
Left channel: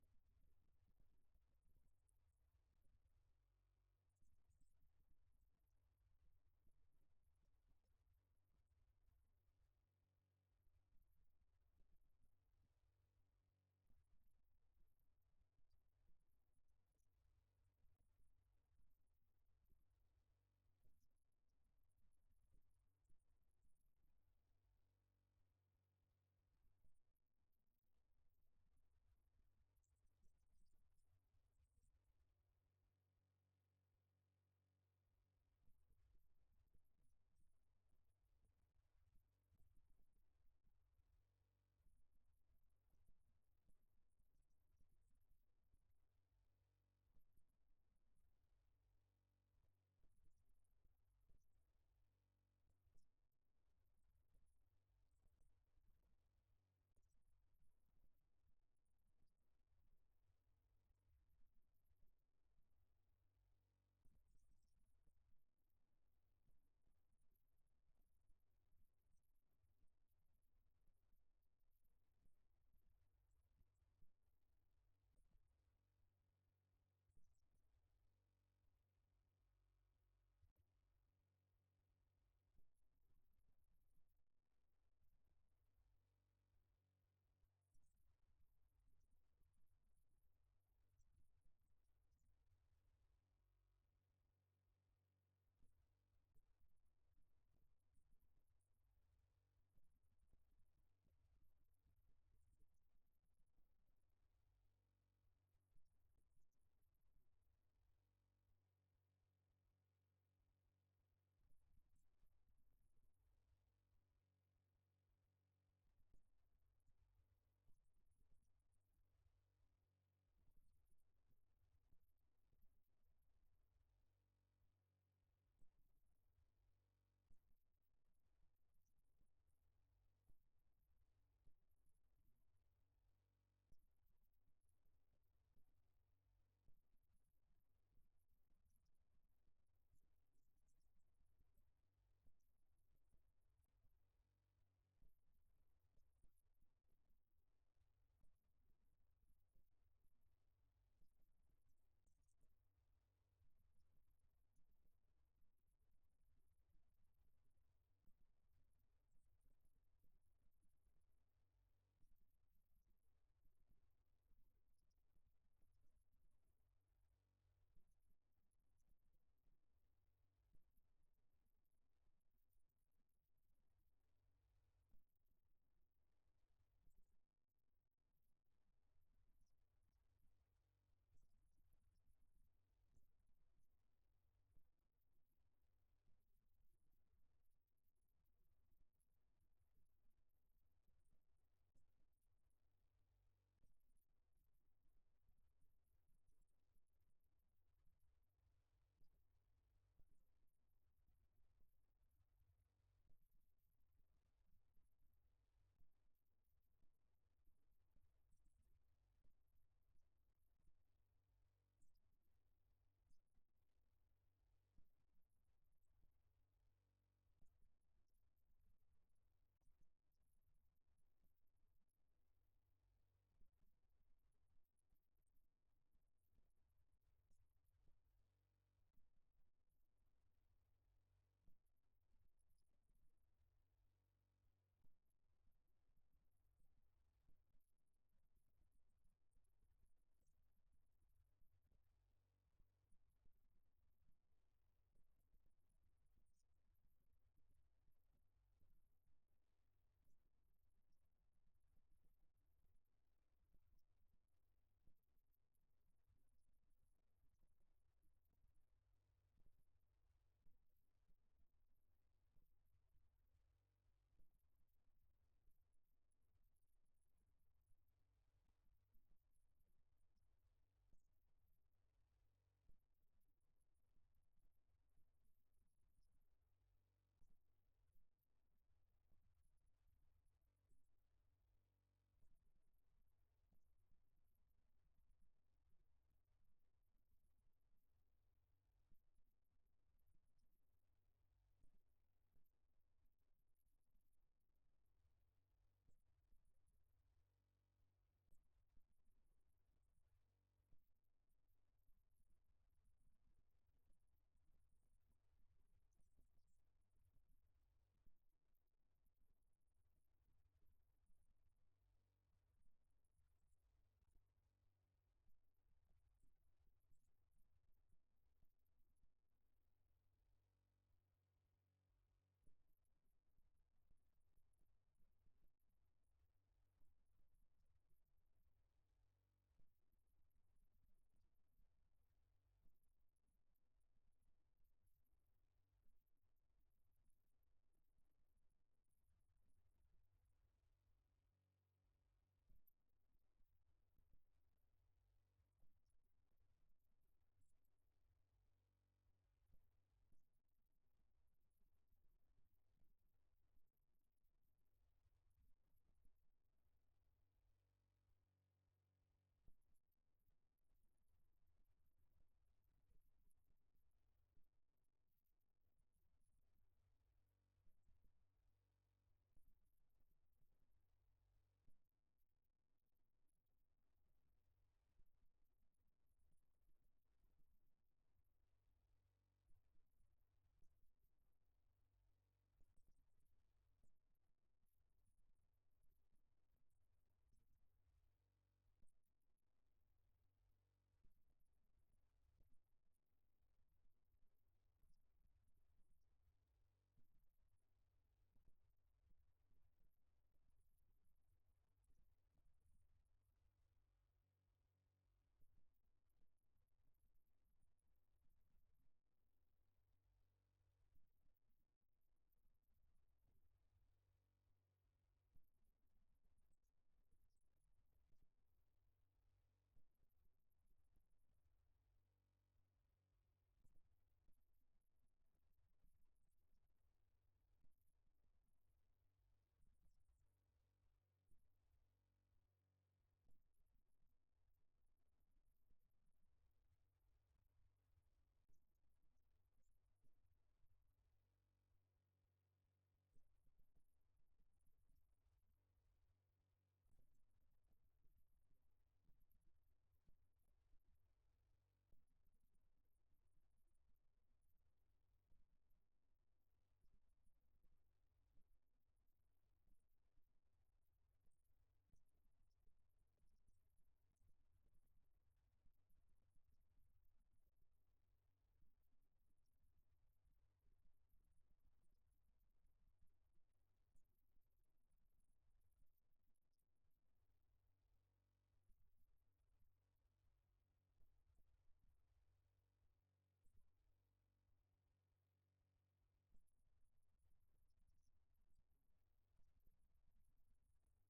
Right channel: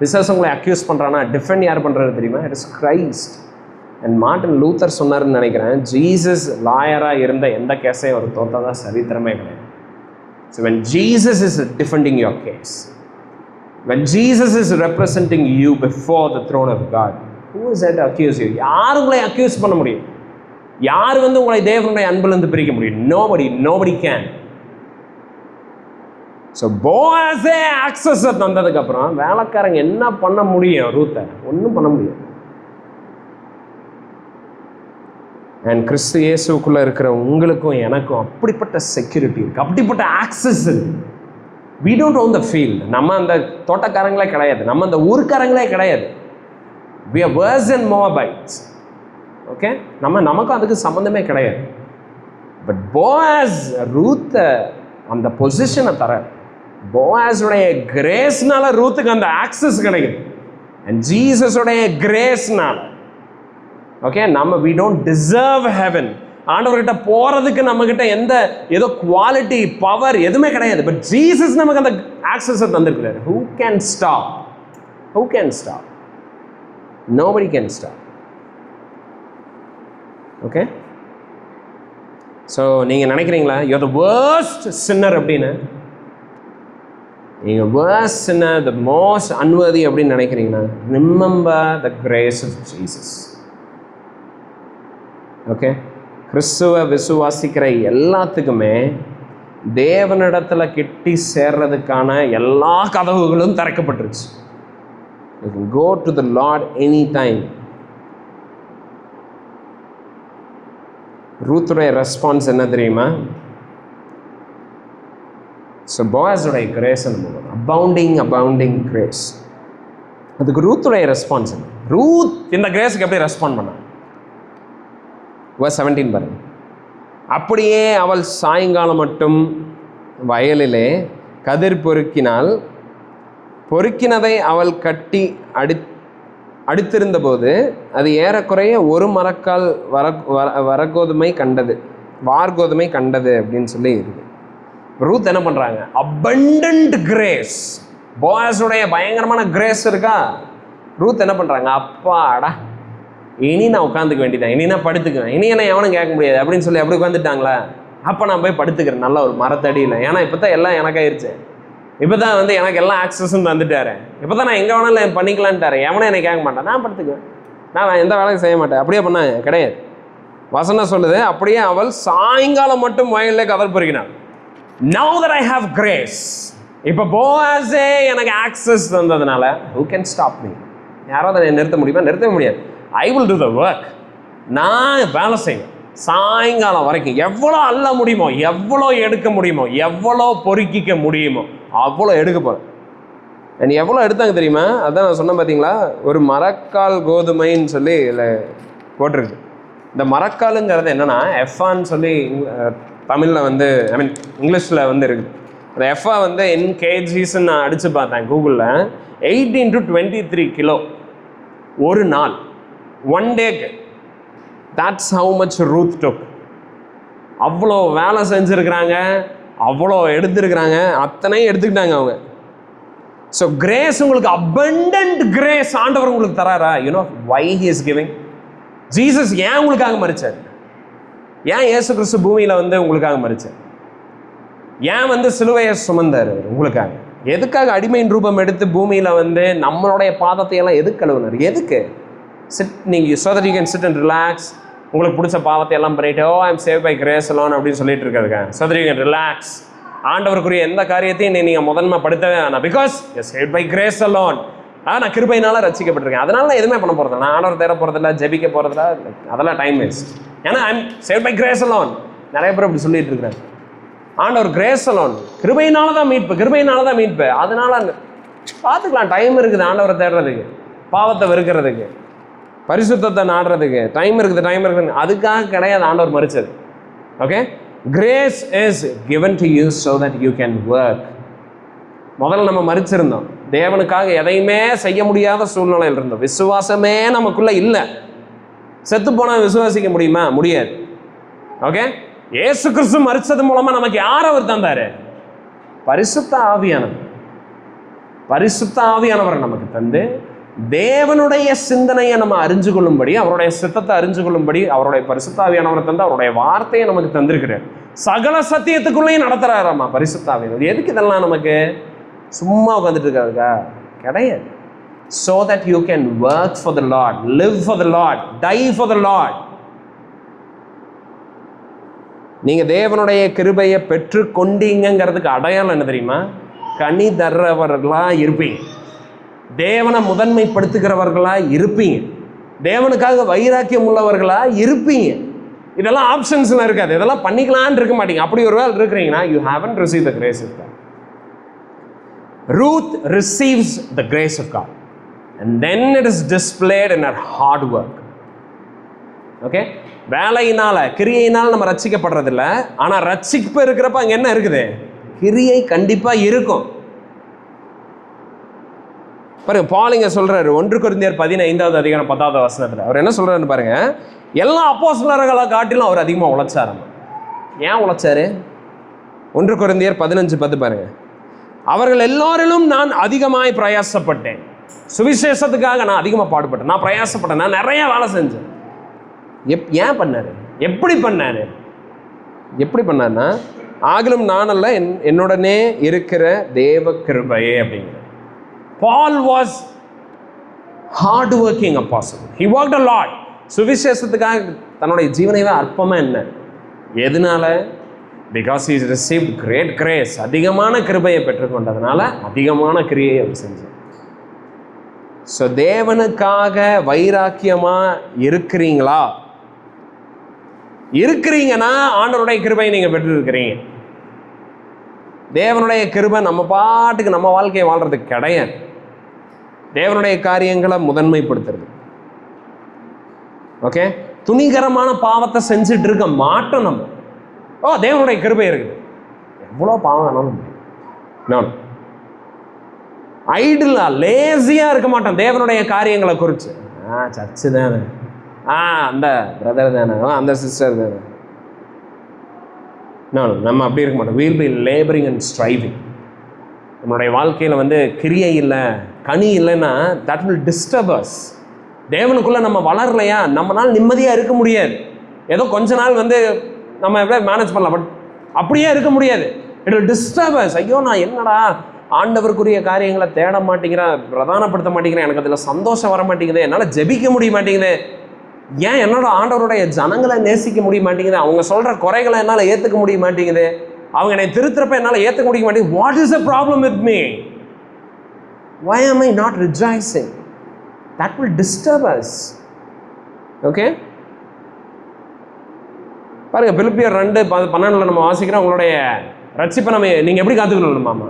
பிசாசு உங்களை அக்யூஸ் பண்ணுறான்னா டிஃபெண்ட் யார் பண்ணுறது தெரியுமா, it is Christ. And Martin Luther சொன்னார்னு நினைக்கிறேன், ஜீசஸ் லாயராக இருந்த எந்த கேஸையும் அவர் தோற்றதா சரித்திரமே கிடையாது. So when Jesus is defending your case, when Jesus is representing you before the throne of God, who is there to accuse you? யார் உங்களை அக்யூஸ் பண்ண முடியும்? யார் வந்து உங்களை தேவனுடைய அன்பிலிருந்து பிரிக்க முடியும்? nobody can. ஸோ போவாஸே ஆக்சஸை தந்ததுக்கப்புறம் வேலைக்காரங்க என்ன பண்ண முடியும், ரூத்தை ஒன்றும் பண்ண முடியும். அண்ட் கிறிஸ்து இயேசுக்குள்ளே இருக்கிற உங்களுக்கும் எனக்கும் அப்படிப்பட்ட செக்யூரிட்டி இருக்குது, அப்படிப்பட்ட ஆக்சஸ் இருக்குது. we don't own the field. நம்ம அந்த தோட்டக்காரங்களே கிடையாது, நம்ம அந்த ஊர்க்காரங்களே கிடையாது. we are worse than Moabites. Okay, நமக்கும் அதுக்கு சம்மந்தமே கிடையாது. பட் போவாஸ் ரூத் அந்த பொசிஷனை தர, போவாஸுடைய கிரேஸ்னால ரூத்துக்கு அந்த ஆக்சஸ் கிடைக்குது. அண்ட் ஜீசஸுடைய கிரேஸ்னால, okay, we don't deserve heaven. ஆண்டவர்கிட்ட போறதுக்கு நம்ம கிட்ட எந்த ஏதோ குவாலிட்டி பவர் எதுவுமே கிடையாது. பட் ஜீசஸ் நமக்கு அந்த ஆக்சஸை தந்திருக்கிறார். who can stop? nobody can stop. Okay, so நீங்கள் நினைக்கிறீங்களா you're the worst sinner அப்படின்னு? நீங்கள் worst sinner, the most unworthy அப்படின்னு நினைக்கிறீங்கன்னா, remember the grace of Jesus. Okay, கிறிஸ்துவ விசுவாசிக்கிற எல்லாத்துக்குமே தேவனிடத்தில் கிட்டி சேர்றதுக்கான எல்லா கதவுகளும் திறக்கப்பட்டுருச்சு. You can go to the Lord anytime. ரூத்துடைய ரெஸ்பான்ஸ் என்ன தெரியுமா? ஸோ போவாஸுடைய கிரேஸ் அபவுண்டிங் கிரேஸ். அதுக்கு ரூத்துடைய ரெஸ்பான்ஸ் என்ன? ரூத் இந்த கிரேஸுக்கு எப்படி ரெஸ்பாண்ட் பண்ண? verse 17 பாருங்க. அப்படியே அவள் சாயங்காலம் மட்டும் வயலிலே கதிர் பொறுக்கினதை அவள் கட்டி அடித்திருந்த போது அது ஏறக்குறைய ஒரு மரக்கால் வார்கோதுமை கண்டது அப்படின்னு சொல்லி இருக்கு. ரூத் என்ன பண்றாங்க? abundant கிரேஸ், போவாஸுடைய பயங்கரமான கிரேஸ் இருக்கா. ரூத் என்ன பண்றாங்க? அப்பாடா, இனி நான் உட்காந்துக்க வேண்டியதான், இனி நான் படுத்துக்குவேன், இனி என்ன எவனும் கேட்க முடியாது அப்படின்னு சொல்லி அப்படி உட்காந்துட்டாங்களா? அப்போ நான் போய் படுத்துக்கிறேன் நல்ல ஒரு மரத்தடியில். ஏன்னா இப்போ தான் எல்லாம் எனக்காயிருச்சு, இப்போ தான் எனக்கு எல்லாம் ஆக்சஸும் தந்துட்டாரு, இப்போ தான் நான் எங்கே வேணாலும் பண்ணிக்கலான்ட்டாரு, எவனும் என்னை கேட்க மாட்டேன், நான் படுத்துக்குவேன், நான் எந்த வேலையும் செய்ய மாட்டேன். அப்படியே பண்ணாங்க கிடையாது. வசனம் சொல்லுது, அப்படியே அவள் சாயங்காலம் மட்டும் வயலில் கதர் பொறுக்கினாள். Now that I have grace, இப்போ போவாஸே எனக்கு access தந்ததுனால who can stop me? யாராவது அதை நிறுத்த முடியுமா? நிறுத்தவே முடியாது. I will do the work. நான் வேலை செய்வேன் சாயங்காலம் வரைக்கும். எவ்வளோ அள்ள முடியுமோ, எவ்வளோ எடுக்க முடியுமோ, எவ்வளோ பொறுக்கிக்க முடியுமோ அவ்வளோ எடுக்க போகிறேன். அண்ட் எவ்வளோ எடுத்தாங்க தெரியுமா? அதான் நான் சொன்னேன் பார்த்தீங்களா, ஒரு மரக்கால் கோதுமைன்னு சொல்லி இதில் போட்டிருக்கு. இந்த மரக்காலுங்கிறது என்னென்னா எஃப்ஆன்னு சொல்லி தமிழில் இங்கிலீஷில் இருக்குது. அந்த எஃப்ஆ இன் கேஜிஸ்ன்னு நான் அடித்து பார்த்தேன் கூகுளில். 18 to 23 கிலோ ஒரு நாள், ஒன் டேக்கு. that's how much Ruth took. அவ்வளோ வேலை செஞ்சுருக்கிறாங்க, அவ்வளோ எடுத்துருக்கிறாங்க, அத்தனையும் எடுத்துக்கிட்டாங்க அவங்க. ஸோ கிரேஸ், உங்களுக்கு abundant கிரேஸ் ஆண்டவர் உங்களுக்கு தராரா? why he is giving? Jesus ஏன் உங்களுக்காக மரிச்சார்? ஏன் இயேசு கிறிஸ்து பூமியில் உங்களுக்காக மரிச்சார்? ஏன் சிலுவையை சுமந்தார் உங்களுக்காக? எதுக்காக அடிமையின் ரூபம் எடுத்து பூமியில் நம்மளுடைய பாதத்தை எல்லாம் எதுக்கு கழுவினார்? எதுக்கு? நீங்கள் so that you can sit and relax, உங்களுக்கு பிடிச்ச பாவத்தை எல்லாம் பண்ணிட்டு I am save by grace alone அப்படின்னு சொல்லிட்டு இருக்காதுங்க. so that you can relax. ஆண்டவருக்குரிய எந்த காரியத்தையும் நீங்கள் முதன்மைப்படுத்தவே வேணாம். Because you save by grace alone. நான் கிருபையினால ரசிக்கப்பட்டிருக்கேன், அதனால நான் எதுவுமே பண்ண போகிறதில்ல, நான் ஆண்டவர் தேட போகிறதில்ல, ஜெபிக்க போகிறதில்ல, அதெல்லாம் டைம் வேஸ்ட். ஏன்னா I am save by grace alone. நிறைய பேர் அப்படி சொல்லிட்டு இருக்கிறேன். ஆண்டவர் கிரேஸ் அலோன், கிருபையினால தான் மீட்பு, அதனால பார்த்துக்கலாம், டைம் இருக்குது ஆண்டவரை தேடுறதுக்கு, பாவத்தை வெறுக்கிறதுக்கு, பரிசுத்தத்தை நாடுறதுக்கு டைம் இருக்குது. அதுக்காக கிடையாது ஆண்டவர் மரிச்சது. Okay, grace is given to you so that you can work. முதல்ல நம்ம மரிச்சிருந்தோம், தேவனுக்காக எதையுமே செய்ய முடியாத சூழ்நிலையில் இருந்தோம், விசுவாசமே நமக்குள்ள இல்லை. செத்து போனால் விசுவாசிக்க முடியுமா? முடியாது. ஓகே, இயேசு கிறிஸ்து மரிச்சது மூலமா நமக்கு யார் அவர் தந்தாரு? பரிசுத்த ஆவியானவர் நமக்கு தந்து தேவனுடைய சிந்தனையை நம்ம அறிஞ்சு கொள்ளும்படி, அவருடைய சித்தத்தை அறிஞ்சு கொள்ளும்படி அவருடைய பரிசுத்த ஆவியானவரை தந்து அவருடைய வார்த்தையை நமக்கு தந்திருக்கிறார். சகல சத்தியத்துக்குள்ளேயும் நடத்துறாராமா பரிசுத்த ஆவியானவர். எதுக்கு இதெல்லாம் நமக்கு? சும்மா உட்காந்துட்டு இருக்காதுக்கா? கிடையாது. so that you can work for the Lord, live for the Lord, die for the Lord. நீங்க தேவனுடைய கிருபையை பெற்று கொண்டீங்கிறதுக்கு அடையாளம் என்ன தெரியுமா? கனி தர்றவர்களா இருப்பீங்க, தேவனை முதன்மைப்படுத்துகிறவர்களா இருப்பீங்க, தேவனுக்காக வைராக்கியம் உள்ளவர்களா இருப்பீங்க. இதெல்லாம் ஆப்ஷன்ஸ்லாம் இருக்காது, இதெல்லாம் பண்ணிக்கலான்னு இருக்க மாட்டீங்க. அப்படி ஒரு வேலை இருக்கிறீங்கன்னா you haven't received the grace of God. Ruth receives the grace of God, and then it is displayed in her hard work. Okay, வேலையினால கிரியையினால் நம்ம ரட்சிக்கப்படுறதில்ல, ஆனா ரட்சிப்பு இருக்கிறப்ப அங்க என்ன இருக்குது? கிரியை கண்டிப்பா இருக்கும். பாருங்க, பால் இங்க சொல்றாரு 1 கொரிந்தியர் 15வது அதிகாரம் 10வது வசனத்துல அவர் என்ன சொல்றாருன்னு பாருங்க. எல்லா அப்போஸ்தலர்களை காட்டிலும் அவர் அதிகமா உழைச்சாரு. ஏன் உழைச்சாரு? 1 கொரிந்தியர் 15:10 பாருங்க. அவர்கள் எல்லோரிலும் நான் அதிகமாய் பிரயாசப்பட்டேன், சுவிசேஷத்துக்காக நான் அதிகமாக பாடுபட்டேன், நான் பிரயாசப்பட்டேன், நான் நிறைய வேலை செஞ்சேன். ஏன் பண்ணாரு? எப்படி பண்ணாரு? எப்படி பண்ணாருன்னா, ஆகிலும் நானல்ல என்னுடனே இருக்கிற தேவ கிருபையே அப்படிங்கிற. Paul was hard working apostle. He worked a lot. சுவிசேஷத்துக்காக தன்னுடைய ஜீவனையே அற்பமா என்ன? எதனால? Because he received great grace. அதிகமான கிருபையை பெற்றுக்கொண்டதுனால அதிகமான கிரியை அவர் செஞ்சார். ஸோ தேவனுக்காக வைராக்கியமா இருக்கிறீங்களா? இருக்கிறீங்கன்னா ஆண்டவருடைய கிருபையை நீங்க பெற்று இருக்கிறீங்க. தேவனுடைய கிருபை நம்ம பாட்டுக்கு நம்ம வாழ்க்கையை வாழ்றதுக்கு கிடையாது. தேவனுடைய காரியங்களை முதன்மைப்படுத்துறது. ஓகே, துணிகரமான பாவத்தை செஞ்சுட்டு இருக்க மாட்டோம் நம்ம. தேவனுடைய கிருபை இருக்குது, எவ்வளோ பாவம் வேணாலும் நான் ஐடிலா லேசியா இருக்க மாட்டோம் தேவனுடைய காரியங்களை குறித்து. சர்ச்சு தானே, அந்த பிரதர் தானே, அந்த சிஸ்டர் தானே. நம்ம அப்படி இருக்க மாட்டோம். We'll be labouring and striving. நம்மளுடைய வாழ்க்கையில் வந்து கிரியை இல்லை, கனி இல்லைன்னா தட் வில் டிஸ்டர்ப் அஸ். தேவனுக்குள்ளே நம்ம வளரலையா நம்மளால் நிம்மதியாக இருக்க முடியாது. ஏதோ கொஞ்ச நாள் வந்து நம்ம எப்படியா மேனேஜ் பண்ணலாம், பட் அப்படியே இருக்க முடியாது. It will disturb us. ஐயோ, நான் என்னடா ஆண்டவருக்குரிய காரியங்களை தேட மாட்டேங்கிறேன், பிரதானப்படுத்த மாட்டேங்கிறேன், எனக்கு அதில் சந்தோஷம் வர மாட்டேங்குது, என்னால் ஜெபிக்க முடிய மாட்டேங்குது, ஏன் என்னோட ஆண்டவருடைய ஜனங்களை நேசிக்க முடிய மாட்டேங்குது, அவங்க சொல்கிற குறைகளை என்னால் ஏற்றுக்க முடிய மாட்டேங்குது, அவங்க என்னை திருத்துறப்ப என்னால் ஏற்றுக்க முடிய மாட்டேங்குது. What is the problem with me? why am I not rejoicing? That will disturb us. Okay, பாருங்க, பிலிப்பியர் 2:12 நம்ம வாசிக்கிறோம். உங்களுடைய ரட்சிப்பை நீங்கள் எப்படி காத்துக்கணும் மாமா?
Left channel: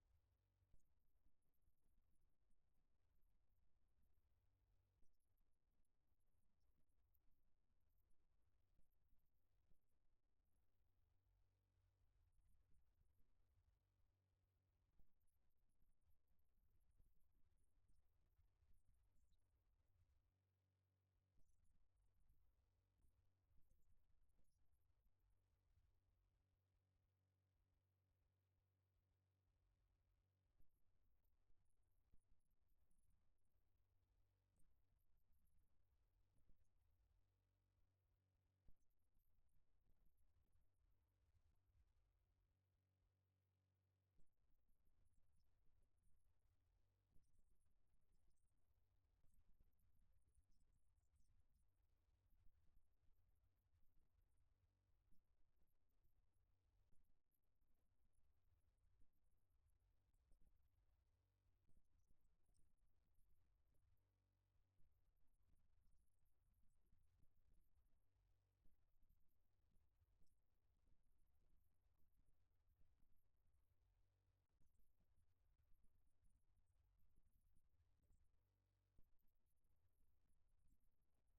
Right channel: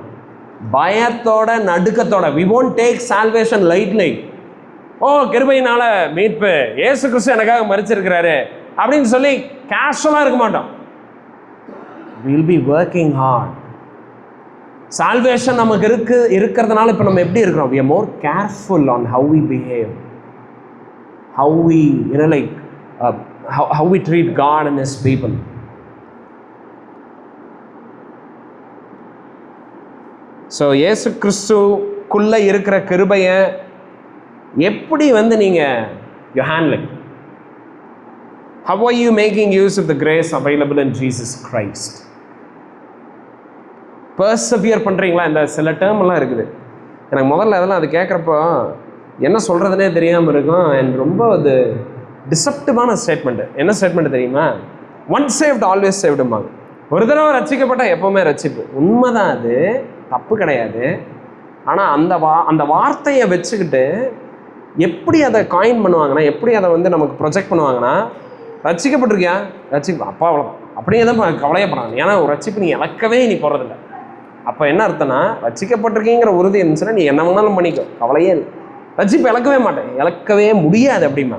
பயத்தோட நடுக்கத்தோட. we won't take salvation lightly. கிருபையினால மீட்பு, இயேசு கிறிஸ்து எனக்காக மரிச்சிருக்கிறாரு அப்படின்னு சொல்லி கேஷுவலாக இருக்க மாட்டோம். we'll be working hard. salvation நமக்கு இருக்கிறதுனால இப்போ நம்ம எப்படி இருக்கிறோம்? we are more careful on how we behave, how we how we treat God and His people. So இயேசு கிறிஸ்துக்குள்ளே இருக்கிற கிருபையை எப்படி வந்து நீங்கள் you handling? how are you making use of the grace available in Jesus Christ? பர்சவியர் பண்ணுறீங்களா? இந்த சில டேர்ம்லாம் இருக்குது, எனக்கு முதல்ல அதெல்லாம் அது கேட்குறப்போ என்ன சொல்கிறதுனே தெரியாமல் இருக்கும். அண்ட் ரொம்ப அது டிசப்டிவான ஸ்டேட்மெண்ட்டு. என்ன ஸ்டேட்மெண்ட் தெரியுமா? ஒன்ஸ் சேவ்டு ஆல்வேஸ் சேவ்டுமாங்க. ஒரு தடவை ரட்சிக்கப்பட்டால் எப்போவுமே ரட்சிப்பு. உண்மைதான், அது தப்பு கிடையாது. ஆனால் அந்த வார்த்தையை வச்சுக்கிட்டு எப்படி அதை காயின் பண்ணுவாங்கன்னா, எப்படி அதை வந்து நமக்கு ப்ரொஜெக்ட் பண்ணுவாங்கன்னா, ரட்சிக்கப்பட்டிருக்கியா? ரட்சிப்பு அப்பா அவ்வளோதான், அப்படியே தான் கவலையப்படுறாங்க. ஏன்னா ஒரு ரட்சிப்பு நீ இழக்கவே நீ போகிறதில்ல. அப்போ என்ன அர்த்தம்னா, ரட்சிக்கப்பட்டிருக்கீங்கிற உறுதி இருந்துச்சுன்னா நீ என்ன வேணாலும் பண்ணிக்கோ, கவலையே இல்லை. ரட்சிப்பு இழக்கவே மாட்டேன், இழக்கவே முடியாது அப்படிமா.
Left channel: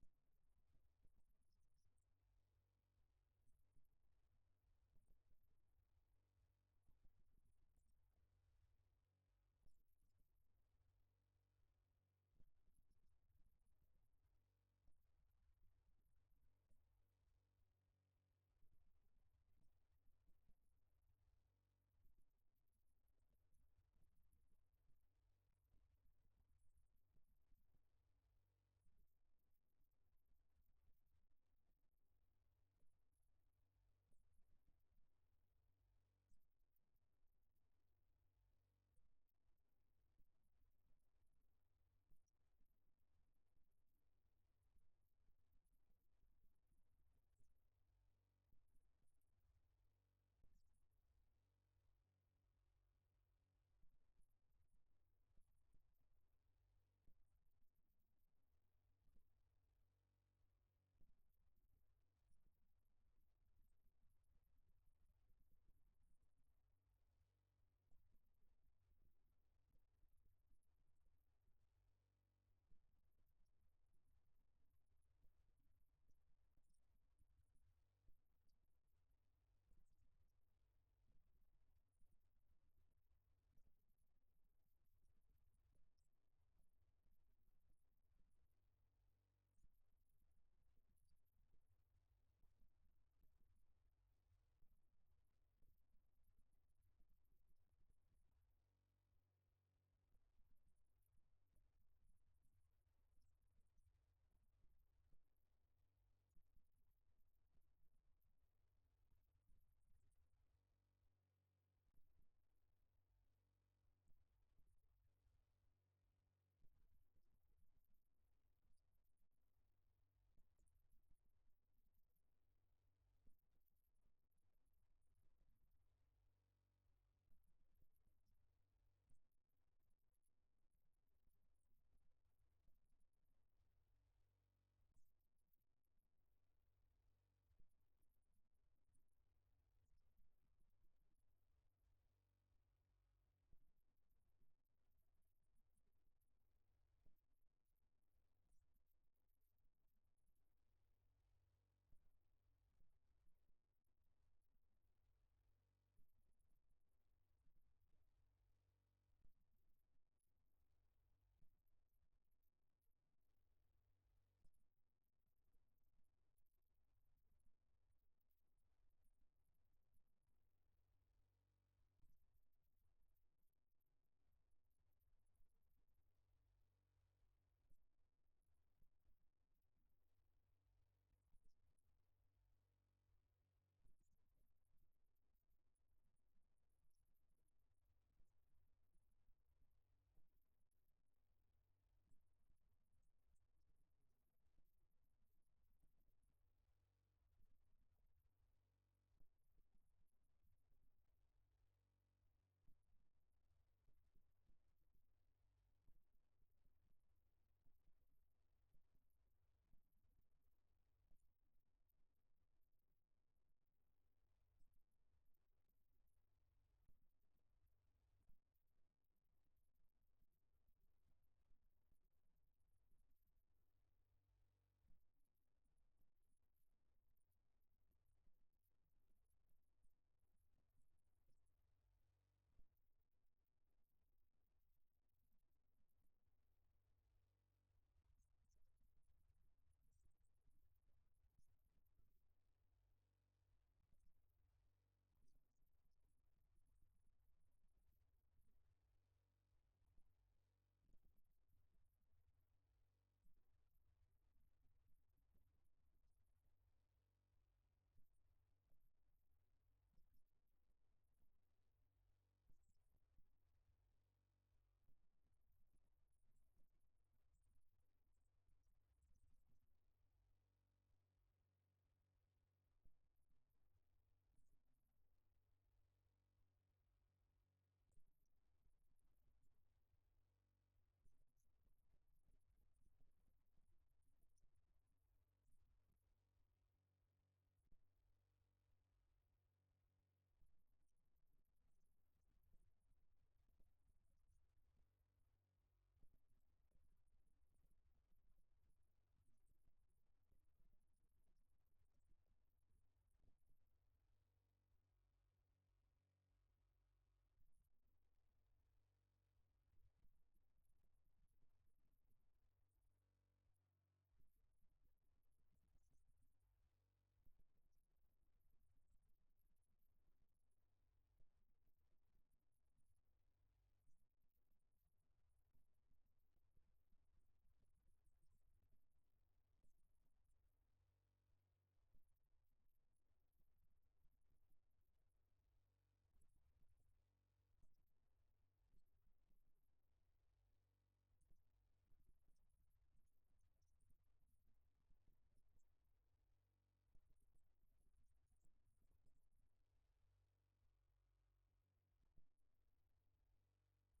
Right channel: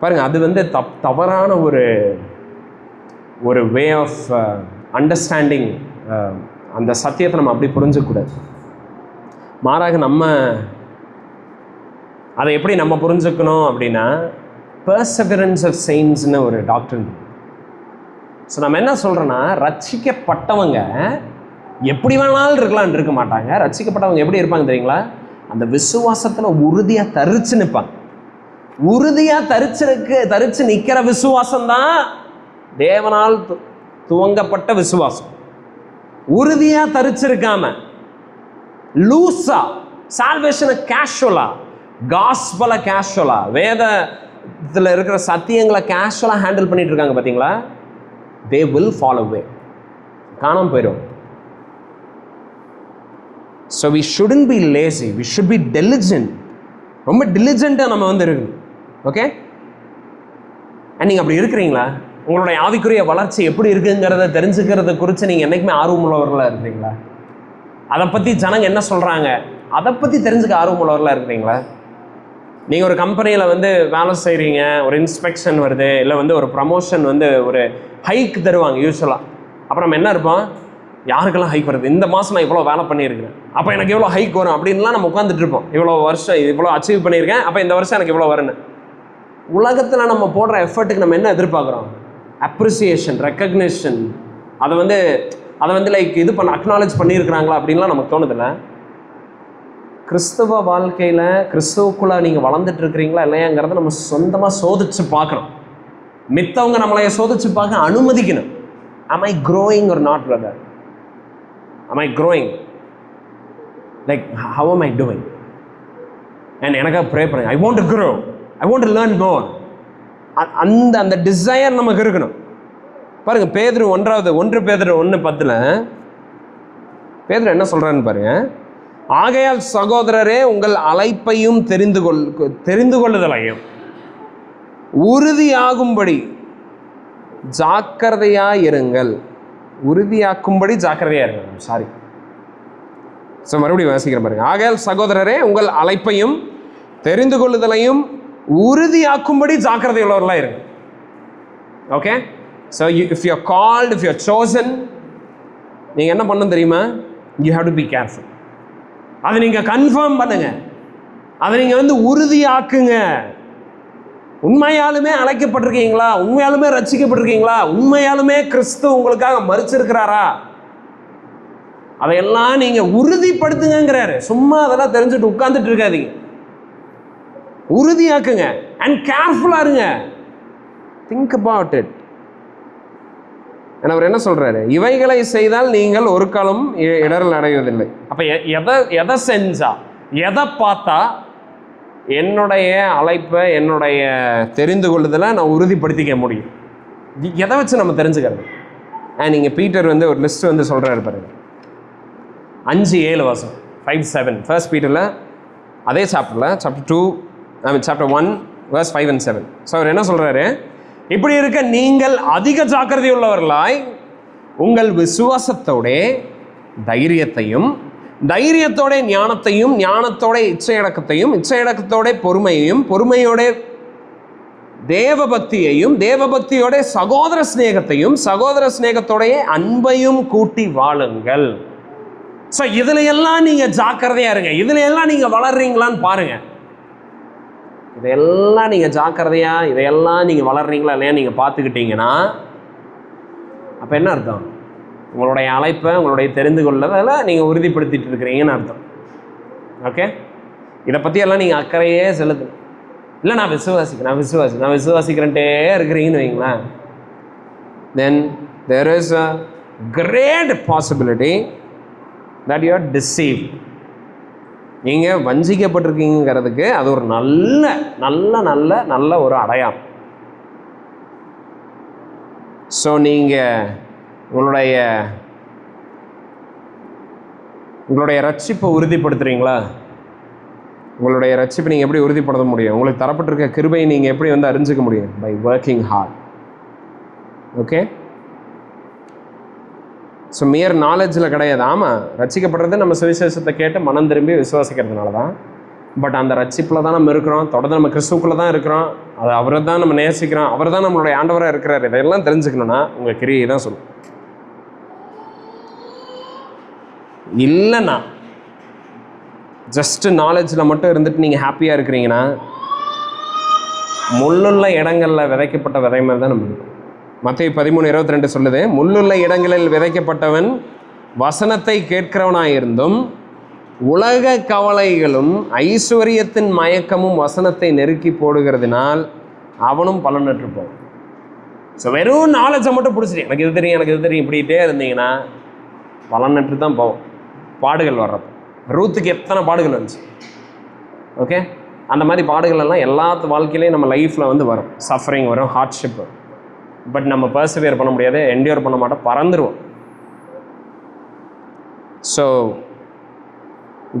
பாருங்க, அது வந்து தவறான ஒரு வே ஆஃப் அண்டர்ஸ்டாண்டிங். அந்த சத்தியத்தை நம்ம அப்படி புரிஞ்சக்கூடாது. மாறாக நம்ம அதை எப்படி நம்ம புரிஞ்சுக்கணும் அப்படின்னா, பெர்செவரன்ஸ் ஆஃப் செயின்ஸ்னு ஒரு டாக்டர். ஸோ நம்ம என்ன சொல்கிறோன்னா, ரட்சிக்கப்பட்டவங்க எப்படி வேணாலும் இருக்கலான்னு இருக்க மாட்டாங்க. ரட்சிக்கப்பட்டவங்க எப்படி இருப்பாங்க தெரியுங்களா? அந்த விசுவாசத்தில் உறுதியாக தரிச்சு நிற்பாங்க. உறுதியாக தரிச்சு நிற்கிற விசுவாசம்தான் தேவனால் துவங்கப்பட்ட விசுவாசம். உறுதியாக தரிச்சிருக்காம லூஸா, சால்வேஷனை கேஷுவலா, காஸ்பலை கேஷுவலா, வேதத்தில் இருக்கிற சத்தியங்களை கேஷுவலாக ஹேண்டில் பண்ணிட்டு இருக்காங்க பார்த்தீங்களா? they will fall away, காணாம போயிடும். so we shouldn't be lazy, we should be diligent. ரொம்ப diligent-ஆ நம்ம வந்து இருக்கணும். ஓகே, நீங்கள் அப்படி இருக்கிறீங்களா? உங்களுடைய ஆவிக்குரிய வளர்ச்சி எப்படி இருக்குங்கிறத தெரிஞ்சுக்கிறத குறித்து நீங்கள் என்றைக்குமே ஆர்வமுள்ளவர்களாக இருக்கிறீங்களா? அதை பற்றி ஜனங்க என்ன சொல்கிறாங்க, அதை பற்றி தெரிஞ்சுக்க ஆர்வமுள்ளவர்களாக இருக்கிறீங்களா? நீங்கள் ஒரு கம்பெனியில் வந்து வேலை செய்கிறீங்க, ஒரு இன்ஸ்பெக்ஷன் வருது, இல்லை வந்து ஒரு ப்ரமோஷன் வந்து ஒரு ஹைக் தருவாங்க யூஸ்வலாக. அப்புறம் நம்ம என்ன இருப்போம், யாருக்கெல்லாம் ஹைக் வருது, இந்த மாதம் நான் இவ்வளோ வேலை பண்ணியிருக்கிறேன், அப்போ எனக்கு எவ்வளோ ஹைக் வரும் அப்படின்லாம் நம்ம உட்காந்துட்டு இருப்போம். இவ்வளோ வருஷம் இவ்வளோ அச்சீவ் பண்ணியிருக்கேன், அப்போ இந்த வருஷம் எனக்கு இவ்வளோ வரும்னு. உலகத்தில் நம்ம போடுற எஃபர்ட்டுக்கு நம்ம என்ன எதிர்பார்க்குறோம்? Appreciation, recognition. அதை வந்து லைக் இது அக்னாலேஜ் பண்ணியிருக்கிறாங்களா அப்படின்லாம் நமக்கு தோணுதில்லை. கிறிஸ்தவ வாழ்க்கையில் கிறிஸ்துவுக்குள்ளே நீங்கள் வளர்ந்துட்டு இருக்கிறீங்களா இல்லையாங்கிறத நம்ம சொந்தமாக சோதிச்சு பார்க்கணும். மித்தவங்க நம்மளைய சோதிச்சு பார்க்க அனுமதிக்கணும். am I growing or not, brother? am I growing? like how am I doing? and எனக்காக ப்ரே பண்ணுங்க. I want to grow, I want to learn more. அந்த டிசையர் நமக்கு இருக்கணும். பாருங்க, பேதுரு 1 பேதுரு 1:10 பேதுரு என்ன சொல்றாருன்னு பாருங்க. ஆகையால் சகோதரரே, உங்கள் அழைப்பையும் தெரிந்து கொள்ளுதலையும் உறுதியாகும்படி ஜாக்கிரதையாயிருங்கள். உறுதியாக்கும்படி ஜாக்கிரதையாயிருங்கள். சாரி, மறுபடியும் வாசிக்கிறேன் பாருங்க. ஆகையால் சகோதரரே, உங்கள் அழைப்பையும் தெரிந்து கொள்ளுதலையும் உறுதியாக்கும்படி ஜாக்கிரதை உள்ளவர்களாக இருங்க. Okay, so if you are called, if you are chosen, நீங்கள் என்ன பண்ணணும் தெரியுமா? you have to be careful. அதை நீங்கள் கன்ஃபார்ம் பண்ணுங்க, அதை நீங்கள் வந்து உறுதியாக்குங்க. உண்மையாலுமே அழைக்கப்பட்டிருக்கீங்களா? உண்மையாலுமே ரட்சிக்கப்பட்டிருக்கீங்களா? உண்மையாலுமே கிறிஸ்து உங்களுக்காக மரிச்சிருக்கிறாரா? அதையெல்லாம் நீங்கள் உறுதிப்படுத்துங்கிறாரு. சும்மா அதெல்லாம் தெரிஞ்சுட்டு உட்கார்ந்துட்டு இருக்காதீங்க, உறுதியாக்குங்க. அண்ட் கேர்ஃபுல்லாக இருங்க. Think about it. அவர் என்ன சொல்றாரு? இவைகளை செய்தால் நீங்கள் ஒரு காலம் இடரல் அடைவதில்லை. அப்ப எதை செஞ்சா, எதை பார்த்தா என்னுடைய அழைப்பை, என்னுடைய தெரிந்து கொள்ளுதலை நான் உறுதிப்படுத்திக்க முடியும்? எதை வச்சு நம்ம தெரிஞ்சுக்கிறது? நீங்க பீட்டர் வந்து ஒரு லிஸ்ட் வந்து சொல்றாரு பாருங்க. 5:7 வாசம் 5:7 1 பீட்டர்ல, அதே சாப்டர்ல, சாப்டர் 1 verse 5 and 7. ஸோ அவர் என்ன சொல்றாரு? இப்படி இருக்க நீங்கள் அதிக ஜாக்கிரதை உள்ளவர்களாய் உங்கள் விசுவாசத்தோட தைரியத்தையும், தைரியத்தோட ஞானத்தையும், ஞானத்தோட இச்சையடக்கத்தையும், இச்சையடக்கத்தோட பொறுமையையும், பொறுமையோட தேவபக்தியையும், தேவபக்தியோட சகோதர சிநேகத்தையும், சகோதர சிநேகத்தோடைய அன்பையும் கூட்டி வாழுங்கள். ஸோ இதுல எல்லாம் நீங்க ஜாக்கிரதையா இருங்க. இதுல எல்லாம் நீங்க வளர்றீங்களான்னு பாருங்க. இதையெல்லாம் நீங்கள் ஜாக்கிரதையாக, இதையெல்லாம் நீங்கள் வளர்றீங்களா இல்லையா நீங்கள் பார்த்துக்கிட்டீங்கன்னா, அப்போ என்ன அர்த்தம்? உங்களுடைய அழைப்பை, உங்களுடைய தெரிந்து கொள்ளதில் நீங்கள் உறுதிப்படுத்திட்டு இருக்கிறீங்கன்னு அர்த்தம். ஓகே, இதை பற்றியெல்லாம் நீங்கள் அக்கறையே செலுத்து. இல்லை நான் விசுவாசிக்கிறேன்ட்டே இருக்கிறீங்கன்னு வைங்களேன், தென் there is a great possibility that you are deceived. நீங்கள் வஞ்சிக்கப்பட்டிருக்கீங்கிறதுக்கு அது ஒரு நல்ல நல்ல நல்ல நல்ல ஒரு அடையாளம். ஸோ நீங்கள் உங்களுடைய ரட்சிப்பை உறுதிப்படுத்துறீங்களா? உங்களுடைய ரட்சிப்பை நீங்கள் எப்படி உறுதிப்படுத்த முடியும்? உங்களுக்கு தரப்பட்டிருக்க கிருபையை நீங்கள் எப்படி வந்து அறிஞ்சிக்க முடியும்? By working hard. Okay, so mere நாலேஜில் கிடையாது. ஆமாம், ரட்சிக்கப்படுறது நம்ம சுவிசேஷத்தை கேட்டு மனம் திரும்பி விசுவாசிக்கிறதுனால தான். பட் அந்த ரட்சிப்பில் தான் நம்ம இருக்கிறோம், தொடர்ந்து நம்ம கிறிஸ்துக்குள்ளே தான் இருக்கிறோம், அது அவரை தான் நம்ம நேசிக்கிறோம், அவர் தான் நம்மளுடைய ஆண்டவராக இருக்கிறார். இதையெல்லாம் தெரிஞ்சுக்கணுன்னா உங்கள் கிரியை தான் சொல்லும். இல்லைண்ணா ஜஸ்ட்டு நாலேஜில் மட்டும் இருந்துட்டு நீங்கள் ஹாப்பியாக இருக்கிறீங்கன்னா, முள்ளுள்ள இடங்களில் விதைக்கப்பட்ட விதை மாதிரி தான் நம்ம இருக்கும். மத்தேயு 13:22 சொல்லுது, முள்ளுள்ள இடங்களில் விதைக்கப்பட்டவன் வசனத்தை கேட்கிறவனாயிருந்தும் உலக கவலைகளும் ஐஸ்வர்யத்தின் மயக்கமும் வசனத்தை நெருக்கி போடுகிறதுனால் அவனும் பலனற்று போவான். ஸோ வெறும் நாலேஜை மட்டும் பிடிச்சிட்டு எனக்கு இது தெரியும் இப்படிகிட்டே இருந்தீங்கன்னா பலனற்று தான் போவோம். பாடுகள் வர்றப்போ ரூத்துக்கு எத்தனை பாடுகள் வந்துச்சு. ஓகே, அந்த மாதிரி பாடுகள் எல்லாம் எல்லாத்து வாழ்க்கையிலையும் நம்ம லைஃப்பில் வந்து வரும். சஃபரிங் வரும், ஹார்ட்ஷிப் வரும். பட் நம்ம பர்சவியர் பண்ண முடியாது, என்டியூர் பண்ண மாட்டோம், பறந்துருவோம். ஸோ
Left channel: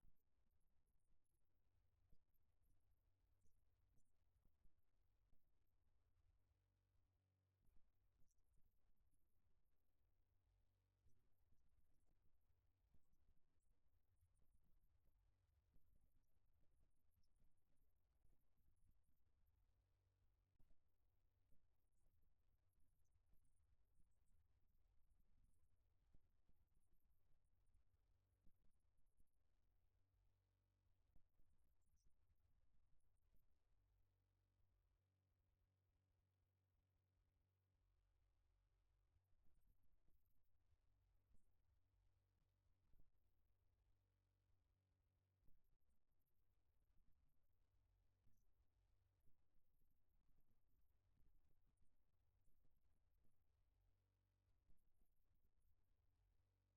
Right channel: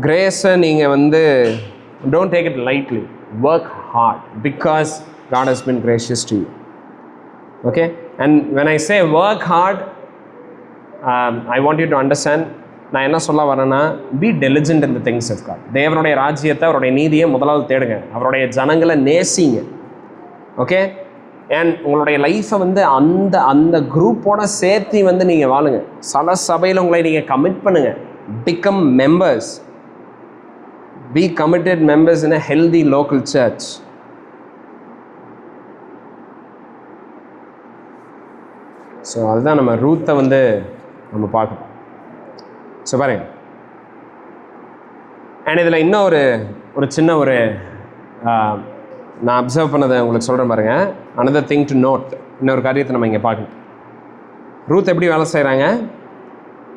கிரேஸை நீங்கள் வந்து don't take it lightly, work hard because God has been gracious to you. Okay, and when I say work hard, I want you to understand, நான் என்ன சொல்ல வரேன்னா, be diligent in the things of God. தேவனுடைய ராஜ்யத்தை, அவருடைய நீதியை முதலாவது தேடுங்க, அவருடைய ஜனங்களை நேசிங்க. ஓகே, அண்ட் உங்களுடைய லைஃப்பை வந்து அந்த அந்த குரூப்போட சேர்த்து வந்து நீங்கள் வாழுங்க. சில சபையில் உங்களை நீங்கள் கமிட் பண்ணுங்கள். Become members, be committed members in a healthy local church. So அதுதான் நம்ம ரூத்தை வந்து நம்ம பார்க்கணும். ஸோ பாருங்க, அண்ட் இதில் இன்னும் ஒரு சின்ன நான் அப்சர்வ் பண்ணதை உங்களுக்கு சொல்கிறேன் பாருங்க. அனதர் திங் டு நோட், இன்னொரு காரியத்தை நம்ம இங்கே பார்க்கணும். ரூத் எப்படி வேலை செய்கிறாங்க?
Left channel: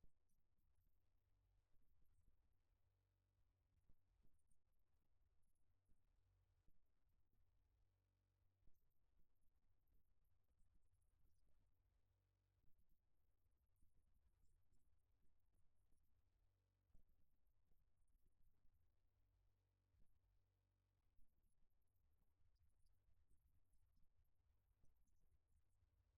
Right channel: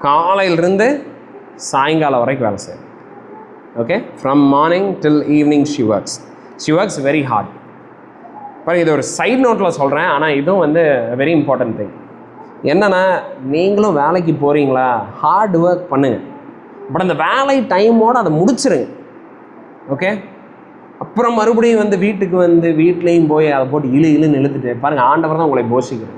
காலையிலிருந்து சாயங்காலம் வரைக்கும் வேலை செய்கிறாங்க. Okay, from morning till evening she works very hard. பாருங்க, இது ஒரு சைட் நோட்டில் சொல்கிறேன், ஆனால் இதுவும் வந்து வெரி இம்பார்ட்டன்ட் திங். என்னென்னா, நீங்களும் வேலைக்கு போகிறீங்களா, ஹார்ட் ஒர்க் பண்ணுங்கள், பட் அந்த வேலை டைமோடு அதை முடிச்சிருங்க. ஓகே, அப்புறம் மறுபடியும் வந்து வீட்லேயும் போய் அதை போட்டு இழுன்னு இழுத்துட்டு பாருங்கள், ஆண்டவர் தான் உங்களை போஷிக்கிறது.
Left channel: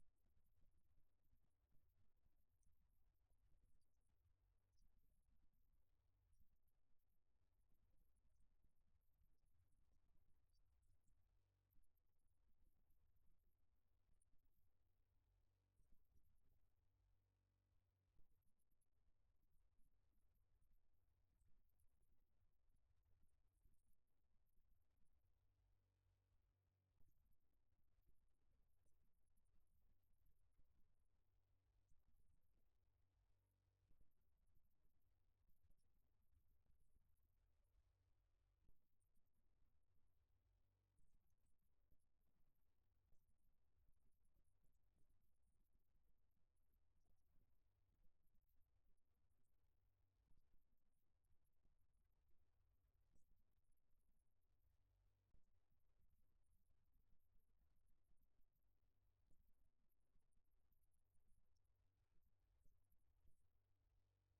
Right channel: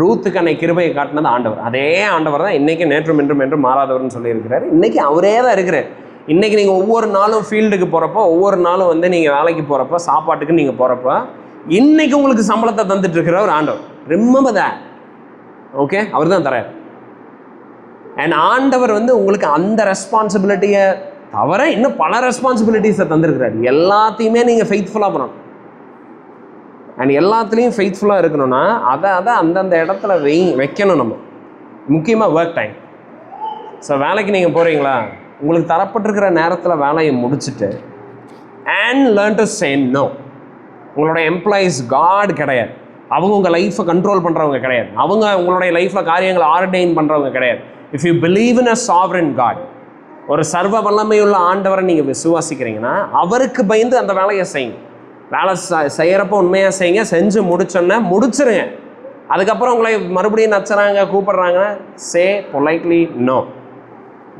ரூத்துக்கு அன்னை கிருபையை காட்டினது ஆண்டவர். அதே ஆண்டவர் தான் இன்றைக்கி நேற்றும் என்றும் மாறாதவர்னு சொல்லியிருக்கிறார். இன்றைக்கி அவரே தான் இருக்கிறார். இன்றைக்கி நீங்கள் ஒவ்வொரு நாளும் ஃபீல்டுக்கு போகிறப்போ, ஒவ்வொரு நாளும் வந்து நீங்கள் வேலைக்கு போகிறப்போ, சாப்பாட்டுக்கு நீங்கள் போகிறப்போ, இன்றைக்கி உங்களுக்கு சம்பளத்தை தந்துட்டு இருக்கிற ஒரு ஆண்டவர். Remember that. ஓகே, அவர் தான் தரார். அண்ட் ஆண்டவர் வந்து உங்களுக்கு அந்த ரெஸ்பான்சிபிலிட்டியை தவிர இன்னும் பல ரெஸ்பான்சிபிலிட்டிஸை தந்திருக்கிறார். எல்லாத்தையுமே நீங்கள் ஃபெய்த்ஃபுல்லாக பண்ணணும். அண்ட் எல்லாத்துலேயும் ஃபெய்த்ஃபுல்லாக இருக்கணும்னா அதை அந்தந்த இடத்துல வைக்கணும். நம்ம முக்கியமாக ஒர்க் டைம். ஸோ வேலைக்கு நீங்கள் போகிறீங்களா, உங்களுக்கு தரப்பட்டிருக்கிற நேரத்தில் வேலையை முடிச்சுட்டு and learn to say no. உங்களோட எம்ப்ளாயீஸ் காட் கிடையாது. அவங்க உங்கள் லைஃப்பை கண்ட்ரோல் பண்ணுறவங்க கிடையாது. அவங்க உங்களுடைய லைஃப்பில் காரியங்களை ஆர்டைன் பண்ணுறவங்க கிடையாது. If you believe in a sovereign God, ஒரு சர்வ வல்லமையுள்ள ஆண்டவரை நீங்கள் விசுவாசிக்கிறீங்கன்னா அவருக்கு பயந்து அந்த வேலையை செய்யுங்க. வேலை செய்கிறப்போ உண்மையாக செய்யுங்க. செஞ்சு முடிச்சோன்னே முடிச்சிருங்க. அதுக்கப்புறம் உங்களை மறுபடியும் நச்சுறாங்க, கூப்பிடுறாங்க, say politely no.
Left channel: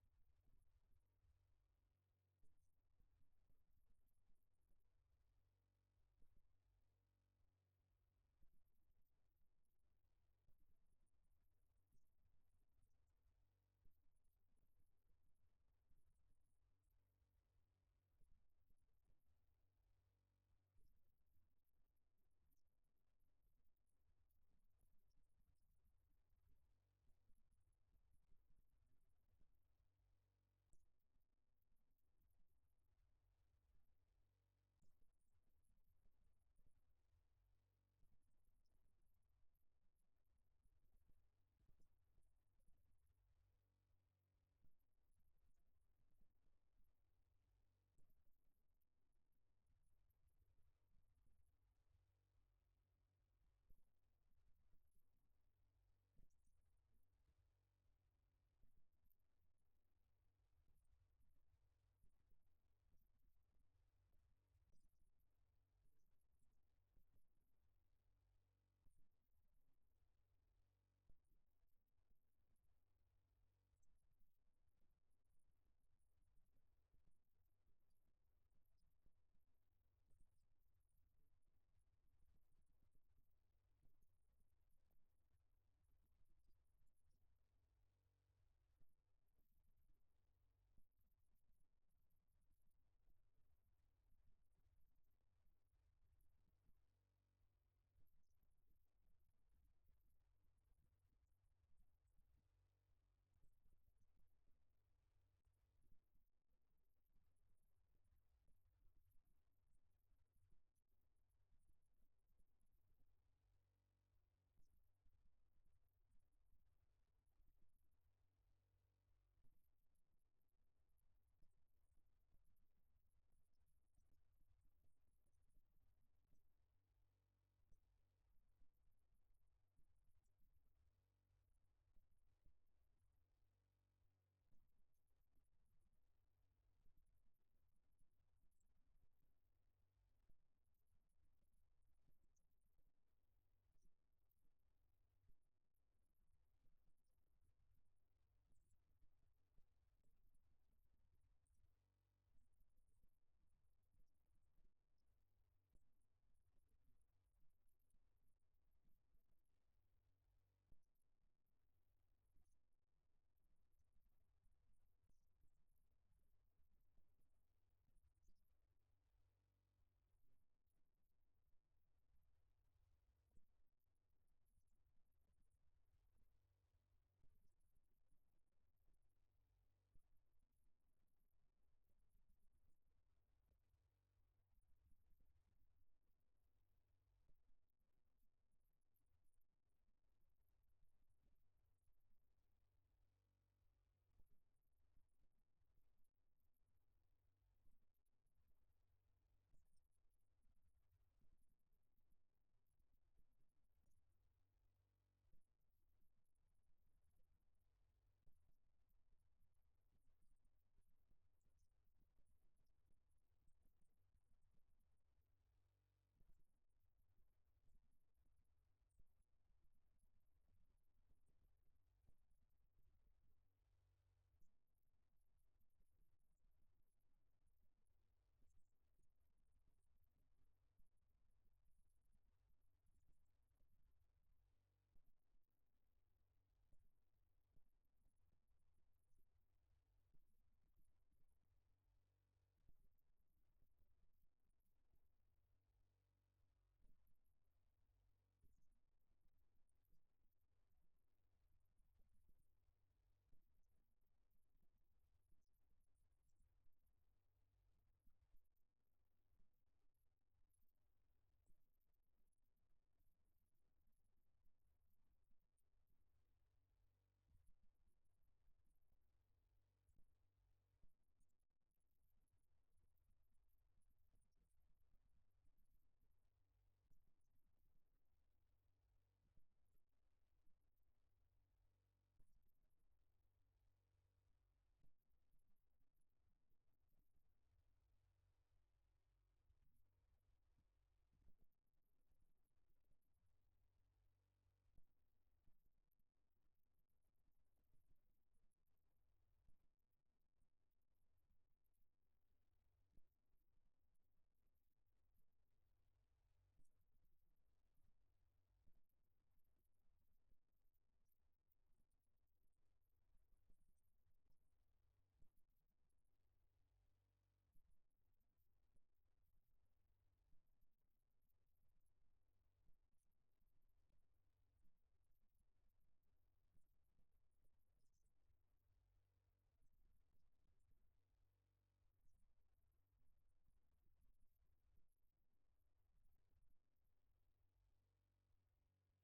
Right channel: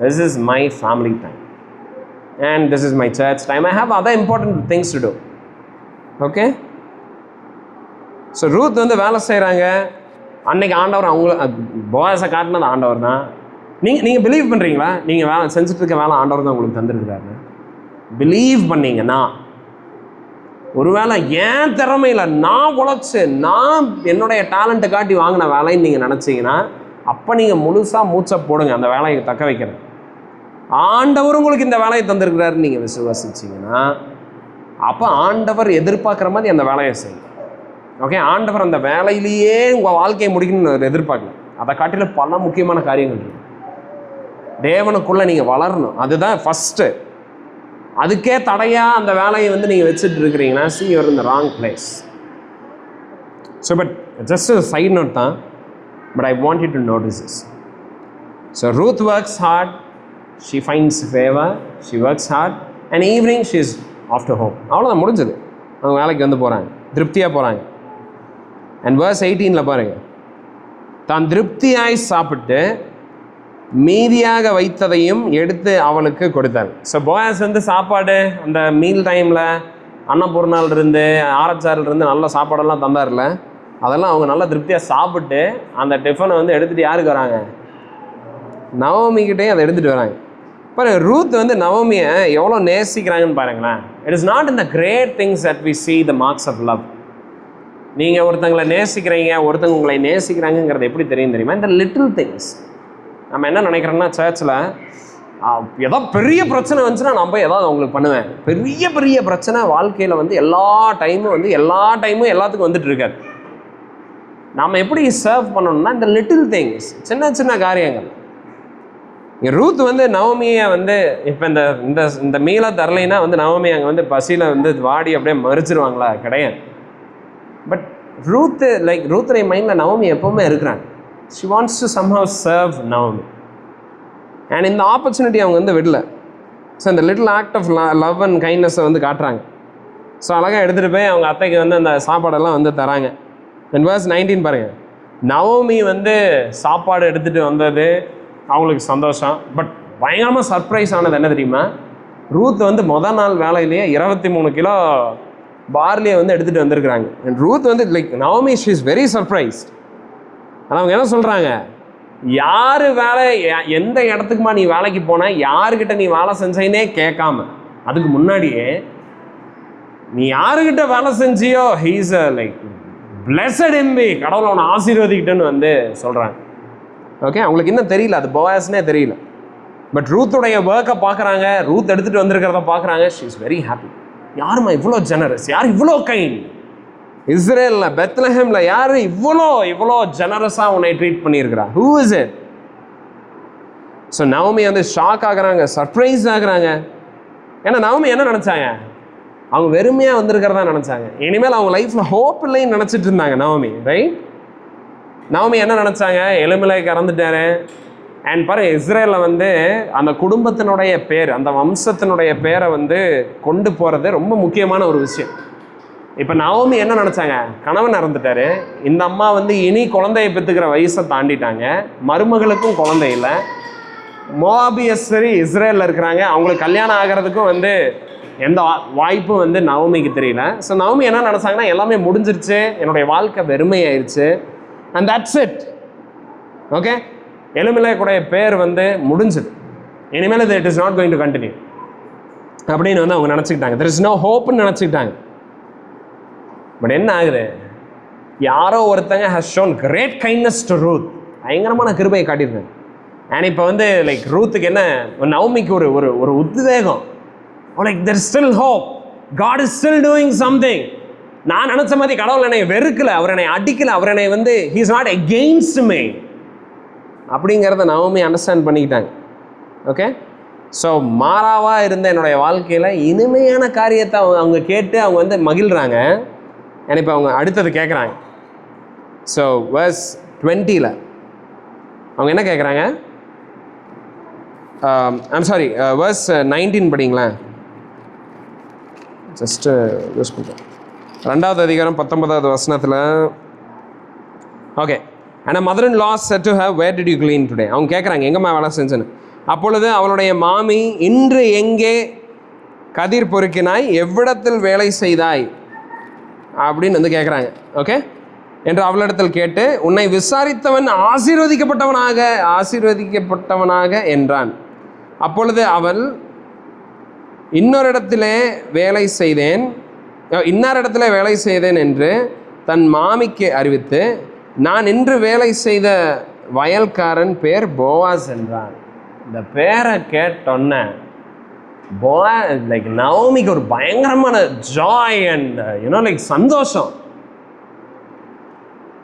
This is my family time and this is my church time. I have other important things to do. Okay, so Ruth வந்து வேலை செய்கிறாங்க. அன்னைக்கு ஆண்டவர் அவங்கள போயாஸை காட்டினது ஆண்டவர் தான். நீங்கள் பிலீவ் பண்ணுறீங்களா? நீங்கள் வேலை செஞ்சுட்டு இருக்க வேலை ஆண்டவர் தான் உங்களுக்கு தந்துருக்கிறாரு. பிலீவ் பண்ணீங்கன்னா, ஒருவேளை ஏன் திறமையில் நான் உழைச்சி நான் என்னுடைய டேலண்ட்டை காட்டி வாங்கின வேலைன்னு நீங்கள் நினச்சிங்கன்னா, அப்போ நீங்கள் முழுசாக மூச்சை போடுங்க அந்த வேலையை தக்க வைக்கிறது. ஆண்டவர் உங்களுக்கு இந்த வேலையை தந்திருக்கிறாருன்னு நீங்கள் விசுவாசிச்சிங்கன்னா, அப்போ ஆண்டவர் எதிர்பார்க்குற மாதிரி அந்த வேலையை செய்யுங்க. ஓகே, ஆண்டவர் அந்த வேலையிலேயே உங்கள் வாழ்க்கையை முடிக்கணும்னு எதிர்பார்க்கல. அதை காட்டிலும் பல முக்கியமான காரியங்கள் இருக்குது. தேவனுக்குள்ளே நீங்கள் வளரணும், அதுதான் ஃபஸ்ட்டு. அதுக்கே தடையாக அந்த வேலையை வந்து நீங்கள் வச்சுட்டு இருக்கிறீங்கன்னா, see you are in the wrong place. So but just a side note தான், but I want you to notice this. So Ruth works hard, she finds favor, she works hard, and evening she is off to home. அவ்வளோதான், முடிஞ்சது. அவங்க வேலைக்கு வந்து போகிறாங்க, திருப்தியாக போகிறாங்க. அண்ட் verse 18 பாருங்க, தான் திருப்தியாய் சாப்பிட்டு மீதியாக வைத்ததையும் எடுத்து அவளுக்கு கொடுத்தார். ஸோ போயாஸ் வந்து சாப்பாடு அந்த மீல் டைமில் அன்னபூர்ணாலிருந்து ஆரச்சாரிலிருந்து நல்ல சாப்பாடெல்லாம் தந்தார்ல, அதெல்லாம் அவங்க நல்லா திருப்தியாக சாப்பிட்டு அந்த டிஃபனை வந்து எடுத்துகிட்டு யாருக்கு வராங்க? நவமிக்கிட்டே அதை எடுத்துகிட்டு வராங்க. பாருங்க, ரூத் வந்து நவமியை எவ்வளோ நேசிக்கிறாங்கன்னு பாருங்களேன். It is not in the great things that we see the marks of love. நீங்கள் ஒருத்தங்களை நேசிக்கிறீங்க, ஒருத்தங்க உங்களை நேசிக்கிறாங்கிறது எப்படி தெரியுமா? இந்த லிட்டில் திங்ஸ். நம்ம என்ன நினைக்கிறோன்னா, சர்ச்சில் ஏதோ பெரிய பிரச்சனை வந்துச்சுன்னா நான் போய் ஏதாவது அவங்களுக்கு பண்ணுவேன். பெரிய பெரிய பிரச்சனை வாழ்க்கையில் வந்து எல்லா டைமும் எல்லாத்துக்கும் வந்துட்டு இருக்காது. நாம் எப்படி சர்வ் பண்ணணும்னா இந்த லிட்டில் திங்ஸ், சின்ன சின்ன காரியங்கள். ரூத் வந்து நவமியை வந்து இப்போ இந்த மீளை தரலைன்னா வந்து நவமி அங்கே வந்து பசியில் வந்து வாடி அப்படியே மறிச்சிருவாங்களா? கிடையாது. பட் ரூத்துடைய மைண்டில் நவமி எப்போவுமே இருக்கிறாங்க. She wants to somehow serve Naomi. And இந்த ஆப்பர்ச்சுனிட்டி அவங்க வந்து விடல. ஸோ இந்த little act of love and கைண்ட்னஸை வந்து காட்டுறாங்க. ஸோ அழகாக எடுத்துகிட்டு போய் அவங்க அத்தைக்கு வந்து அந்த சாப்பாடெல்லாம் வந்து தராங்க. அண்ட் verse 19 பாருங்கள், நவமி வந்து சாப்பாடு எடுத்துகிட்டு வந்தது அவங்களுக்கு சந்தோஷம். பட் பயங்கரமாக சர்ப்ரைஸ் ஆனது என்ன தெரியுமா? ரூத் வந்து முதல் நாள் வேலையிலேயே 23 கிலோ பார்லியை வந்து எடுத்துகிட்டு வந்திருக்கிறாங்க. அண்ட் ரூத் வந்து Navami she is very surprised. ஆனால் அவங்க என்ன சொல்கிறாங்க? யார் வேலை எந்த இடத்துக்குமா நீ வேலைக்கு போன, யாருக்கிட்ட நீ வேலை செஞ்சேன்னே கேட்காம, அதுக்கு முன்னாடியே நீ யாருக்கிட்ட வேலை செஞ்சியோ ஹீஸ் லைக் பிளஸட் எம்பி, கடவுளை அவனை ஆசீர்வதிக்கிட்டேன்னு வந்து சொல்கிறாங்க. ஓகே, அவங்களுக்கு இன்னும் தெரியல, அது போவாஸ்னே தெரியல. பட் ரூத்துடைய ஒர்க்கை பார்க்குறாங்க, ரூத் எடுத்துகிட்டு வந்திருக்கிறத பார்க்குறாங்க. She is very happy. யாருமா இவ்வளோ ஜெனரஸ், யார் இவ்வளோ கைண்ட், இஸ்ரேலில் பெத்லஹேமில் யார் இவ்வளோ ஜெனரஸாக உன்னை ட்ரீட் பண்ணியிருக்கிறா, who is it? So Naomi வந்து ஷாக் ஆகுறாங்க, சர்ப்ரைஸ் ஆகுறாங்க. ஏன்னா நவமி என்ன நினச்சாங்க, அவங்க வெறுமையாக வந்திருக்கிறதா நினச்சாங்க. இனிமேல் அவங்க லைஃப்பில் ஹோப் இல்லைன்னு நினச்சிட்டு இருந்தாங்க நவமி, ரைட்? நவமி என்ன நினச்சாங்க, எலிமெலேக் இறந்துட்டாரு. அண்ட் பாருங்க, இஸ்ரேலில் வந்து அந்த குடும்பத்தினுடைய பேர், அந்த வம்சத்தினுடைய பேரை வந்து கொண்டு போகிறது ரொம்ப முக்கியமான ஒரு விஷயம். இப்போ நவமி என்ன நினச்சாங்க, கணவன் இறந்துட்டாரு, இந்த அம்மா வந்து இனி குழந்தையை பெற்றுக்கிற வயசை தாண்டிட்டாங்க, மருமகளுக்கும் குழந்தை இல்லை, மோவாபியஸ்தரி இஸ்ரேலில் இருக்கிறாங்க, அவங்களுக்கு கல்யாணம் ஆகிறதுக்கும் வந்து எந்த வாய்ப்பும் வந்து நவமிக்கு தெரியல. ஸோ நவமி என்ன நினச்சாங்கன்னா, எல்லாமே முடிஞ்சிருச்சு, என்னுடைய வாழ்க்கை வெறுமையாயிருச்சு, அண்ட் தட்ஸ் இட். ஓகே, எலிமெலேக்குடைய பேர் வந்து முடிஞ்சுது, இனிமேல் it is not going to continue அப்படின்னு வந்து அவங்க நினச்சிக்கிட்டாங்க. தெர் இஸ் நோ ஹோப்னு நினச்சிக்கிட்டாங்க. பட் என்ன ஆகுது, யாரோ ஒருத்தங்க has shown great kindness to Ruth, பயங்கரமான கிருபையை காட்டியிருக்காங்க. அண்ட் இப்போ வந்து லைக் ரூத்துக்கு என்ன, நவமிக்கு ஒரு ஒரு ஒரு உத்வேகம், like there is still hope, God is still doing something. நான் நினச்ச மாதிரி கடவுள் என்னை வெறுக்கலை, அவர் என்னை அடிக்கலை, அவர் என்னை வந்து he is not against me அப்படிங்கிறத நவமி அண்டர்ஸ்டாண்ட் பண்ணிக்கிட்டாங்க. ஓகே, ஸோ மாறாவாக இருந்த என்னுடைய வாழ்க்கையில் இனிமையான காரியத்தை அவங்க கேட்டு அவங்க வந்து மகிழ்கிறாங்க. ஏன்னா இப்போ அவங்க அடுத்தது கேட்குறாங்க. ஸோ verse 20ல் அவங்க என்ன கேட்குறாங்க, ஐம் சாரி, verse 19 படிங்களேன். ஜஸ்ட்டு யூஸ் பண்ணுறேன். 2வது அதிகாரம் 19வது வசனத்தில். ஓகே, ஆனால் mother in law said to her where did you glean today. அவங்க கேட்குறாங்க, எங்கம்மா வேலை செஞ்சேன்னு. அப்பொழுது அவளுடைய மாமி, இன்று எங்கே கதிர் பொறுக்கினாய், எவ்விடத்தில் வேலை செய்தாய் அப்படின்னு வந்து கேட்குறாங்க. ஓகே, என்று அவளிடத்தில் கேட்டு, உன்னை விசாரித்தவன் ஆசீர்வதிக்கப்பட்டவனாக என்றான். அப்பொழுது அவள், இன்னாரிடத்திலே வேலை செய்தேன் என்று தன் மாமிக்கு அறிவித்து, நான் இன்று வேலை செய்த வயல்காரன் பேர் போவாஸ் என்றான். இந்த பேரை கேட்டோன்ன லைக் நவமிக்கு ஒரு பயங்கரமான ஜாய் அண்ட் லைக் சந்தோஷம்.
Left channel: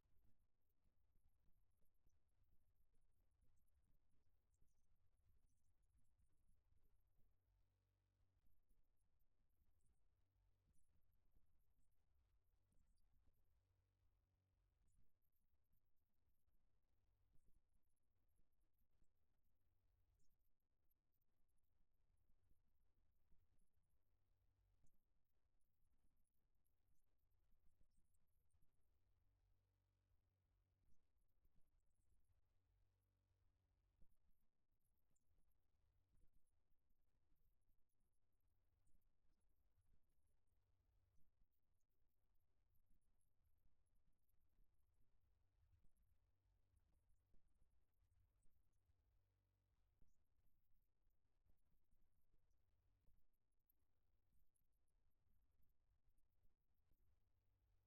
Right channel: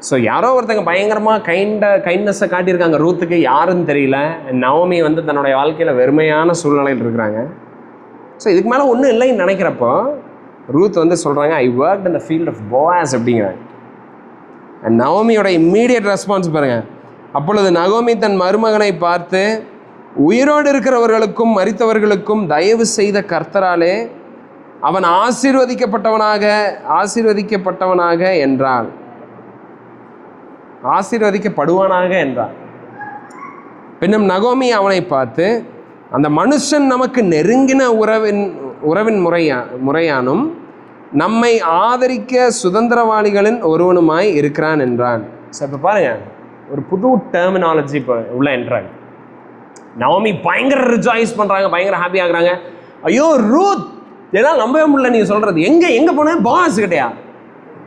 ஸோ யாரோ ஒருத்தங்க பயங்கரமாக கைண்ட்னஸை காட்டியிருக்காங்க ரூத்துக்கு, யாருன்னு தெரியல. நவமி வந்து தன்னுடைய வாழ்க்கையில் வெறுமையான சூழ்நிலையில் இருக்கிறாங்க. ஸோ இதுக்கு மேலே ஒன்றும் இல்லைன்னு நினைக்கிறப்போ ரூத் வந்து சொல்கிறாங்க, I work in the field of Boaz அப்படிங்கிறாங்க. அண்ட் நவமியோட இம்மீடியட் ரெஸ்பான்ஸ் பாருங்கள். அப்பொழுது நகோமி தன் மருமகனை பார்த்து, உயிரோடு இருக்கிறவர்களுக்கும் மரித்தவர்களுக்கும் தயவு செய்த கர்த்தராலே அவன் ஆசீர்வதிக்கப்படுவானாக என்றாள். பின்னும் நகோமி அவனை பார்த்து, அந்த மனுஷன் நமக்கு நெருங்கின உறவின் முறையானும் நம்மை ஆதரிக்க சுதந்திரவாளிகளின் ஒருவனுமாய் இருக்கிறான் என்றான். ஸோ இப்போ பாருங்க, ஒரு புது டெர்மினாலஜி இப்போ உள்ள என்றாங்க. நவமி பயங்கர ரிஜாய்ஸ் பண்ணுறாங்க, பயங்கர ஹாப்பி ஆகுறாங்க. ஐயோ ரூத், இதெல்லாம் நம்பவே முடியல நீங்கள் சொல்கிறது, எங்கே போனேன், போவாஸ் கிட்டையா?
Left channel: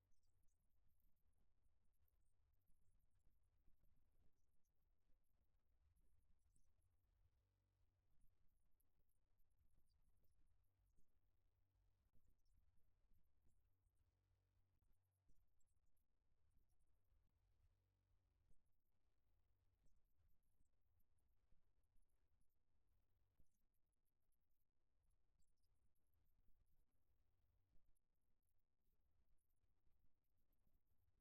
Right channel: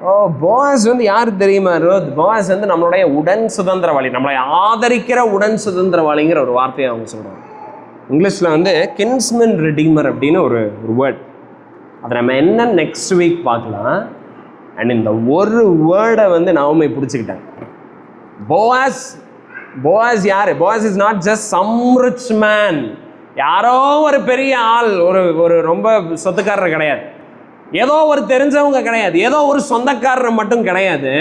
ஓ, போவாஸ் வந்து யார் தெரியுமா ரூத்? போவாஸ் வந்து நம்மளுடைய உடன் சுதந்திரவாளி, நம்மளை ஆதரிக்கிற உடன் சுதந்திரவாளிங்கிற ஒரு வார்த்தையை அவங்க சொல்கிறாங்க. இங்கிலீஷில் வந்து கின்ஸ்மன் ரிடீமர் அப்படின்னு ஒரு வேர்ட். அதை நம்ம என்ன நெக்ஸ்ட் வீக் பார்க்கலாம். அண்ட் இந்த ஒரு வேர்டை வந்து நவமி பிடிச்சிக்கிட்டாங்க. போவாஸ் யார்? Boaz is not just some rich man, யாரோ ஒரு பெரிய ஆள், ஒரு ரொம்ப சொத்துக்காரர் கிடையாது, ஏதோ ஒரு தெரிஞ்சவங்க கிடையாது, ஏதோ ஒரு சொந்தக்காரர் மட்டும் கிடையாது.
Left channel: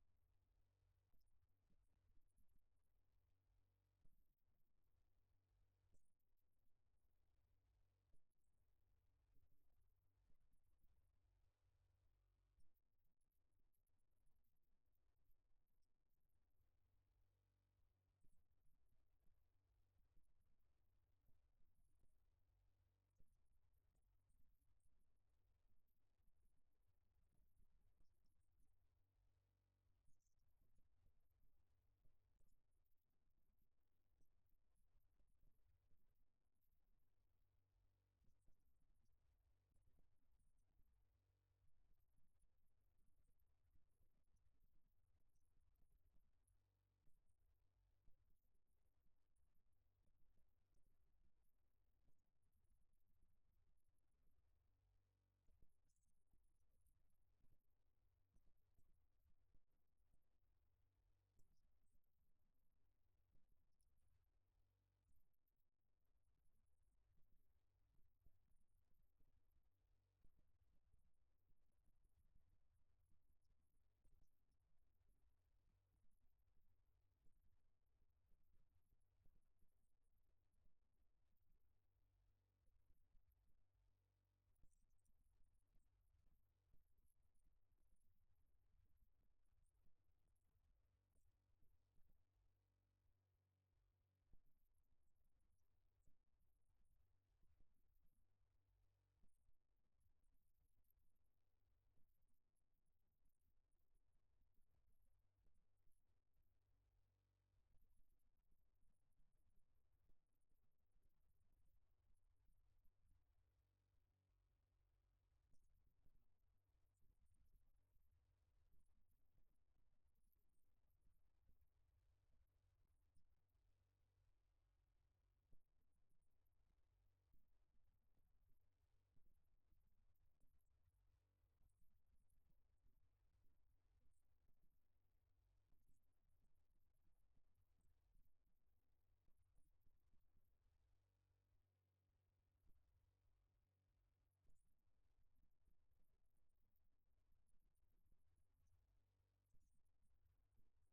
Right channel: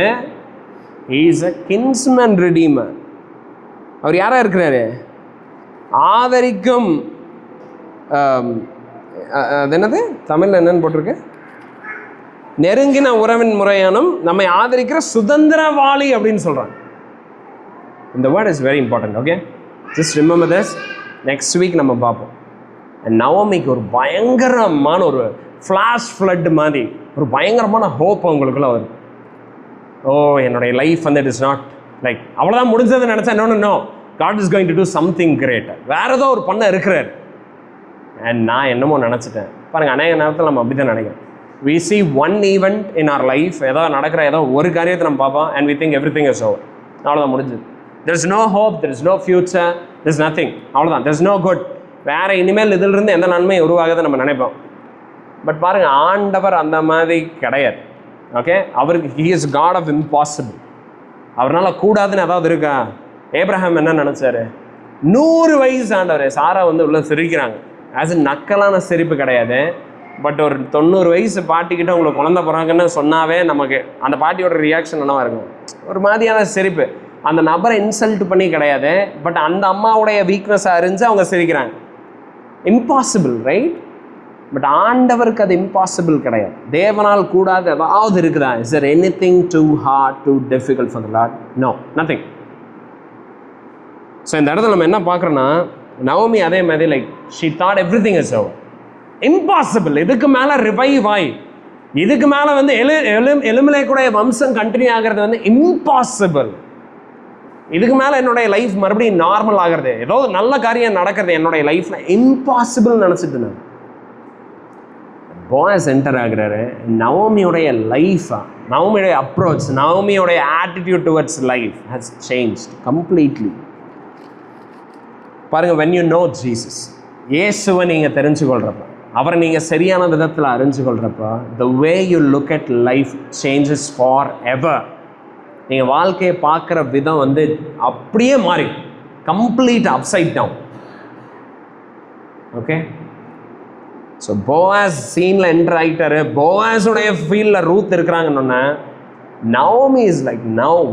He is a kinsman redeemer. அவர் யாராக இருக்கிறாரு? ஆதரிக்கும், அது என்னது தமிழில் என்னன்னு போட்டிருக்கு, நெருங்கின உறவின் முறையானும் நம்மை ஆதரிக்கிற சுதந்திரவாளி அப்படின்னு சொல்கிறாங்க. இந்த word is very important. Okay, just remember this. Next week நம்ம பார்ப்போம். அண்ட் நவமிக்கு ஒரு பயங்கரமான ஒரு ஃப்ளாஷ் ஃப்ளட் மாதிரி ஒரு பயங்கரமான ஹோப் அவங்களுக்குள்ள வருது. ஓ, என்னுடைய லைஃப் வந்து இட் இஸ் நாட் லைக் அவ்வளோதான் முடிஞ்சதுன்னு நினச்சா, no, God is going to do something great. வேற ஏதோ ஒரு பண்ண இருக்கிறார். அண்ட் நான் என்னமோ நினச்சிட்டேன். பாருங்கள், அநேக நேரத்தில் நம்ம அப்படி தான் நினைக்கிறோம். We see one event in our life, ஏதோ நடக்கிற ஏதோ ஒரு காரியத்தை நம்ம பார்ப்போம், and we think everything is over. அவ்வளோதான், முடிஞ்சது. There is no hope, there is no future, there is nothing. அவ்வளோதான், there is no good. வேறு இனிமேல் இதிலிருந்து எந்த நன்மையும் உருவாகுதுன்னு நம்ம நினைப்போம். பட் பாருங்கள், ஆண்டவர் அந்த மாதிரி கிடையாது. ஓகே, அவருக்கு he is God of impossible. அவரால் கூடாதுன்னு ஏதாவது இருக்கா? ஏப்ரஹாம் என்ன நினச்சாரு? 100 வயசு ஆண்டவர். சாரா வந்து உள்ள சிரிக்கிறாங்க. ஆஸ் நக்கலான சிரிப்பு கிடையாது. பட் ஒரு 90 வயசு பாட்டிக்கிட்ட உங்களுக்கு குழந்தை போகிறாங்கன்னு சொன்னாவே நமக்கு அந்த பாட்டியோட ரியாக்ஷன் என்னவா இருக்கும்? ஒரு மாதிரியான சிரிப்பு. அந்த நபரை இன்சல்ட் பண்ணி கிடையாது, பட் அந்த அம்மாவுடைய வீக்னஸாக அறிஞ்சு அவங்க சிரிக்கிறாங்க. Impossible, right? பட் ஆண்டவருக்கு அது இம்பாசிபிள் கிடையாது. தேவனால் கூடாது ஏதாவது இருக்குதா? Is there anything too hard, too difficult for the Lord? No, nothing. So இந்த இடத்துல நம்ம என்ன பார்க்குறோன்னா, நவோமி அதே மாதிரி like she thought everything is over. Impossible. இதுக்கு மேலே ரிவைவ் ஆகி இதுக்கு மேலே வந்து எலுமிலேக்குடைய வம்சம் கண்டினியூ ஆகிறது வந்து இம்பாசிபிள். இதுக்கு மேலே என்னுடைய லைஃப் மறுபடியும் நார்மல் ஆகிறது, ஏதோ நல்ல காரியம் நடக்கிறது என்னுடைய லைஃப்பில் இம்பாசிபிள் நினச்சிட்டு நான் போயாஸ் என்டர் ஆகிறாரு. நவோமியோடைய லைஃபா, நவோமியோடைய அப்ரோச், நவோமியோடைய attitude towards life has changed completely. பாருங்கள், when you know Jesus, இயேசுவை நீங்கள் தெரிஞ்சுக்கொள்கிறப்ப, அவரை நீங்கள் சரியான விதத்தில் அறிஞ்சுக்கொள்கிறப்ப, the way you look at life changes forever. நீங்கள் வாழ்க்கையை பார்க்குற விதம் வந்து அப்படியே மாறி complete upside down. Okay, so Boaz சீனில் என்டர் ஆகிட்டாரு. போவாஸுடைய ஃபீல்டில் ரூத் இருக்கிறாங்கன்னு நவோமி இஸ் லைக் நவ்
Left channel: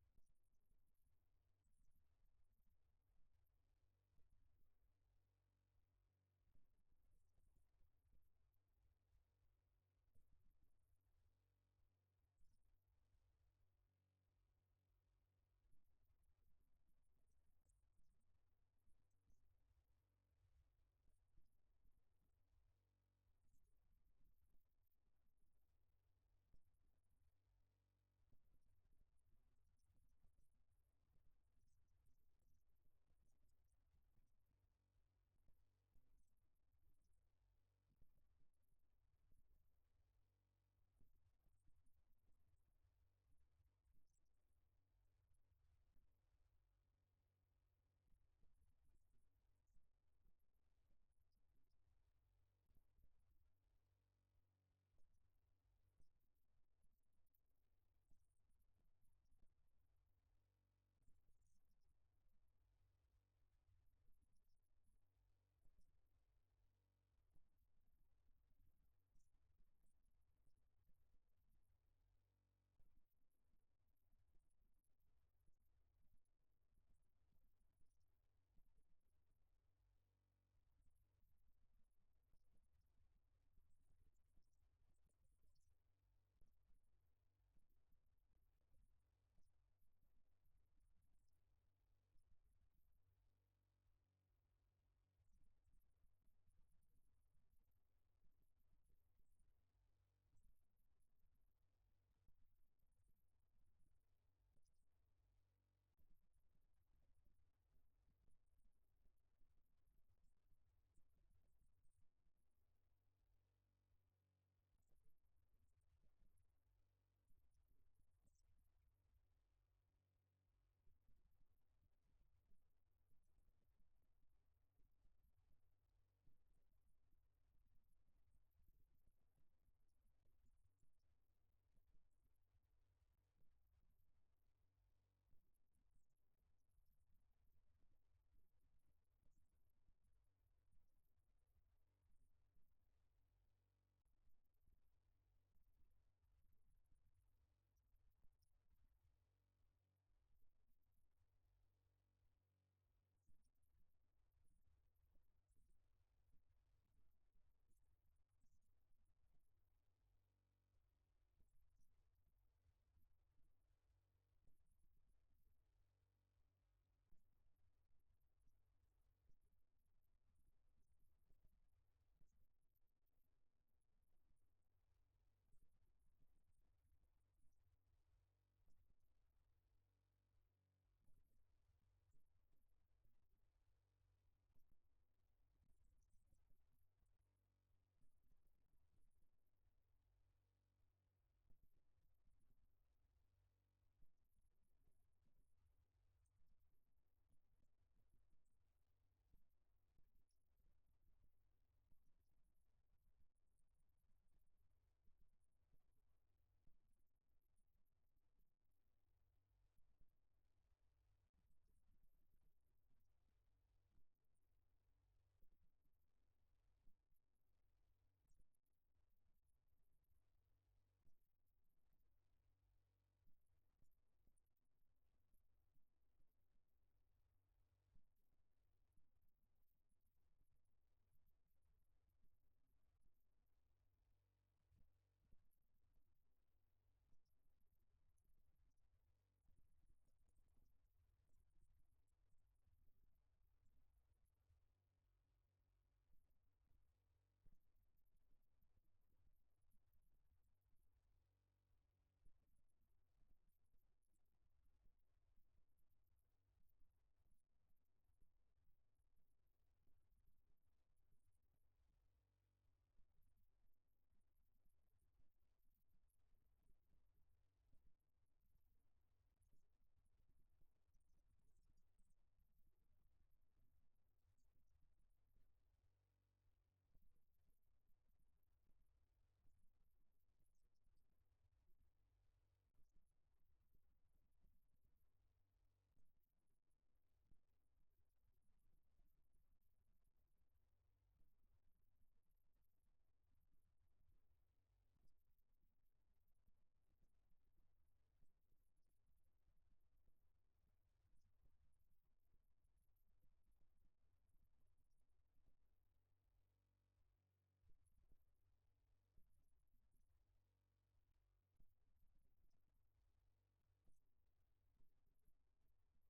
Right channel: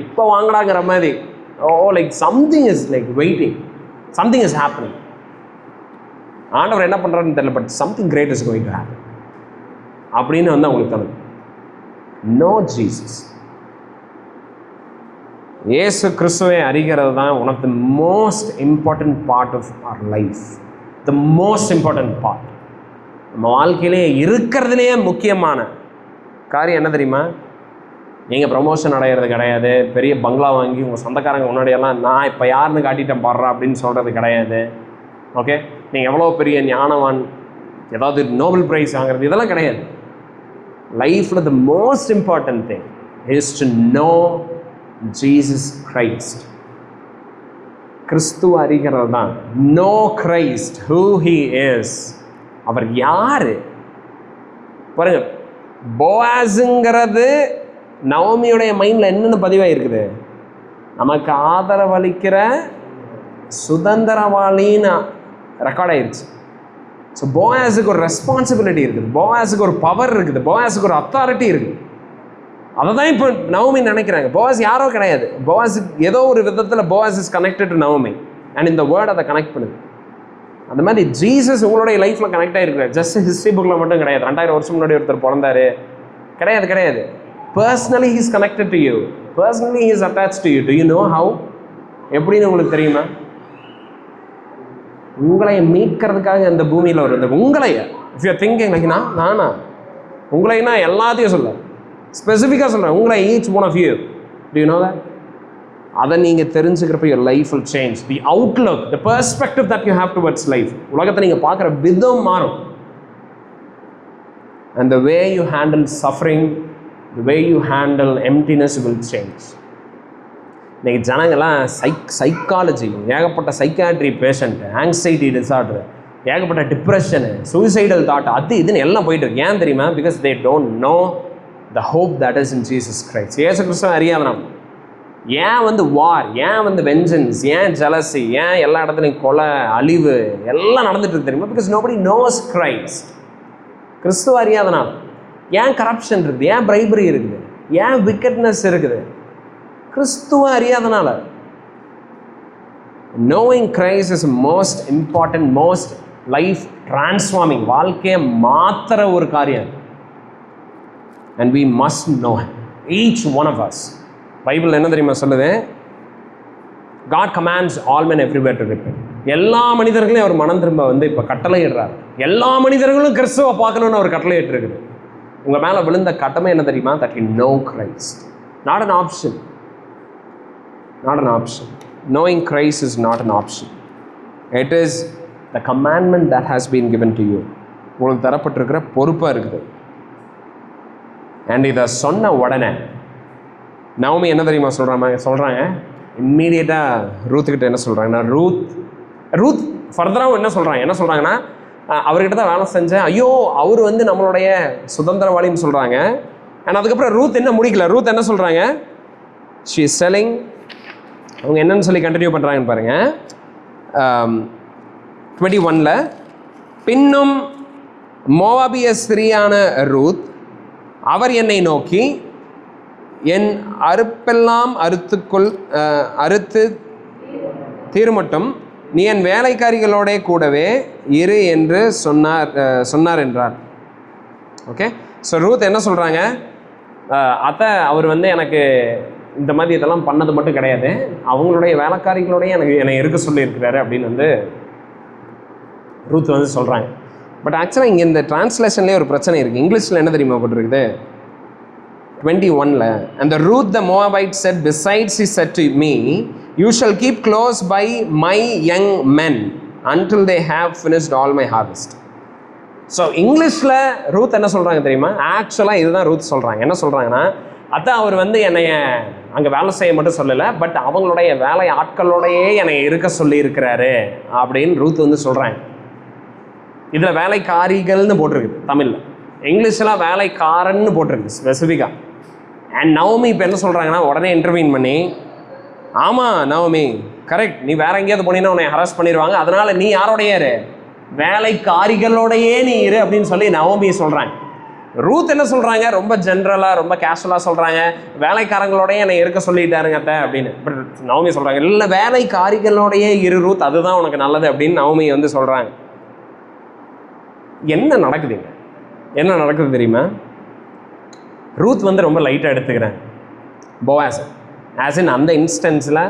இப்போ வாங்கடாங்கிற மாதிரி. Like something is like waiting, something is happening. ஆண்டவர் என்ன பண்ணுறாருன்னு தெரியல, but something great is going to happen அப்படின்னு வந்து அவங்களுக்கு தோணுது. நோ ஜீசஸ், இயேசு கிறிஸ்துவை அறிகிறது தான் one of the most important part of our life. The most important part. நம்ம வாழ்க்கையிலே இருக்கிறதுலேயே முக்கியமான காரியம் என்ன தெரியுமா? நீங்கள் ப்ரமோஷன் அடைகிறது கிடையாது, பெரிய பங்களா வாங்கி உங்கள் சொந்தக்காரங்க முன்னாடியெல்லாம் நான் இப்போ யாருன்னு காட்டிட்டேன் பாடுறா அப்படின்னு சொல்கிறது கிடையாது. ஓகே, நீங்கள் எவ்வளோ பெரிய ஞானவான், ஏதாவது நோபல் ப்ரைஸ் வாங்குறது, இதெல்லாம் கிடையாது. லைஃப்பில் the most important thing is to know Jesus Christ. கிறிஸ்துவ அறிகிறது தான். Know Christ, who he is, அவர் யார். பாருங்க, போவாஸுங்கிறது நவோமியோடைய மைண்டில் என்னென்னு பதிவாக இருக்குது? நமக்கு ஆதரவளிக்கிற சுதந்திரவாளின்னு ரெக்கார்ட் ஆயிடுச்சு. ஸோ போவாஸுக்கு ஒரு ரெஸ்பான்சிபிலிட்டி இருக்குது, போவாஸுக்கு ஒரு பவர் இருக்குது, போவாஸுக்கு ஒரு அத்தாரிட்டி இருக்குது. அதை தான் இப்போ நவோமி நினைக்கிறாங்க. போவாஸ் யாரோ கிடையாது. போவாஸ் ஏதோ ஒரு விதத்தில் Boaz is connected to Naomi, and இந்த வேர்ட் அதை கனெக்ட் பண்ணுது. அந்த மாதிரி ஜீசஸ் உங்களுடைய லைஃப்பில் கனெக்ட் ஆகிருக்கிறார். ஜஸ்ட் ஹிஸ்ட்ரி புக்கில் மட்டும் கிடையாது. 2000 வருஷம் முன்னாடி ஒருத்தர் பிறந்தாரு கிடையாது. Personally he is connected to you. Personally he is attached to you. Do you know how? எப்படின்னு உங்களுக்கு தெரியுமா? உங்களை மீட்கிறதுக்காக இந்த பூமியில் வருது. உங்களைய if you are thinking like நானா உங்களைனா எல்லாத்தையும் சொல்ல ஸ்பெசிஃபிக்காக சொல்கிறேன். உங்களை each one of you. Do you know that? அதை நீங்கள் தெரிஞ்சுக்கிறப்ப your life will change. The outlook, the perspective that you have towards life, உலகத்தை நீங்கள் பார்க்குற விதம் மாறும். And the way you handle suffering, the way you handle emptiness will change. இன்றைக்கி ஜனங்கள்லாம் சைக்காலஜி, ஏகப்பட்ட சைக்காட்ரி பேஷண்ட், ஆங்ஸைட்டி டிசார்டர், ஏகப்பட்ட டிப்ரெஷனு, சூசைடல் தாட், அது இதுன்னு எல்லாம் போயிட்டு இருக்கு. ஏன் தெரியுமா? Because they don't know the hope that is in Jesus Christ. இயேசு கிறிஸ்துவை அறியாதனம். ஏன் வந்து வார், ஏன் வந்து வெஞ்சன்ஸ், ஏன் ஜலசி, ஏன் எல்லா இடத்துலையும் கொலை, அழிவு எல்லாம் நடந்துட்டு இருக்கு தெரியுமா? Because nobody nose Christ. கிறிஸ்துவ அறியாதனால். ஏன் கரப்ஷன் இருக்குது, ஏன் பிரைபரி இருக்குது, ஏன் விக்கெட்னஸ் இருக்குது? கிறிஸ்துவ அறியாதனால. Knowing Christ is most important, most life transforming, வாழ்க்கையை மாத்திர ஒரு காரியம். And we must know each one of us. Bible என்ன தெரியுமா சொல்லுது? God commands all men everywhere to repent. எல்லா மனிதர்களையும் அவர் மனம் திரும்ப வந்து இப்போ கட்டளையிடுறார். எல்லா மனிதர்களும் கிறிஸ்துவை பார்க்கணுன்னு அவர் கட்டளையிட்டு இருக்குது. உங்கள் மேலே விழுந்த கட்டமை என்ன தெரியுமா? That you know Christ. Not an option. Not an option. Knowing Christ is not an option. It is the commandment that has been given to you. உங்களுக்கு தரப்பட்டிருக்கிற பொறுப்பாக இருக்குது. அண்ட் இதை சொன்ன உடனே நவமி என்ன தெரியுமா சொல்கிறாங்க இம்மீடியட்டாக ரூத்துக்கிட்ட என்ன சொல்கிறாங்கன்னா ரூத் ஃபர்தராகவும் என்ன சொல்கிறாங்கன்னா அவர்கிட்ட தான் வேலை செஞ்சேன், ஐயோ அவர் வந்து நம்மளுடைய சுதந்திரவாளின்னு சொல்கிறாங்க. அண்ட் அதுக்கப்புறம் ரூத் என்ன முடிக்கல, ரூத் என்ன சொல்கிறாங்க, ஷீ இஸ் செல்லிங். அவங்க என்னன்னு சொல்லி கண்டினியூ பண்ணுறாங்கன்னு பாருங்கள். 21 பின்னும் மோவாபிய ஸ்திரீயான ரூத் அவர் என்னை நோக்கி, என் அறுப்பெல்லாம் அறுத்து தீர்மட்டும் நீ என் வேலைக்காரிகளோட கூடவே இரு என்று சொன்னார் என்றார். ஓகே, ஸோ ரூத் என்ன சொல்கிறாங்க, அத்தை அவர் வந்து எனக்கு இந்த மாதிரி இதெல்லாம் பண்ணது மட்டும் கிடையாது, அவங்களுடைய வேலைக்காரிகளோடய என்னை இருக்க சொல்லியிருக்கிறாரு அப்படின்னு வந்து ரூத் வந்து சொல்கிறாங்க. பட் ஆக்சுவலாக இங்கே இந்த டிரான்ஸ்லேஷன்லேயே ஒரு பிரச்சனை இருக்குது. இங்கிலீஷில் என்ன தெரியுமா போட்டிருக்குது 21 and the Ruth the Moabite said, besides he said to me, you shall keep close by my young men until they have finished all my harvest. So இங்கிலீஷில் ரூத் என்ன சொல்கிறாங்க தெரியுமா, ஆக்சுவலாக இதுதான் ரூத் சொல்கிறாங்க. என்ன சொல்கிறாங்கன்னா, அதான் அவர் வந்து என்னைய அங்கே வேலை செய்ய மட்டும் சொல்லலை, பட் அவங்களுடைய வேலை ஆட்களோடையே என்னை இருக்க சொல்லி இருக்கிறாரு அப்படின்னு ரூத் வந்து சொல்கிறாங்க. இதில் வேலைக்காரிகள்னு போட்டிருக்குது தமிழில், இங்கிலீஷில் வேலைக்காரன்னு போட்டிருக்கு ஸ்பெசிஃபிக்காக. அண்ட் நவமி இப்போ என்ன சொல்கிறாங்கன்னா, உடனே இன்டர்வியூன் பண்ணி, ஆமாம் நவமி கரெக்ட், நீ வேற எங்கேயாவது போனீங்கன்னா உன்னை ஹராஸ் பண்ணிடுவாங்க, அதனால் நீ யாரோடைய இரு, வேலைக்காரிகளோடையே நீ இரு அப்படின்னு சொல்லி நவமி சொல்கிறாங்க. ரூத் என்ன சொல்கிறாங்க, ரொம்ப ஜென்ரலாக ரொம்ப கேஷுவலாக சொல்கிறாங்க, வேலைக்காரங்களோடையே என்னை இருக்க சொல்லிட்டாருங்க அத்தை அப்படின்னு. பட் நவமி சொல்கிறாங்க, இல்லை வேலைக்காரிகளோடையே இரு ரூத், அதுதான் உனக்கு நல்லது அப்படின்னு நவமி வந்து சொல்கிறாங்க. என்ன நடக்குதுங்க, என்ன நடக்குது தெரியுமா, ரூத் வந்து ரொம்ப லைட்டாக எடுத்துக்கிறேன் போவாஸ். ஆஸ் இன் அந்த இன்ஸ்டன்ஸில்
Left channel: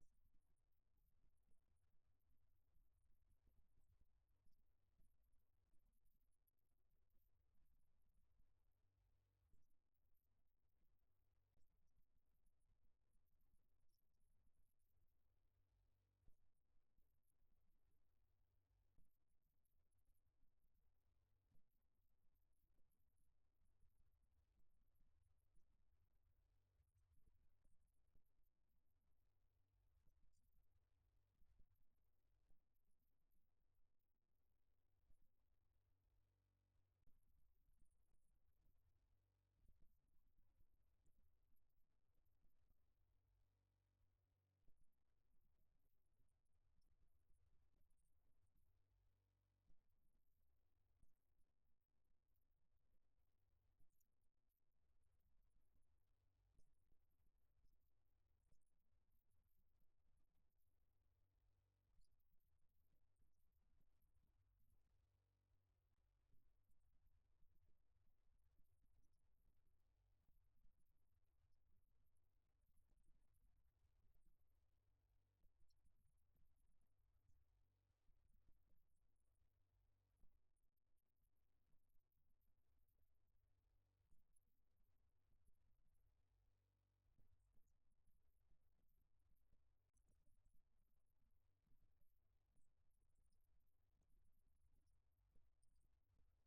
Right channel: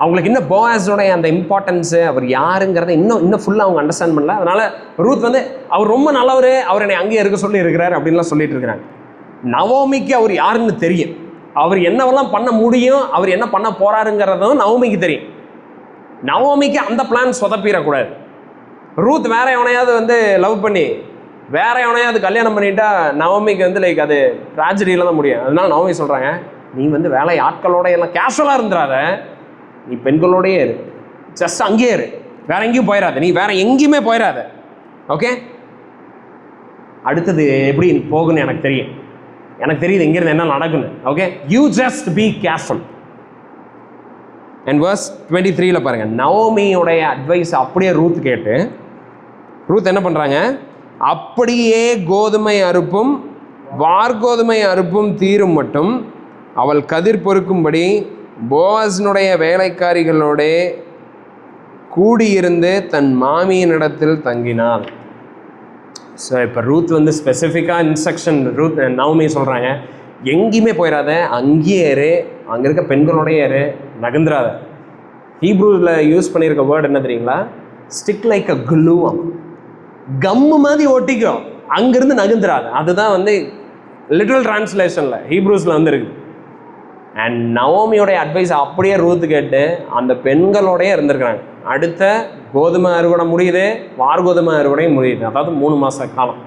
அவங்களுக்கு இன்னும் போவாஸோடைய அந்த இம்பார்ட்டன்ஸு, அவர் யாருங்கிறத இன்னும் ஃபுல்லாக அவங்க அண்டர்ஸ்டாண்ட் பண்ணல. அதனால் ரூத் வந்து அவர் ரொம்ப நல்லவர், அவர் என்னை அங்கேயே இருக்க சொல்லி இருக்கிறார் அப்படின்லாம் சொல்லிட்டு இருக்கிறாங்க. நவோமிக்கு அவர் யாருன்னு தெரியும், அவர் என்னவெல்லாம் பண்ண முடியும், அவர் என்ன பண்ண போகிறாருங்கிறதும் நவோமிக்கு தெரியும். நவோமிக்கு அந்த பிளான் சொதப்பிடக்கூடாது. ரூத் வேற எவனையாவது வந்து லவ் பண்ணி வேற எவனையாவது கல்யாணம் பண்ணிட்டா நவமிக்கு வந்து லைக் அது ட்ராஜடியில் தான் முடியும். அதனால நவமி சொல்கிறாங்க, நீ வந்து வேலை ஆட்களோட எல்லாம் கேஷுவலாக இருந்துடாத, நீ பெண்களோடையே இரு, ஜஸ்ட் அங்கேயே இரு, வேற எங்கேயும் போயிடாத, நீ வேற எங்கேயுமே போயிடாத. ஓகே, அடுத்தது எப்படி போகுன்னு எனக்கு தெரியுது இங்கிருந்து என்ன நடக்குன்னு. Okay, you just be careful. And verse 23 பாருங்க, நவோமியோடைய அட்வைஸ் அப்படியே ரூத் கேட்டு ரூத் என்ன பண்ணுறாங்க, அப்படியே கோதுமை அறுப்பும் வார்கோதுமை அறுப்பும் தீரும் மட்டும் அவள் கதிர் பொறுக்கும்படி போவாஸினுடைய வேலைக்காரிகளோட கூடியிருந்து தன் மாமியினிடத்தில் தங்கினாள். ஸோ இப்போ ரூத் வந்து ஸ்பெசிஃபிக்காக இன்ஸ்ட்ரக்ஷன் நவமி சொல்கிறாங்க, எங்கேயுமே போயிடாத, அங்கேயே இரு, அங்கே இருக்க பெண்களோடையே இரு, நகர்ந்துடாத. ஹீப்ரூவில் யூஸ் பண்ணியிருக்க வேர்டு என்ன தெரியுங்களா, ஸ்டிக் லைக் அ க்ளூ, கம்மு மாதிரி ஒட்டிக்கிறோம், அங்கேருந்து நகர்ந்துடாது. அதுதான் வந்து லிட்ரல் டிரான்ஸ்லேஷனில் ஹீப்ரூஸில் வந்து இருக்குது. அண்ட் நவோமியோடைய அட்வைஸ் அப்படியே ரூத் கேட்டு அந்த பெண்களோடையே இருந்திருக்கிறாங்க. அடுத்த கோதுமை அறுவடை முடியுது, வார்கோதுமை அறுவடையும் முடியுது. அதாவது 3 மாத காலம்,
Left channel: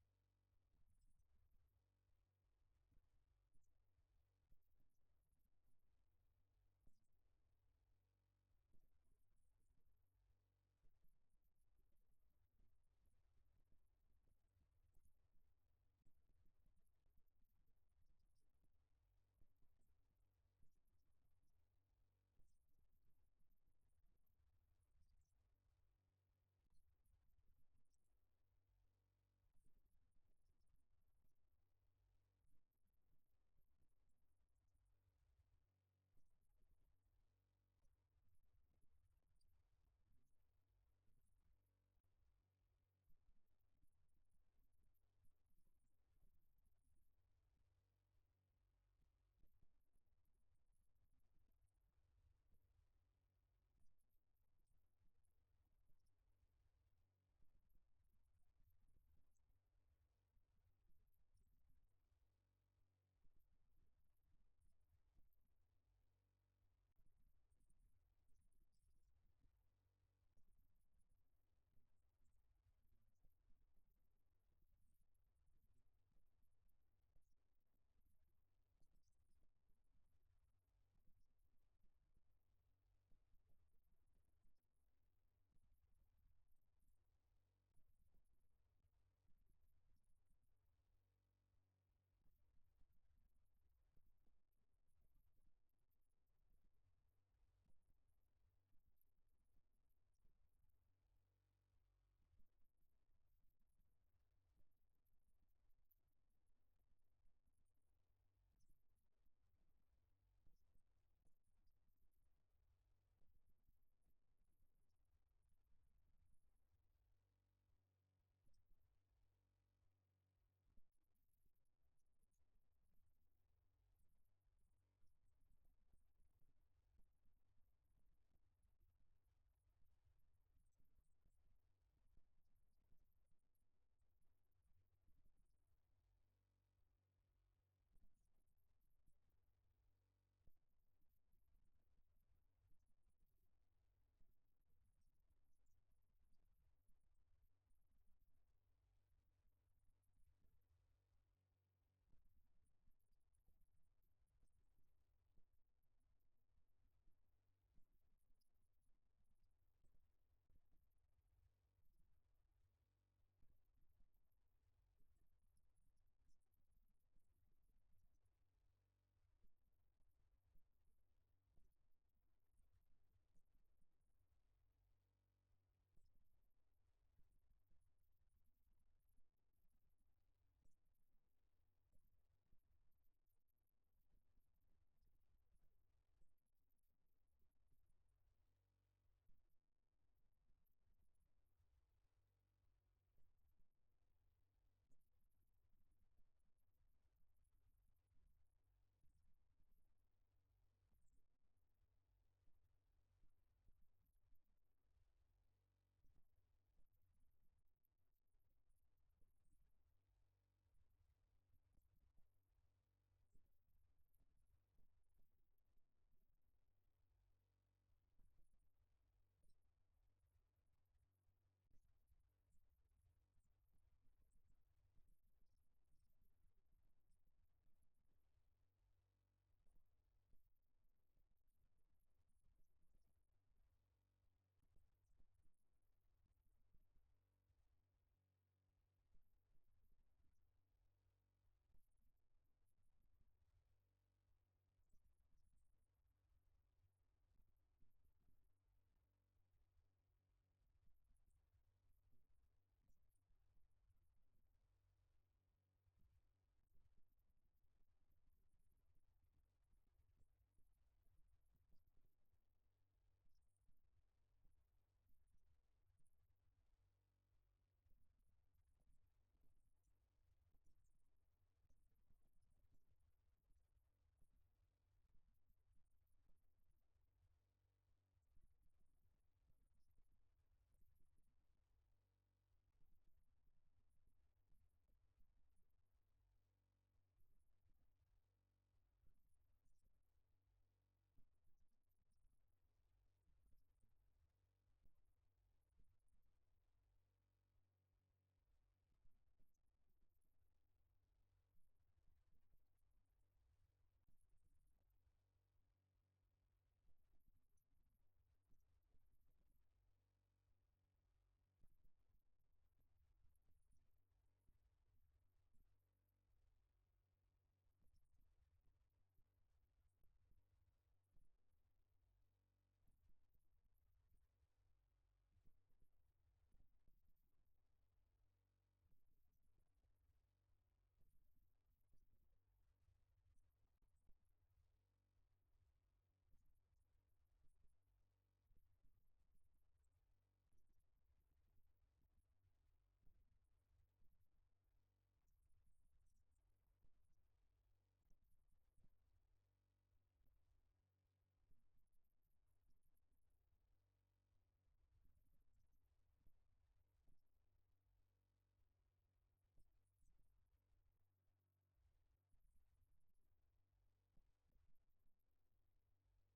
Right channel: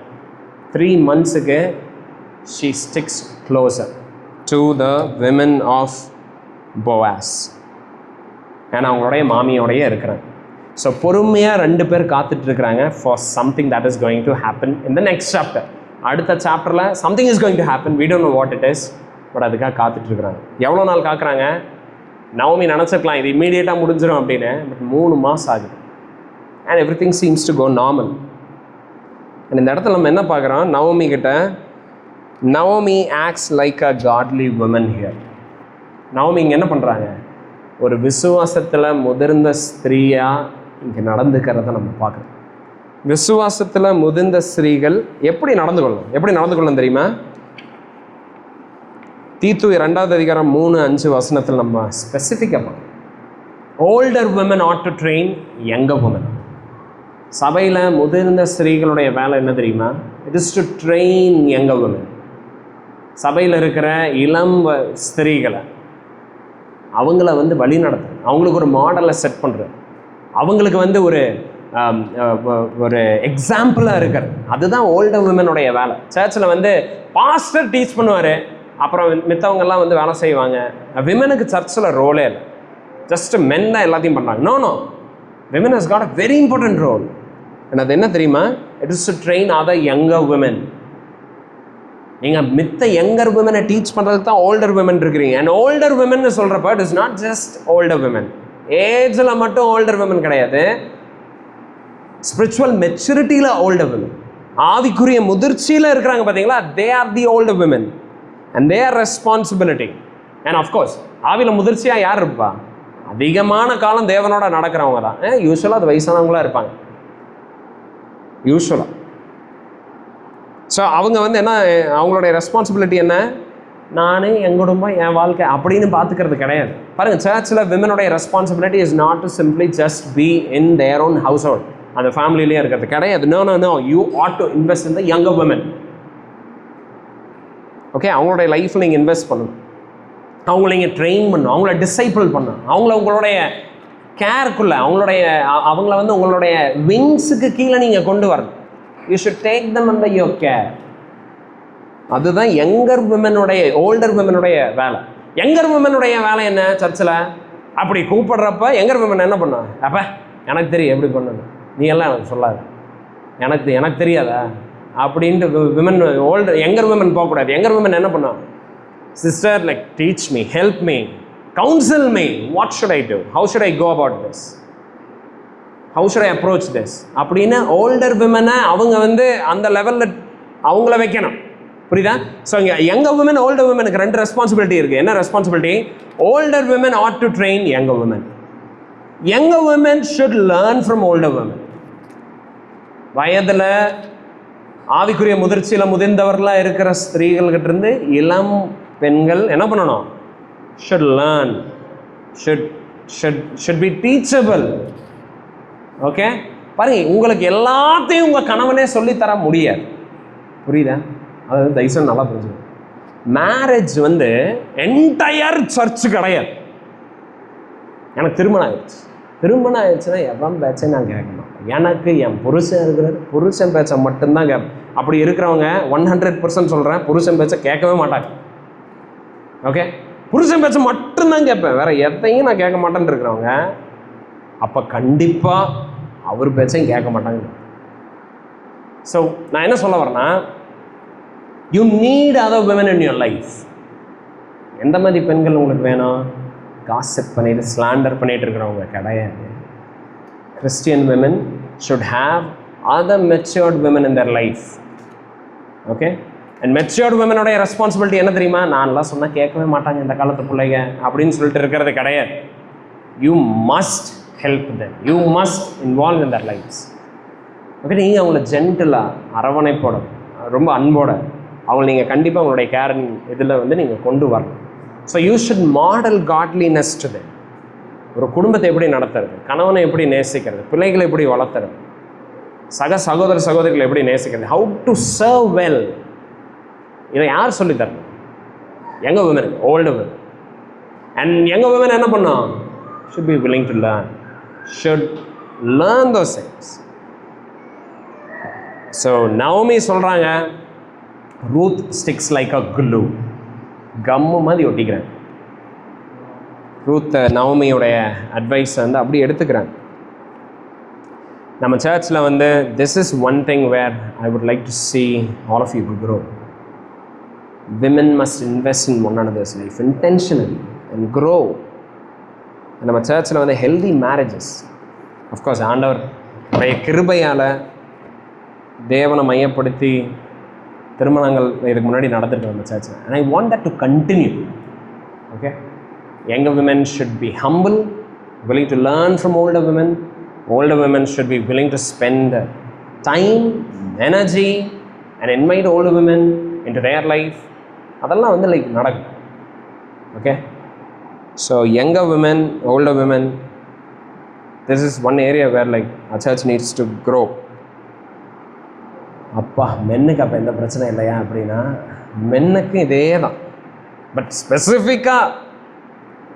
3 months she sticks closer to the women of Boaz. ஏன்னா அவங்களுடைய மாமியோடையே இருக்கிறாங்க. ஸோ பொறுமையாக 2 பேர் காத்துட்ருக்குறாங்க for something that is going to happen in the next chapter. அடுத்த சாப்டரில் something is going to happen, we don't know what it is, but அதுக்காக காத்துட்ருக்குறாங்க. எவ்வளோ நாள் காக்குறாங்க, நவமி நினச்சிருக்கலாம் இது இம்மீடியட்டாக முடிஞ்சிடும் அப்படின்னு, பட் 3 மாதம் ஆகுது. And everything seems to go normal. And இந்த இடத்துல நம்ம என்ன பார்க்குறோம், நவமி கிட்ட Naomi acts like a godly woman here. நவமி இங்கே என்ன பண்ணுறாங்க, ஒரு விசுவாசத்தில் முதிர்ந்த ஸ்திரீயாக இங்கே நடந்துக்கிறத நம்ம பார்க்குறோம். விசுவாசத்தில் முதிர்ந்த ஸ்திரீகள் எப்படி நடந்து கொள்ளணும் தெரியுமா, தீத்து 2வது அதிகாரம் 3-5 வசனத்தில் நம்ம ஸ்பெசிஃபிக்காக பார்க்கணும். Older women ought to train younger women. சபையில் முதிர்ந்த ஸ்திரீகளுடைய வேலை என்ன தெரியுமா, it is to train younger women. சபையில் இருக்கிற இளம் ஸ்திரீகளை அவங்கள வந்து வழி நடத்துறது, அவங்களுக்கு ஒரு மாடலை செட் பண்ணுறது, அவங்களுக்கு வந்து ஒரு எக்ஸாம்பிளாக இருக்கிறது. அதுதான் ஓல்டர் விமனுடைய வேலை. சர்ச்சில் வந்து பாஸ்டர் டீச் பண்ணுவார், அப்புறம் மித்தவங்கெல்லாம் வந்து வேலை செய்வாங்க. விமனுக்கு சர்ச்சில் ரோலே இல்லை, ஜஸ்ட் மென் தான் எல்லாத்தையும் பண்ணுறாங்க. No, women has got a very important role. அது என்ன தெரியுமா? It is to train other younger women. நீங்கள் மித்த யங்கர் விமனை டீச் பண்ணுறதுக்கு தான் ஓல்டர் விமன் இருக்கிறீங்க. அண்ட் ஓல்டர் விமன் சொல்கிறப்ப it is not just older women. ஏஜில் மட்டும் ஓல்டர் விமன் கிடையாது, ஸ்பிரிச்சுவல் மெச்சூரிட்டியில் ஓல்டர் விமன், ஆவிக்குரிய முதிர்ச்சியில் இருக்கிறாங்க பார்த்தீங்களா, they are the older women and they are responsibility. And of course ஆவியில் முதிர்ச்சியாக யார் இருப்பா? அதிகமான காலம் தேவனோட நடக்கிறவங்க தான். யூஸ்வலாக அது வயசானவங்களாக இருப்பாங்க யூஸ்வலாக. ஸோ அவங்க வந்து என்ன, அவங்களுடைய ரெஸ்பான்சிபிலிட்டி என்ன? நான், என் குடும்பம், என் வாழ்க்கை அப்படின்னு பார்த்துக்கிறது கிடையாது. பாருங்கள், சர்ச்சில் விமனுடைய responsibility is not to simply just be in their own household, அந்த ஃபேமிலியிலே இருக்கிறது கிடையாது. No, you ought to invest in the younger women. Okay, அவங்களுடைய லைஃப்பில் நீங்கள் இன்வெஸ்ட் பண்ணணும், அவங்கள நீங்கள் ட்ரெயின் பண்ணணும், அவங்கள டிசைபிள் பண்ணணும், அவங்கள உங்களுடைய கேருக்குள்ளே, அவங்கள வந்து உங்களுடைய விங்ஸுக்கு கீழே நீங்கள் கொண்டு வரணும். You should take them under your care. அதுதான் யங்கர் விமனுடைய, ஓல்டர் விமனுடைய வேலை. யங்கர் விமனுடைய வேலை என்ன? சர்ச்சில் அப்படி கூப்பிடுறப்ப யங்கர் விமன் என்ன பண்ணா? அப்போ எனக்கு தெரியும் எப்படி பண்ணணும், நீ எல்லாம் எனக்கு சொல்லாது, எனக்கு தெரியாதா அப்படின்ட்டு விமன், யங்கர் விமன் போகக்கூடாது. யங்கர் விமன் என்ன பண்ணா? Sister, like teach me, help me, counsel me, what should I do, how should I go about this, how should I approach this அப்படின்னு ஓல்டர் விமனை அவங்க வந்து அந்த லெவலில் அவங்கள வைக்கணும். புரியுதா? ஸோ இங்கே யங்கர் விமன், ஓல்டர் விமனுக்கு ரெண்டு ரெஸ்பான்சிபிலிட்டி இருக்குது. என்ன responsibility? Older women ought to train younger women. Younger women should learn from older women. வயதில் ஆவிக்குரிய முதிர்ச்சியில் முதிர்ந்தவர்களாக இருக்கிற ஸ்திரீகள்கிட்ட இருந்து இளம் பெண்கள் என்ன பண்ணணும்? Should learn, should be teachable. Okay, பாருங்க, உங்களுக்கு எல்லாத்தையும் உங்கள் கணவனே சொல்லித்தர முடியாது. புரியுதா? அதாவது தயவுசெய்து நல்லா புரிஞ்சுக்கணும். மேரேஜ் வந்து என்டையர் சர்ச்சு கிடையாது. எனக்கு திருமணம் ஆயிடுச்சுன்னா எவன் பேச்சை நான் கேட்கணும். எனக்கு என் புருஷன் இருக்கிறார், புருஷன் பேச்சை மட்டும்தான் கேட்பேன். அப்படி இருக்கிறவங்க 100% சொல்கிறேன், புருஷன் பேச்சை கேட்கவே மாட்டாங்க. ஓகே, புருஷன் பேச்சை மட்டும்தான் கேட்பேன், வேற எதையும் நான் கேட்க மாட்டேன்னு இருக்கிறவங்க, அப்போ கண்டிப்பாக அவர் பேச்சையும் கேட்க மாட்டாங்க. ஸோ நான் என்ன சொல்ல வரேன்னா, you need other women in your life. எந்த மாதிரி பெண்கள் உங்களுக்கு வேணும்? காசிப் பண்ணிட்டு, ஸ்லாண்டர் பண்ணிட்டு இருக்கிறவங்க கிடையாது. Christian women should have other matured women in their life. Okay, and matured விமனுடைய ரெஸ்பான்சிபிலிட்டி என்ன தெரியுமா? நான்லாம் சொன்னால் கேட்கவே மாட்டாங்க இந்த காலத்து பிள்ளைங்க அப்படின்னு சொல்லிட்டு இருக்கிறது கிடையாது. You must help them, you must involve in their lives. Okay, நீங்கள் அவங்கள ஜென்டிலாக, அரவணைப்போட, ரொம்ப அன்போட அவங்களை நீங்கள் கண்டிப்பாக உங்களுடைய கேரிங் இதில் வந்து நீங்கள் கொண்டு வரணும். So you should model godliness to them. ஒரு குடும்பத்தை எப்படி நடத்துறது, கணவனை எப்படி நேசிக்கிறது, பிள்ளைகளை எப்படி வளர்த்துறது, சகோதர சகோதரிகளை எப்படி நேசிக்கிறது, ஹவு டு சர்வ் வெல், இதை யார் சொல்லித்தரணும்? Younger women, older women. And younger women என்ன பண்ணோம்? Should be willing to learn, should learn those things. So Naomi சொல்கிறாங்க, Ruth sticks like a glue, gum மாதிரி ஒட்டிக்கிறாங்க. ரூத் நவமியோடைய அட்வைஸ் வந்து அப்படி எடுத்துக்கிறாங்க. நம்ம சர்ச்சில் வந்து this is one thing where I would like to see all of you to grow. Women must invest in one another's life intentionally and grow. நம்ம சர்ச்சில் வந்து ஹெல்தி மேரேஜஸ், அஃப்கோர்ஸ் ஆண்டவர் உடைய கிருபையால் தேவனை மையப்படுத்தி திருமணங்கள் இதுக்கு முன்னாடி நடந்துட்டு நம்ம சர்ச்சில். And I want that to continue. Okay, younger women should be humble, willing to learn from older women. Older women should be willing to spend time, energy and invite older women into their life. அதெல்லாம் வந்து லைக் நடக்கும். Okay, so younger women, older women, this is one area where like our church needs to grow. அப்பா, மென்னுக்கு அப்போ எந்த பிரச்சனை இல்லையா அப்படின்னா, மென்னுக்கு இதே தான். பட் ஸ்பெசிஃபிக்காக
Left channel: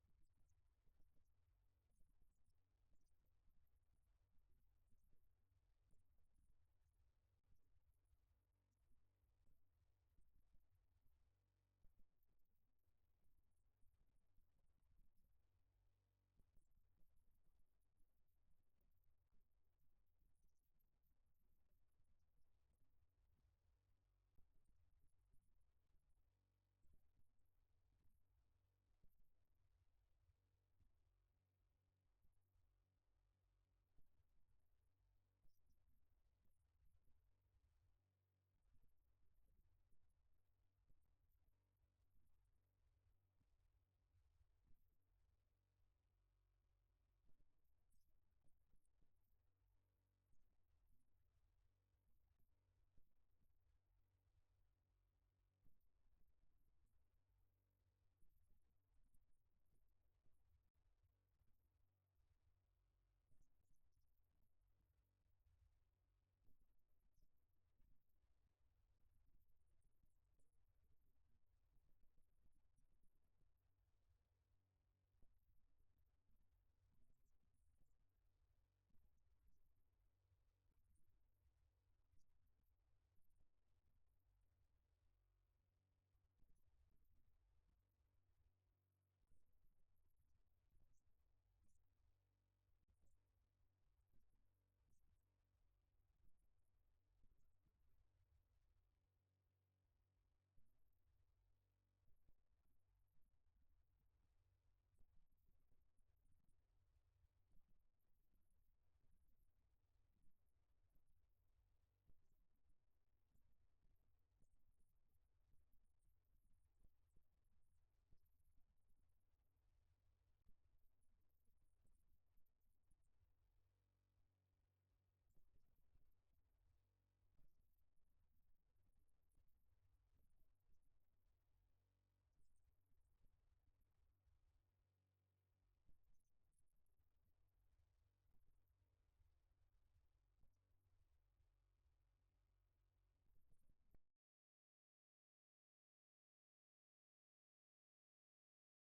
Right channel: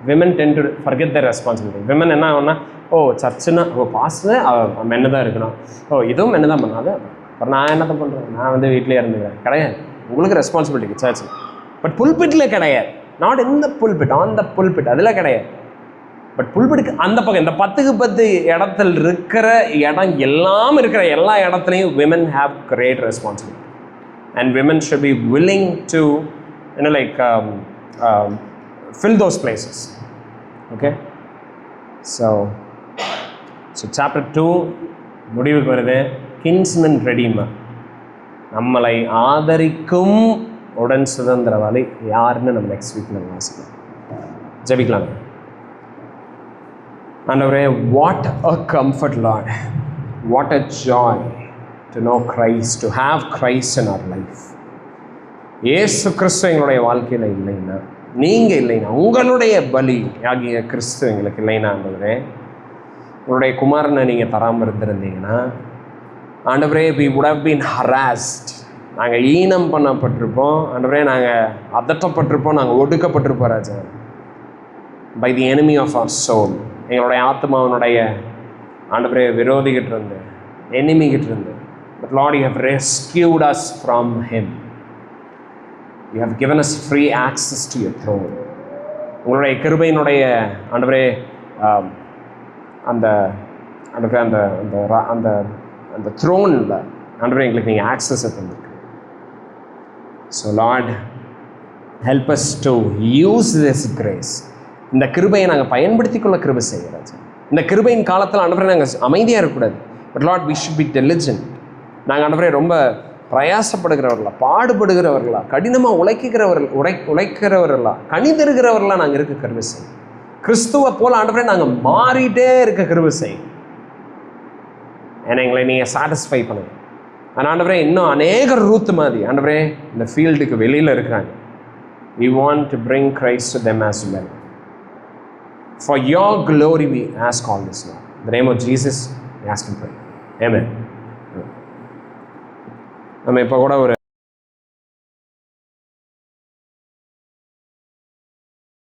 women ten to forget the responsibility. Women என்ன ஆகும்னா, ஓ சர்ச்சுன்னா ஓ பாஸ்டர் மென்னு தான் இருக்கணும், ஓ இதுவும் மென்னு தான் பண்ணாது, அப்புறம் நான் என்னத்தை பண்ணுறேன், நான் வந்து வீட்டிலே இருந்துக்கிறேன். கிடையாது, உங்களுக்கு ரெஸ்பான்சிபிலிட்டி சர்ச். பட் புல்பிட்டில் கிடையாது. Not in the pulpit, on the pulpit அதில் கிடையாது. பட் புல்பிட்டுக்கு அந்த பக்கம் இந்த 10க்கு 10 இடத்துல இருக்கிற இடம் எல்லாம் இருக்கிற எல்லா இடத்துலையும் women have great responsibility and women should be willing to fill those places. Okay, so chapter 2 முடிவுக்கு வருது. கின்ஸ்மன் ரெடீமர், நம்மளை ஆதரிக்கும் உடன் சுதந்திரவாளி யாருன்னு நம்ம நெக்ஸ்ட் வீக் நம்ம வாசிக்கலாம். ஜெபிக்கலாம். ஆண்டவரே, what a comfort, Lord. What a joy to know Christ, to have Christ in our life. இயேசு கிறிஸ்து எங்களுடைய வாழ்க்கையில் இல்லைன்னா, நீங்கள் இல்லைன்னா, உங்களுடைய பலி ஆகிய கிறிஸ்து எங்களுக்கு இல்லைன்னா, ஆண்டவரே உங்களுடைய குமாரனை நீங்கள் தராமல் இருந்திருந்தீங்கன்னா, ஆண்டவரே we would have been harassed. நாங்கள் ஈனம் பண்ணப்பட்டிருப்போம் ஆண்டவரே, நாங்கள் அதட்டப்பட்டிருப்போம், நாங்கள் ஒடுக்கப்பட்டிருப்போம் ராஜா, by the enemy of our soul. எங்களுடைய ஆத்மாவனுடைய ஆண்டவரே விரோதிகிட்டு இருந்து, எனிமிகிட்டு இருந்து. But Lord, you have rescued us from him. You have given us free access to your throne. உங்களுடைய கிருபையினுடைய ஆண்டவரே அந்த ஆண்டவரே அந்த அந்த அந்த த்ரோனில் ஆண்டவரே எங்களுக்கு நீங்கள் ஆக்சஸை தந்திருக்கு. So Lord, help us to use this grace. இந்த கிருபையை நாங்கள் பயன்படுத்தி கொள்ள கிருபை செய்கிறாச்சு. இந்த கிருபையின் காலத்தில் ஆண்டவரே நாங்கள் அமைதியாக இருக்கக்கூடாது. But lord, we should be diligent. நாங்கள் ஆண்டவரே ரொம்ப பிரயாசப்படுகிறவர்களா, பாடுபடுகிறவர்களா, கடினமாக உழைக்கிறவர்களா, கணிதருகிறவர்களா நாங்கள் இருக்க கிருபை செய்யும். கிறிஸ்துவை போல் ஆண்டவரே நாங்கள் மாறிட்டே இருக்க கிருபை செய்யும். ஏன்னா எங்களை நீங்கள் சாட்டிஸ்ஃபை பண்ணுங்க. ஆனால் ஆண்டவரே, இன்னும் அநேக ரூத் மாதிரி ஆண்டவரே இந்த ஃபீல்டுக்கு வெளியில் இருக்கிறாங்க. We want to bring Christ to them as well. For your glory we ask all this, Lord. In the name of Jesus, we ask and pray. Amen. நம்ம இப்போ கூட ஒரு